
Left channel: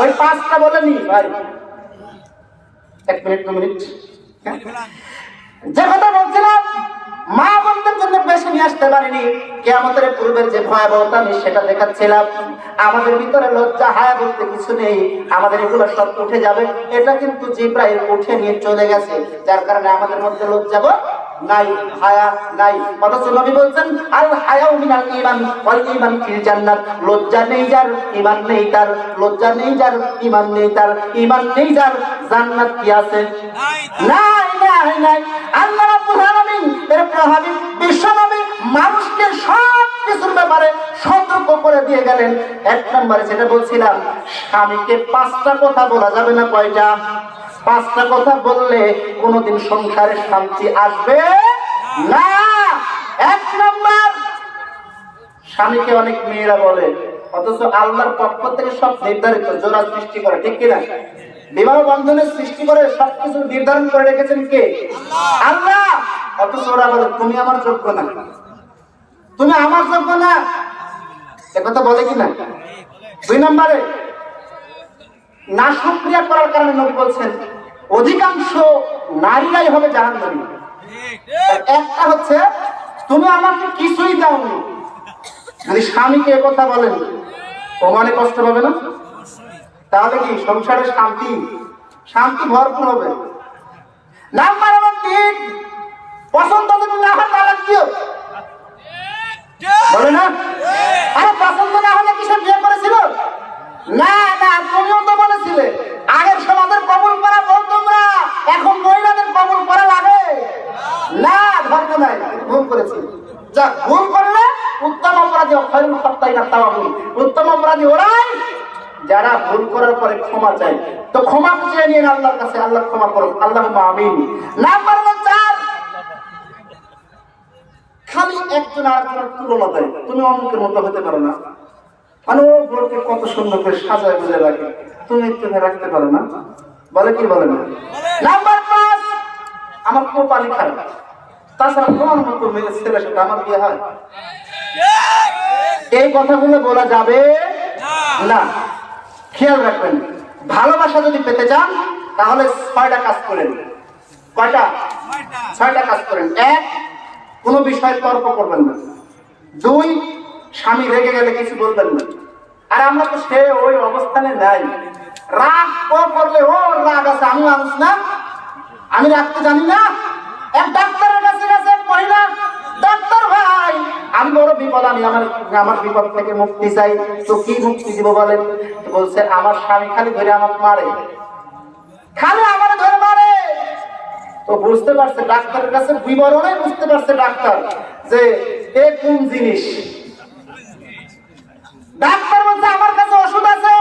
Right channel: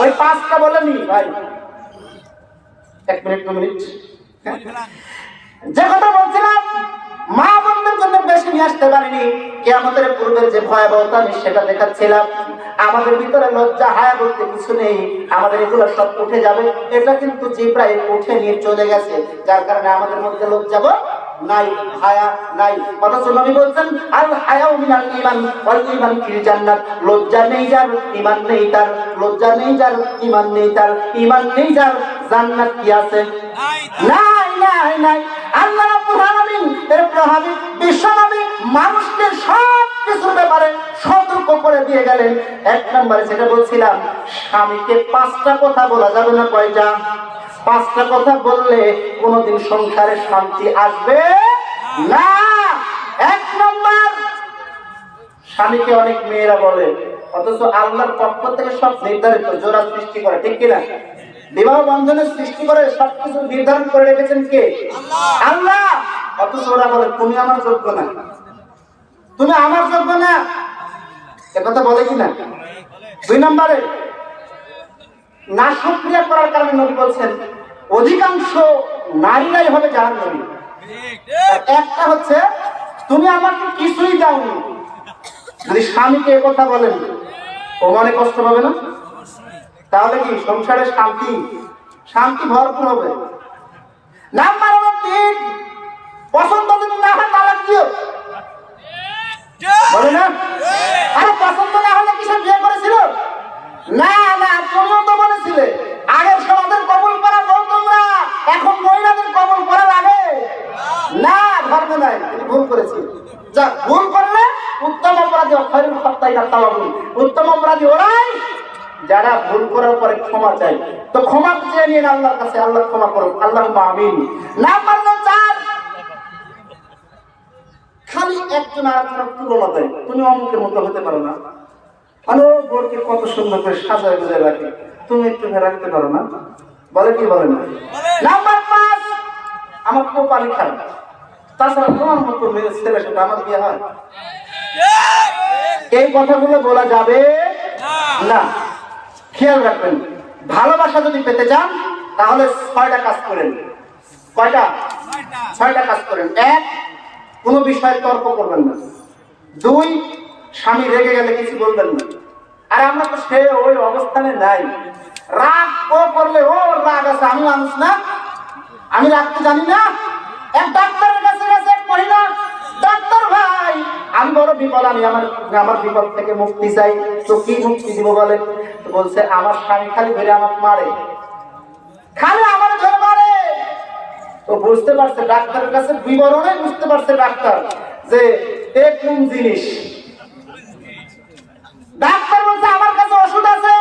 ওই 5টা বলেনি ভাই, 1 মিনিট 2 মিনিট। যে কথা বলছিলাম মা বোনদের জন্য বেশি নিয়ে আসতে পারিনি, কিয়ামতের পূর্বের যে ভয়াবহতা আমি সেটা দেখাচ্ছিলাম। আমাদের ভিতরে লজ্জা হায়া বলতে কিছু নেই, আমাদের এগুলো সব উঠে যাবে, এটা কিন্তু জিব্রাইল উঠে নিয়ে চলে গেছে, যার কারণে আমাদের মধ্যে লজ্জা নাই, হায়া নাই। অথচ নবী বলছেন আল হায়াউ মিনাল ঈমান ওয়াল ঈমান ফিল জান্নাত, লজ্জা নেই যার ঈমান নেই তার, লজ্জা নেই যার ঈমান নেই তার, ঈমান নেই যার জান্নাত কি আছে? নাই নাই নাই। আল্লাহ রাব্বুল আলামিন এর প্রভাবী বিশ্বনবী মানুষকে সব কিছুর ব্যাপারে সতর্ক করে দিয়ে গেলেন। 1 নম্বরে যেটা বলছিলাম, স্বামীকে 5টা কথা বলা যাবে না। কয়টা? 5টা কথা বললে কোনোদিন সংসারে শান্তি আসবে না। 1 নম্বর, স্বামীকে অনেক মেয়েরা বলে, অথচ আল্লাহর পক্ষ থেকে সব নির্ধারিত, জোড়া সৃষ্টি করে, ঠিক কিনা? বিবাহ বন্ধনের সৃষ্টি করে সবকিছু নির্ধারণ করে রেখেছেন কে? আল্লাহ। অথচ ওরা বলে তুমি আমার যোগ্য না, তুমি আমার যোগ্য না। এ কথা বলে কিনা? দুই নম্বরে না শুকরিয়া করার কারণে নবী বলছেন অধিকাংশ নারীরাই হবে জাহান্নামী। একটা হচ্ছে তুমি আমাকে কিছুই দাওনি, যদি স্বামীকে কথা বলেন ও মনে কষ্ট পাবে না? তাহলে কি সংসারে শান্তি শান্তি ভরপুর হবে। নাম্বার 3, পছন্দ যদি না হয় তালাক দিও, বলে না? আরে পছন্দ না হলে কি সে বিয়ে করেছিল? না না, তুমিও তো বলেছিলে আগের সমাজের কবুল করা বউ তোমরা, এখন মহিলাদের কবুল করা লাগে না, ধর্ম নাই, ভুল করেছি। যা ভুল করলে উত্তম অপরাধী অক্ষরের হত্যাই না তামাবুল, উত্তম অপরাধী ওরাই যারা ভুল করার পরে ক্ষমা চায়। তো ক্ষমা চেয়ে নিন আল্লাহর কাছে, আল্লাহ ক্ষমা করুন, আল্লাহুম্মা আমিন। নাম্বার 4, খালি একজন আরেকজনের তুলনা দেয়, তুমি অমুকের মতো হতে পারো না, মানে ও বোরকে কত সুন্দর করে সাজায় বুঝে রাখে, তুমি একটু রাখতে পারো না, বলে কি বলে না? নাম্বার 5, আমার কপালই খারাপ, তাছাড়া তোমার মতো মেয়ে ছেলের সাথে আমার বিয়ে হয়। এই কথাগুলো বলা যাবে না। খেয়াল রাখবেন, ভালোবাসা যদি পেতে চান তাহলে 6টা কাজ করেন। কয়টা? 6টা কাজ করেন। 1, কোনো বিষয়ে তর্ক করবেন না। 2, স্বামী রেগে গেলে কিছু বলবেন না। আর আমরা তো সে ওই অবস্থানে নাই, রাগ ও করলে ও রাগ আছে, আমি মানুষ না, আমি রাখতে জানি না। এক ডাক্তারের কাছে গেছে এক মহিলা, ডাক্তার ভাই আমি বড় বিপদ, আমি আমার বিপদ থেকে মুক্তি চাই, তো কি মুক্তি দিব বলেন? বলছে আমার স্বামী খালি ধরে আমাকে মারে, খালি আমার ধরে মারে। তো বুঝতে পারছে ডাক্তারের কাছে বিবরণে বুঝতে পারছে ডাক্তার যে এ কোন জিনিস। ডাক্তার বলছে আমার কাছে ওষুধ আছে,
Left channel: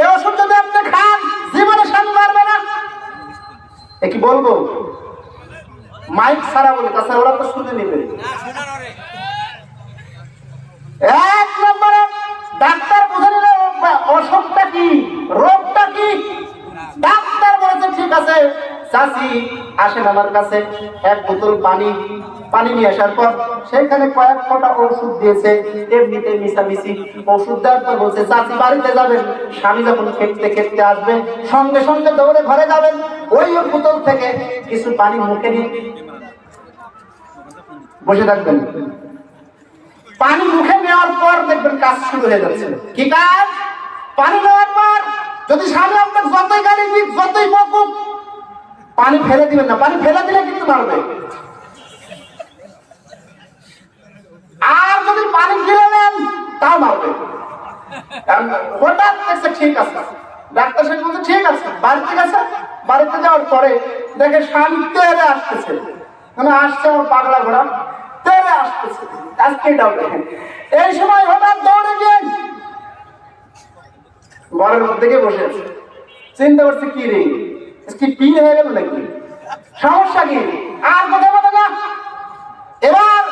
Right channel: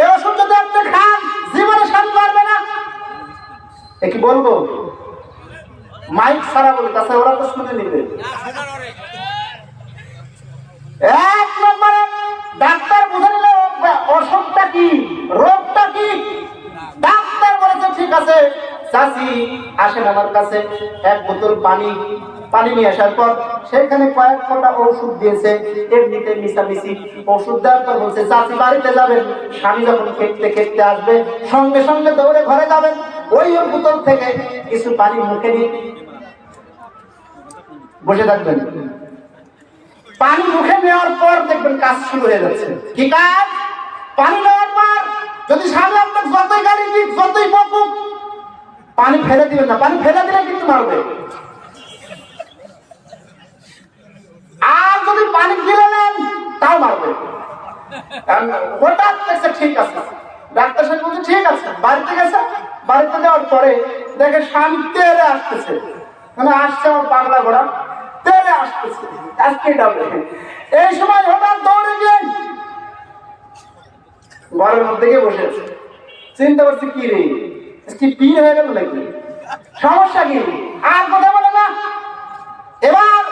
এই ওষুধ যদি আপনি খান জীবনে স্বামী মারবে না। এ কি বলবো? মাইক ছাড়া বলি, তাছাড়া ওরা তো শুনে নিবে। 1 নম্বরে ডাক্তার বুঝে নিল অসুখটা কি, রোগটা কি। ডাক্তার বলেছে ঠিক আছে চাচি আসেন আমার কাছে, 1 বোতল পানি নিয়ে আসার পর সেখানে কয়েক ফোঁটা ওষুধ দিয়েছে, এমনিতে মিশামিশি ওষুধ দেওয়ার পর বলছে চাচি বাড়িতে যাবেন, স্বামী যখন খেতে খেতে আসবে সঙ্গে সঙ্গে দৌড়ে ঘরে যাবেন, ওই বোতল থেকে কিছু পানি মুখে নিয়ে বসে থাকবেন। পানি মুখে নেওয়ার পর দেখবেন কাজ শুরু হয়ে যাচ্ছে। কি কাজ? পানি নেওয়ার পর যদি স্বামী আপনার যতই গালি দিক যতই বকুক, পানি ফেলে দিবেন না, পানি ফেলে দিলে কিন্তু মারবে। আর যদি পানি গিলে নেন তাও মারবে। হঠাৎ দেখছে ঠিক আছে, ডাক্তার সাহেব বলছে ঠিক আছে, বাড়িতে গেছে, বাড়িতে যাওয়ার পরে দেখে স্বামী তেরে আসতেছে, মানে আসছে আমার পাগলা ঘোড়া, তেরে আসতেছে, আজকে যাবে। এই সময় হঠাৎ দৌড়ে গিয়ে ঘরের মধ্যে গিয়ে বসে আছে, চিন্তা করছে কি রে কি পীর হয়ে গেল নাকি, সমস্যা কি? আর কথা বলে না। এবার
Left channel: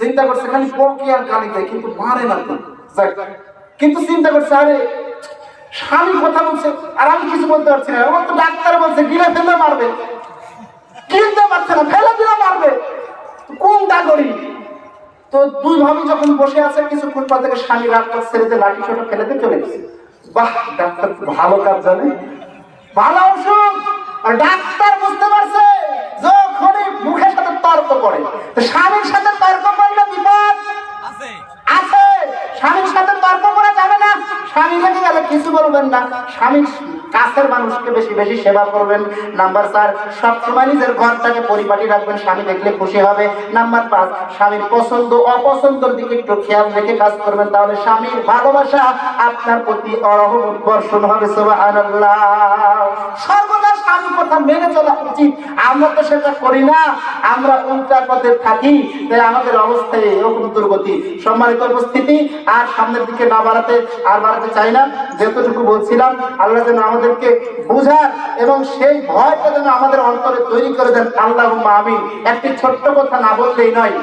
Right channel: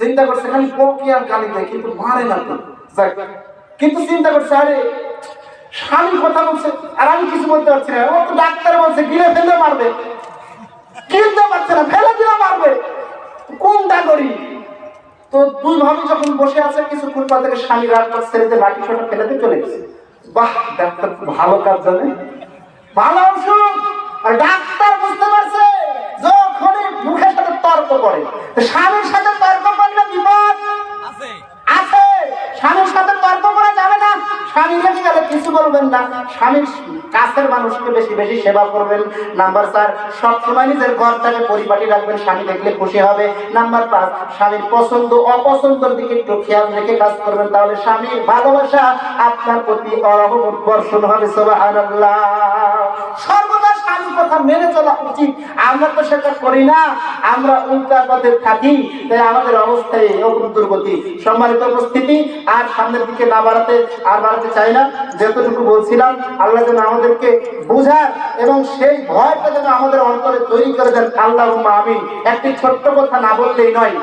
চিন্তা করছে খালি বকে আর গালি দেয়, কিন্তু মারে না তো। কিন্তু চিন্তা করছে আরে স্বামী কথা বলছে আর আমি কিছু বলতে পারছি না, আমার তো ডাক্তার বলছে গিলে ফেলে মারবে, কিনতে পারছে না, ফেলে দিলে মারবে, কোনটা করি? তো 2 ভাবি যখন বসে আছে কিছুক্ষণ পর থেকে স্বামী রাগ করে ছেড়ে দিয়ে লাঠি ছোট ফেলে দিয়ে চলে গেছে। বাহ, ডাক্তার খুব ভালো কাজ জানে, ভালো ওষুধ। আর ডাক্তার বুঝতে পারছে যখনই মুখের সাথে তর্ক করে, স্বামীর সাথে তর্ক করলে বিপদ আছে। স্বামীর সাথে তর্ক করা যাবে না। স্বামী লেগে গেলে কিছু বলবেন না, স্বামীর কাছের মানুষকে বেশি বেশি সেবা করবেন। নাম্বার 4, সবসময় নিজের ঘরটাকে পরিপাটি রাখবেন, স্বামী দেখলে খুশি হবে। নাম্বার 5, স্বামীর পছন্দ অপছন্দের দিকে একটু খেয়াল রেখে কাজ করবেন, তাহলে স্বামীর ভালোবাসা আপনার প্রতি অরহমত বর্ষণ হবে। সুবহানাল্লাহ। সর্বদা স্বামীর কথা মেনে চলা উচিত। আমরা তো সেটা করি না, আমরা উল্টা পথে থাকি, তাই আমাদের অবস্থায় এরকম দুর্গতি। সম্মানিত উপস্থিতি, আর সামনের দিকে না বাড়াতে চাই না। যতটুকু বলছিলাম আল্লাহ যেন আমাদেরকে বুঝার এবং সেই ভয়টা যেন আমাদের অন্তরে তৈরি করে দেন। আল্লাহুম্মা আমিন। একটি ছোট্ট কথা না বললেই নয়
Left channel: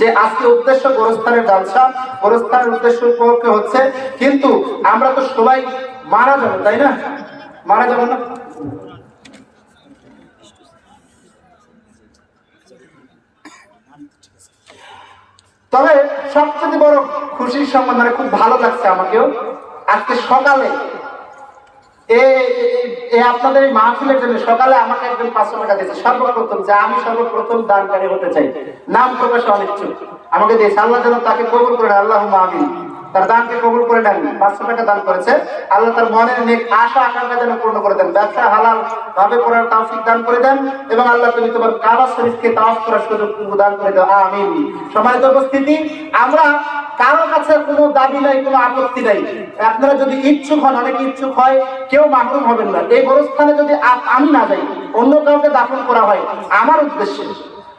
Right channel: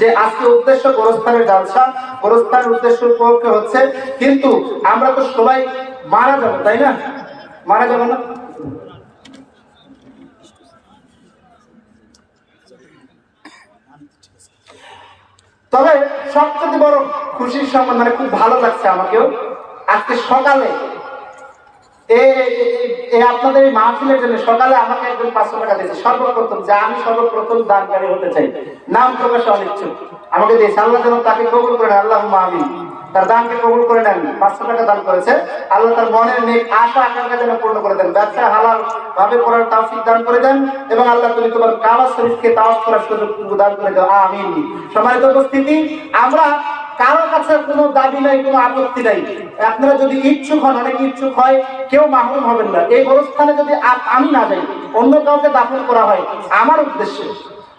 যে আজকে উদ্দেশ্য গোরস্থানের জালসা, গোরস্থানের উদ্দেশ্য উপলক্ষে হচ্ছে, কিন্তু আমরা তো সবাই মারা যাবো, তাই না? মারা যাবো না? তবে সবচেয়ে বড় খুশির সংবাদ, মানে খুব ভালো লাগছে আমাকেও, আজকে সকালে আপনাদের এই মাহফিলের জন্য সকালে আমাকে একজন 500 টাকা দিয়েছে, সর্বপ্রথম, যে আমি সর্বপ্রথম দানকারী হতে চাই, নাম প্রকাশে অনিচ্ছুক, আমাকে দিয়েছে। আল্লাহ যেন তাকে কবুল করে নেন, আল্লাহুম্মা আমিন। তার দানকে কবুল করে নেন। 500 টাকা দান করেছে। আল্লাহ তার মনের নেক আশা আকাঙ্ক্ষা যেন পূর্ণ করে দেন, ব্যবসা হালাল ভাবে করার তৌফিক দান করে দেন, এবং আল্লাহ তুমি তোমার কাবা শরীফকে তাওয়াফ করার সুযোগ দান করে দাও, আমিন। সম্মানিত উপস্থিতি, আমরা কারো কাছে কোনো দাবি নাই, কোনো আপত্তি নাই। আপনারা যদি ইচ্ছুক হন, অনেকে ইচ্ছুক হয়, কেউ মাহরুম হবেন না। এই গোরস্থানে যদি আমি না যাই, অন্য কাউকে দাফন করা হয় আমার উদ্দেশ্যে,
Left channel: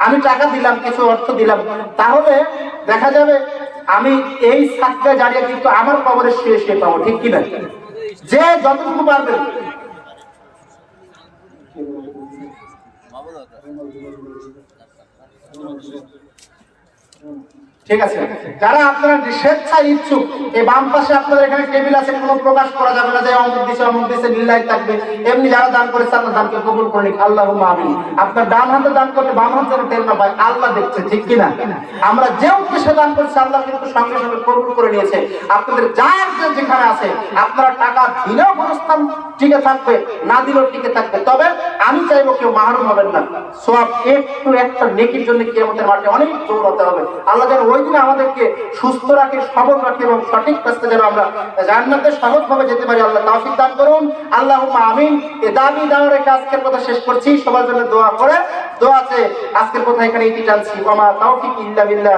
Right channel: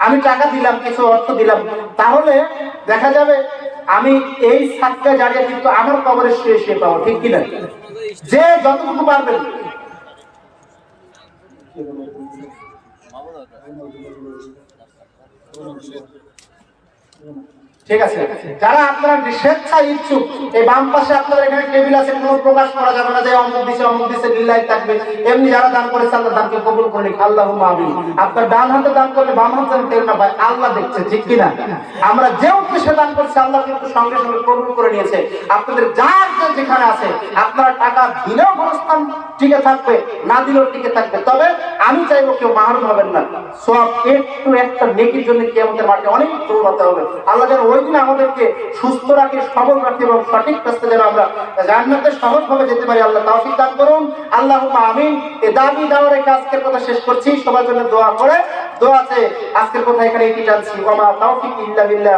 আমি টাকা দিলাম, কিছু অর্থ দিলাম, তাহলে দেখা যাবে আমি এই সাতটা জায়গায় কিন্তু আমার কবরের শুয়ে পাবো, ঠিক কিনা? যে যতটুকু পারবেন, ঠিক আছে? যারা আপনারা স্বেচ্ছায় ইচ্ছুক, এই বাম পাশে আপনাদের এখানে টেবিল আছে, কোনো প্রকাশ করা যাবে না যে অমুক দিছে লীলাই থাকবে। এমনি যারা দান করেছে আল্লাহ দানকে কবুল করে নিক, আল্লাহুম্মা আমিন। আপনার ডান হাতে দান করলে বাম হাতে যেন টের না পায়, আল্লাহ দেখছে, ঠিক কিনা? আমরা যে উদ্দেশ্যে দান করছি আল্লাহ কিন্তু সঙ্গে সঙ্গে কবুল করে নিয়েছে। আপনাদের যার যেখানে আছে, আপনারা টাকা দিলেও গোরস্থান টিকে থাকবে, না দিলেও টিকে থাকবে। তবে আমি চাইবো কেউ মাহরুম হবেন না। সওয়াব একটু একটা নেকির জন্য কিয়ামতের মাঠে অনেক দৌড়াতে হবে। আল্লাহ যেন ওই দিনে আমাদেরকে সুস্থ রাখে, সবল রাখে, এবং সঠিক রাস্তা যেন আমরা জান্নাতে সহজভাবে যেতে পারি। আল্লাহ তৌফিক দান করুন, আল্লাহুম্মা আমিন। এই দাবি দাওয়ার রেখে আজকের কথা শেষ করছি। সবার জন্য দোয়া করে, দোয়াতে আজকের কথা এখানে ইতি টানছি। ওয়া মা তাওফিক ইল্লা বিল্লাহ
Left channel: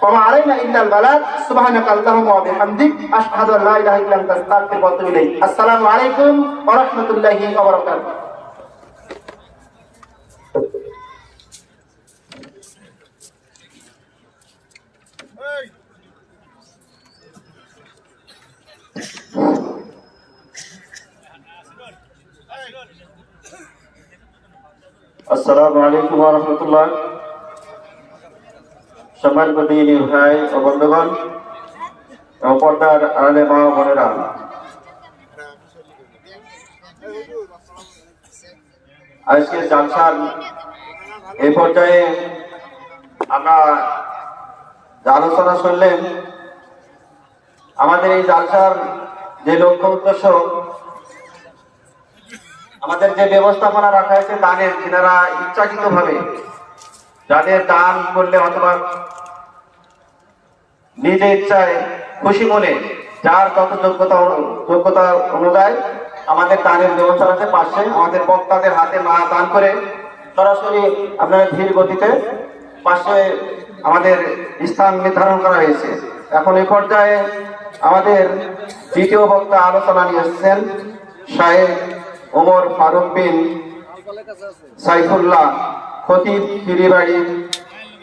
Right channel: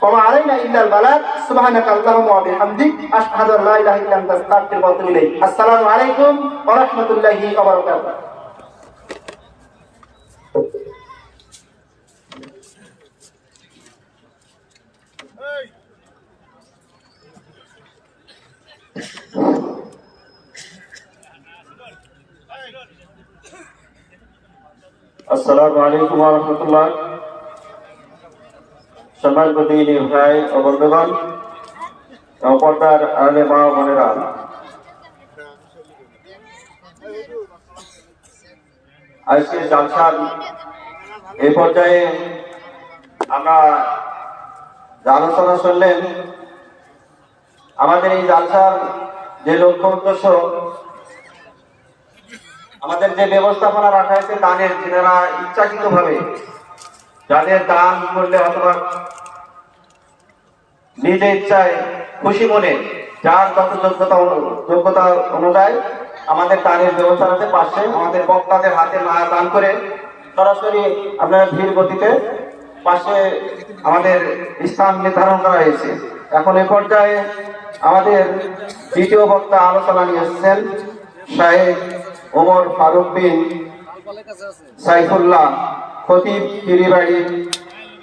ওয়া মা আলাইনা ইল্লাল বালাগ। সুবহানাকা আল্লাহুম্মা ওয়া বিহামদিক, আশহাদু আল্লা ইলাহা ইল্লা আনতা, আস্তাগফিরুকা ওয়া আতুবু ইলাইক। আসসালামু আলাইকুম ওয়া রাহমাতুল্লাহি ওয়া বারাকাতুহু। আসসালামু আলাইকুম ওয়া রাহমাতুল্লাহ। সম্মানিত দিনী ভাই ও বন্ধুগণ, এবং পর্দার আড়ালে মা ও বোনেরা, আজকে জালসার এই পর্যায়ে আমরা আলোচনা শুনলেন। আমাদের এই জালসার যে লক্ষ্য উদ্দেশ্য, আমাদের যে ব্যবস্থাপনা রাখা হয়েছে দানের, যারা ইচ্ছাকৃত ভাবে যাদের দান করলে অথবা নিজে ইচ্ছায় খুশি মনে যার কত যোগ্যতা অনুযায়ী আমাদের দানের ব্যবস্থা আছে। পাশে আমাদের বক্তাদের হাতে দান করে সরাসরি আপনারা ধীর গতিতে পাশে আমাদের স্থান নির্ধারণ করা হয়েছে। এখন এই পর্যায়ে আমাদের দ্বিতীয় বক্তা আলোচনা নিয়ে এসেছেন শাহেদ ওমর ফারুক বিন সাইফুল্লাহ, খতিব পিরিবাড়ি,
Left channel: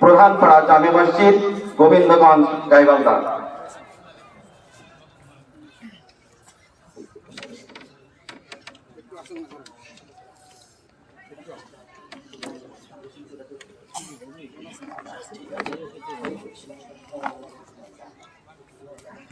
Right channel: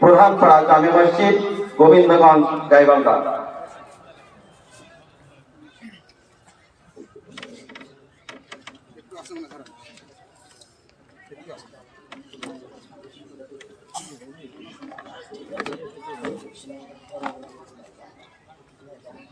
প্রধানপাড়া জামে মসজিদ, গোবিন্দগঞ্জ, গাইবান্ধা।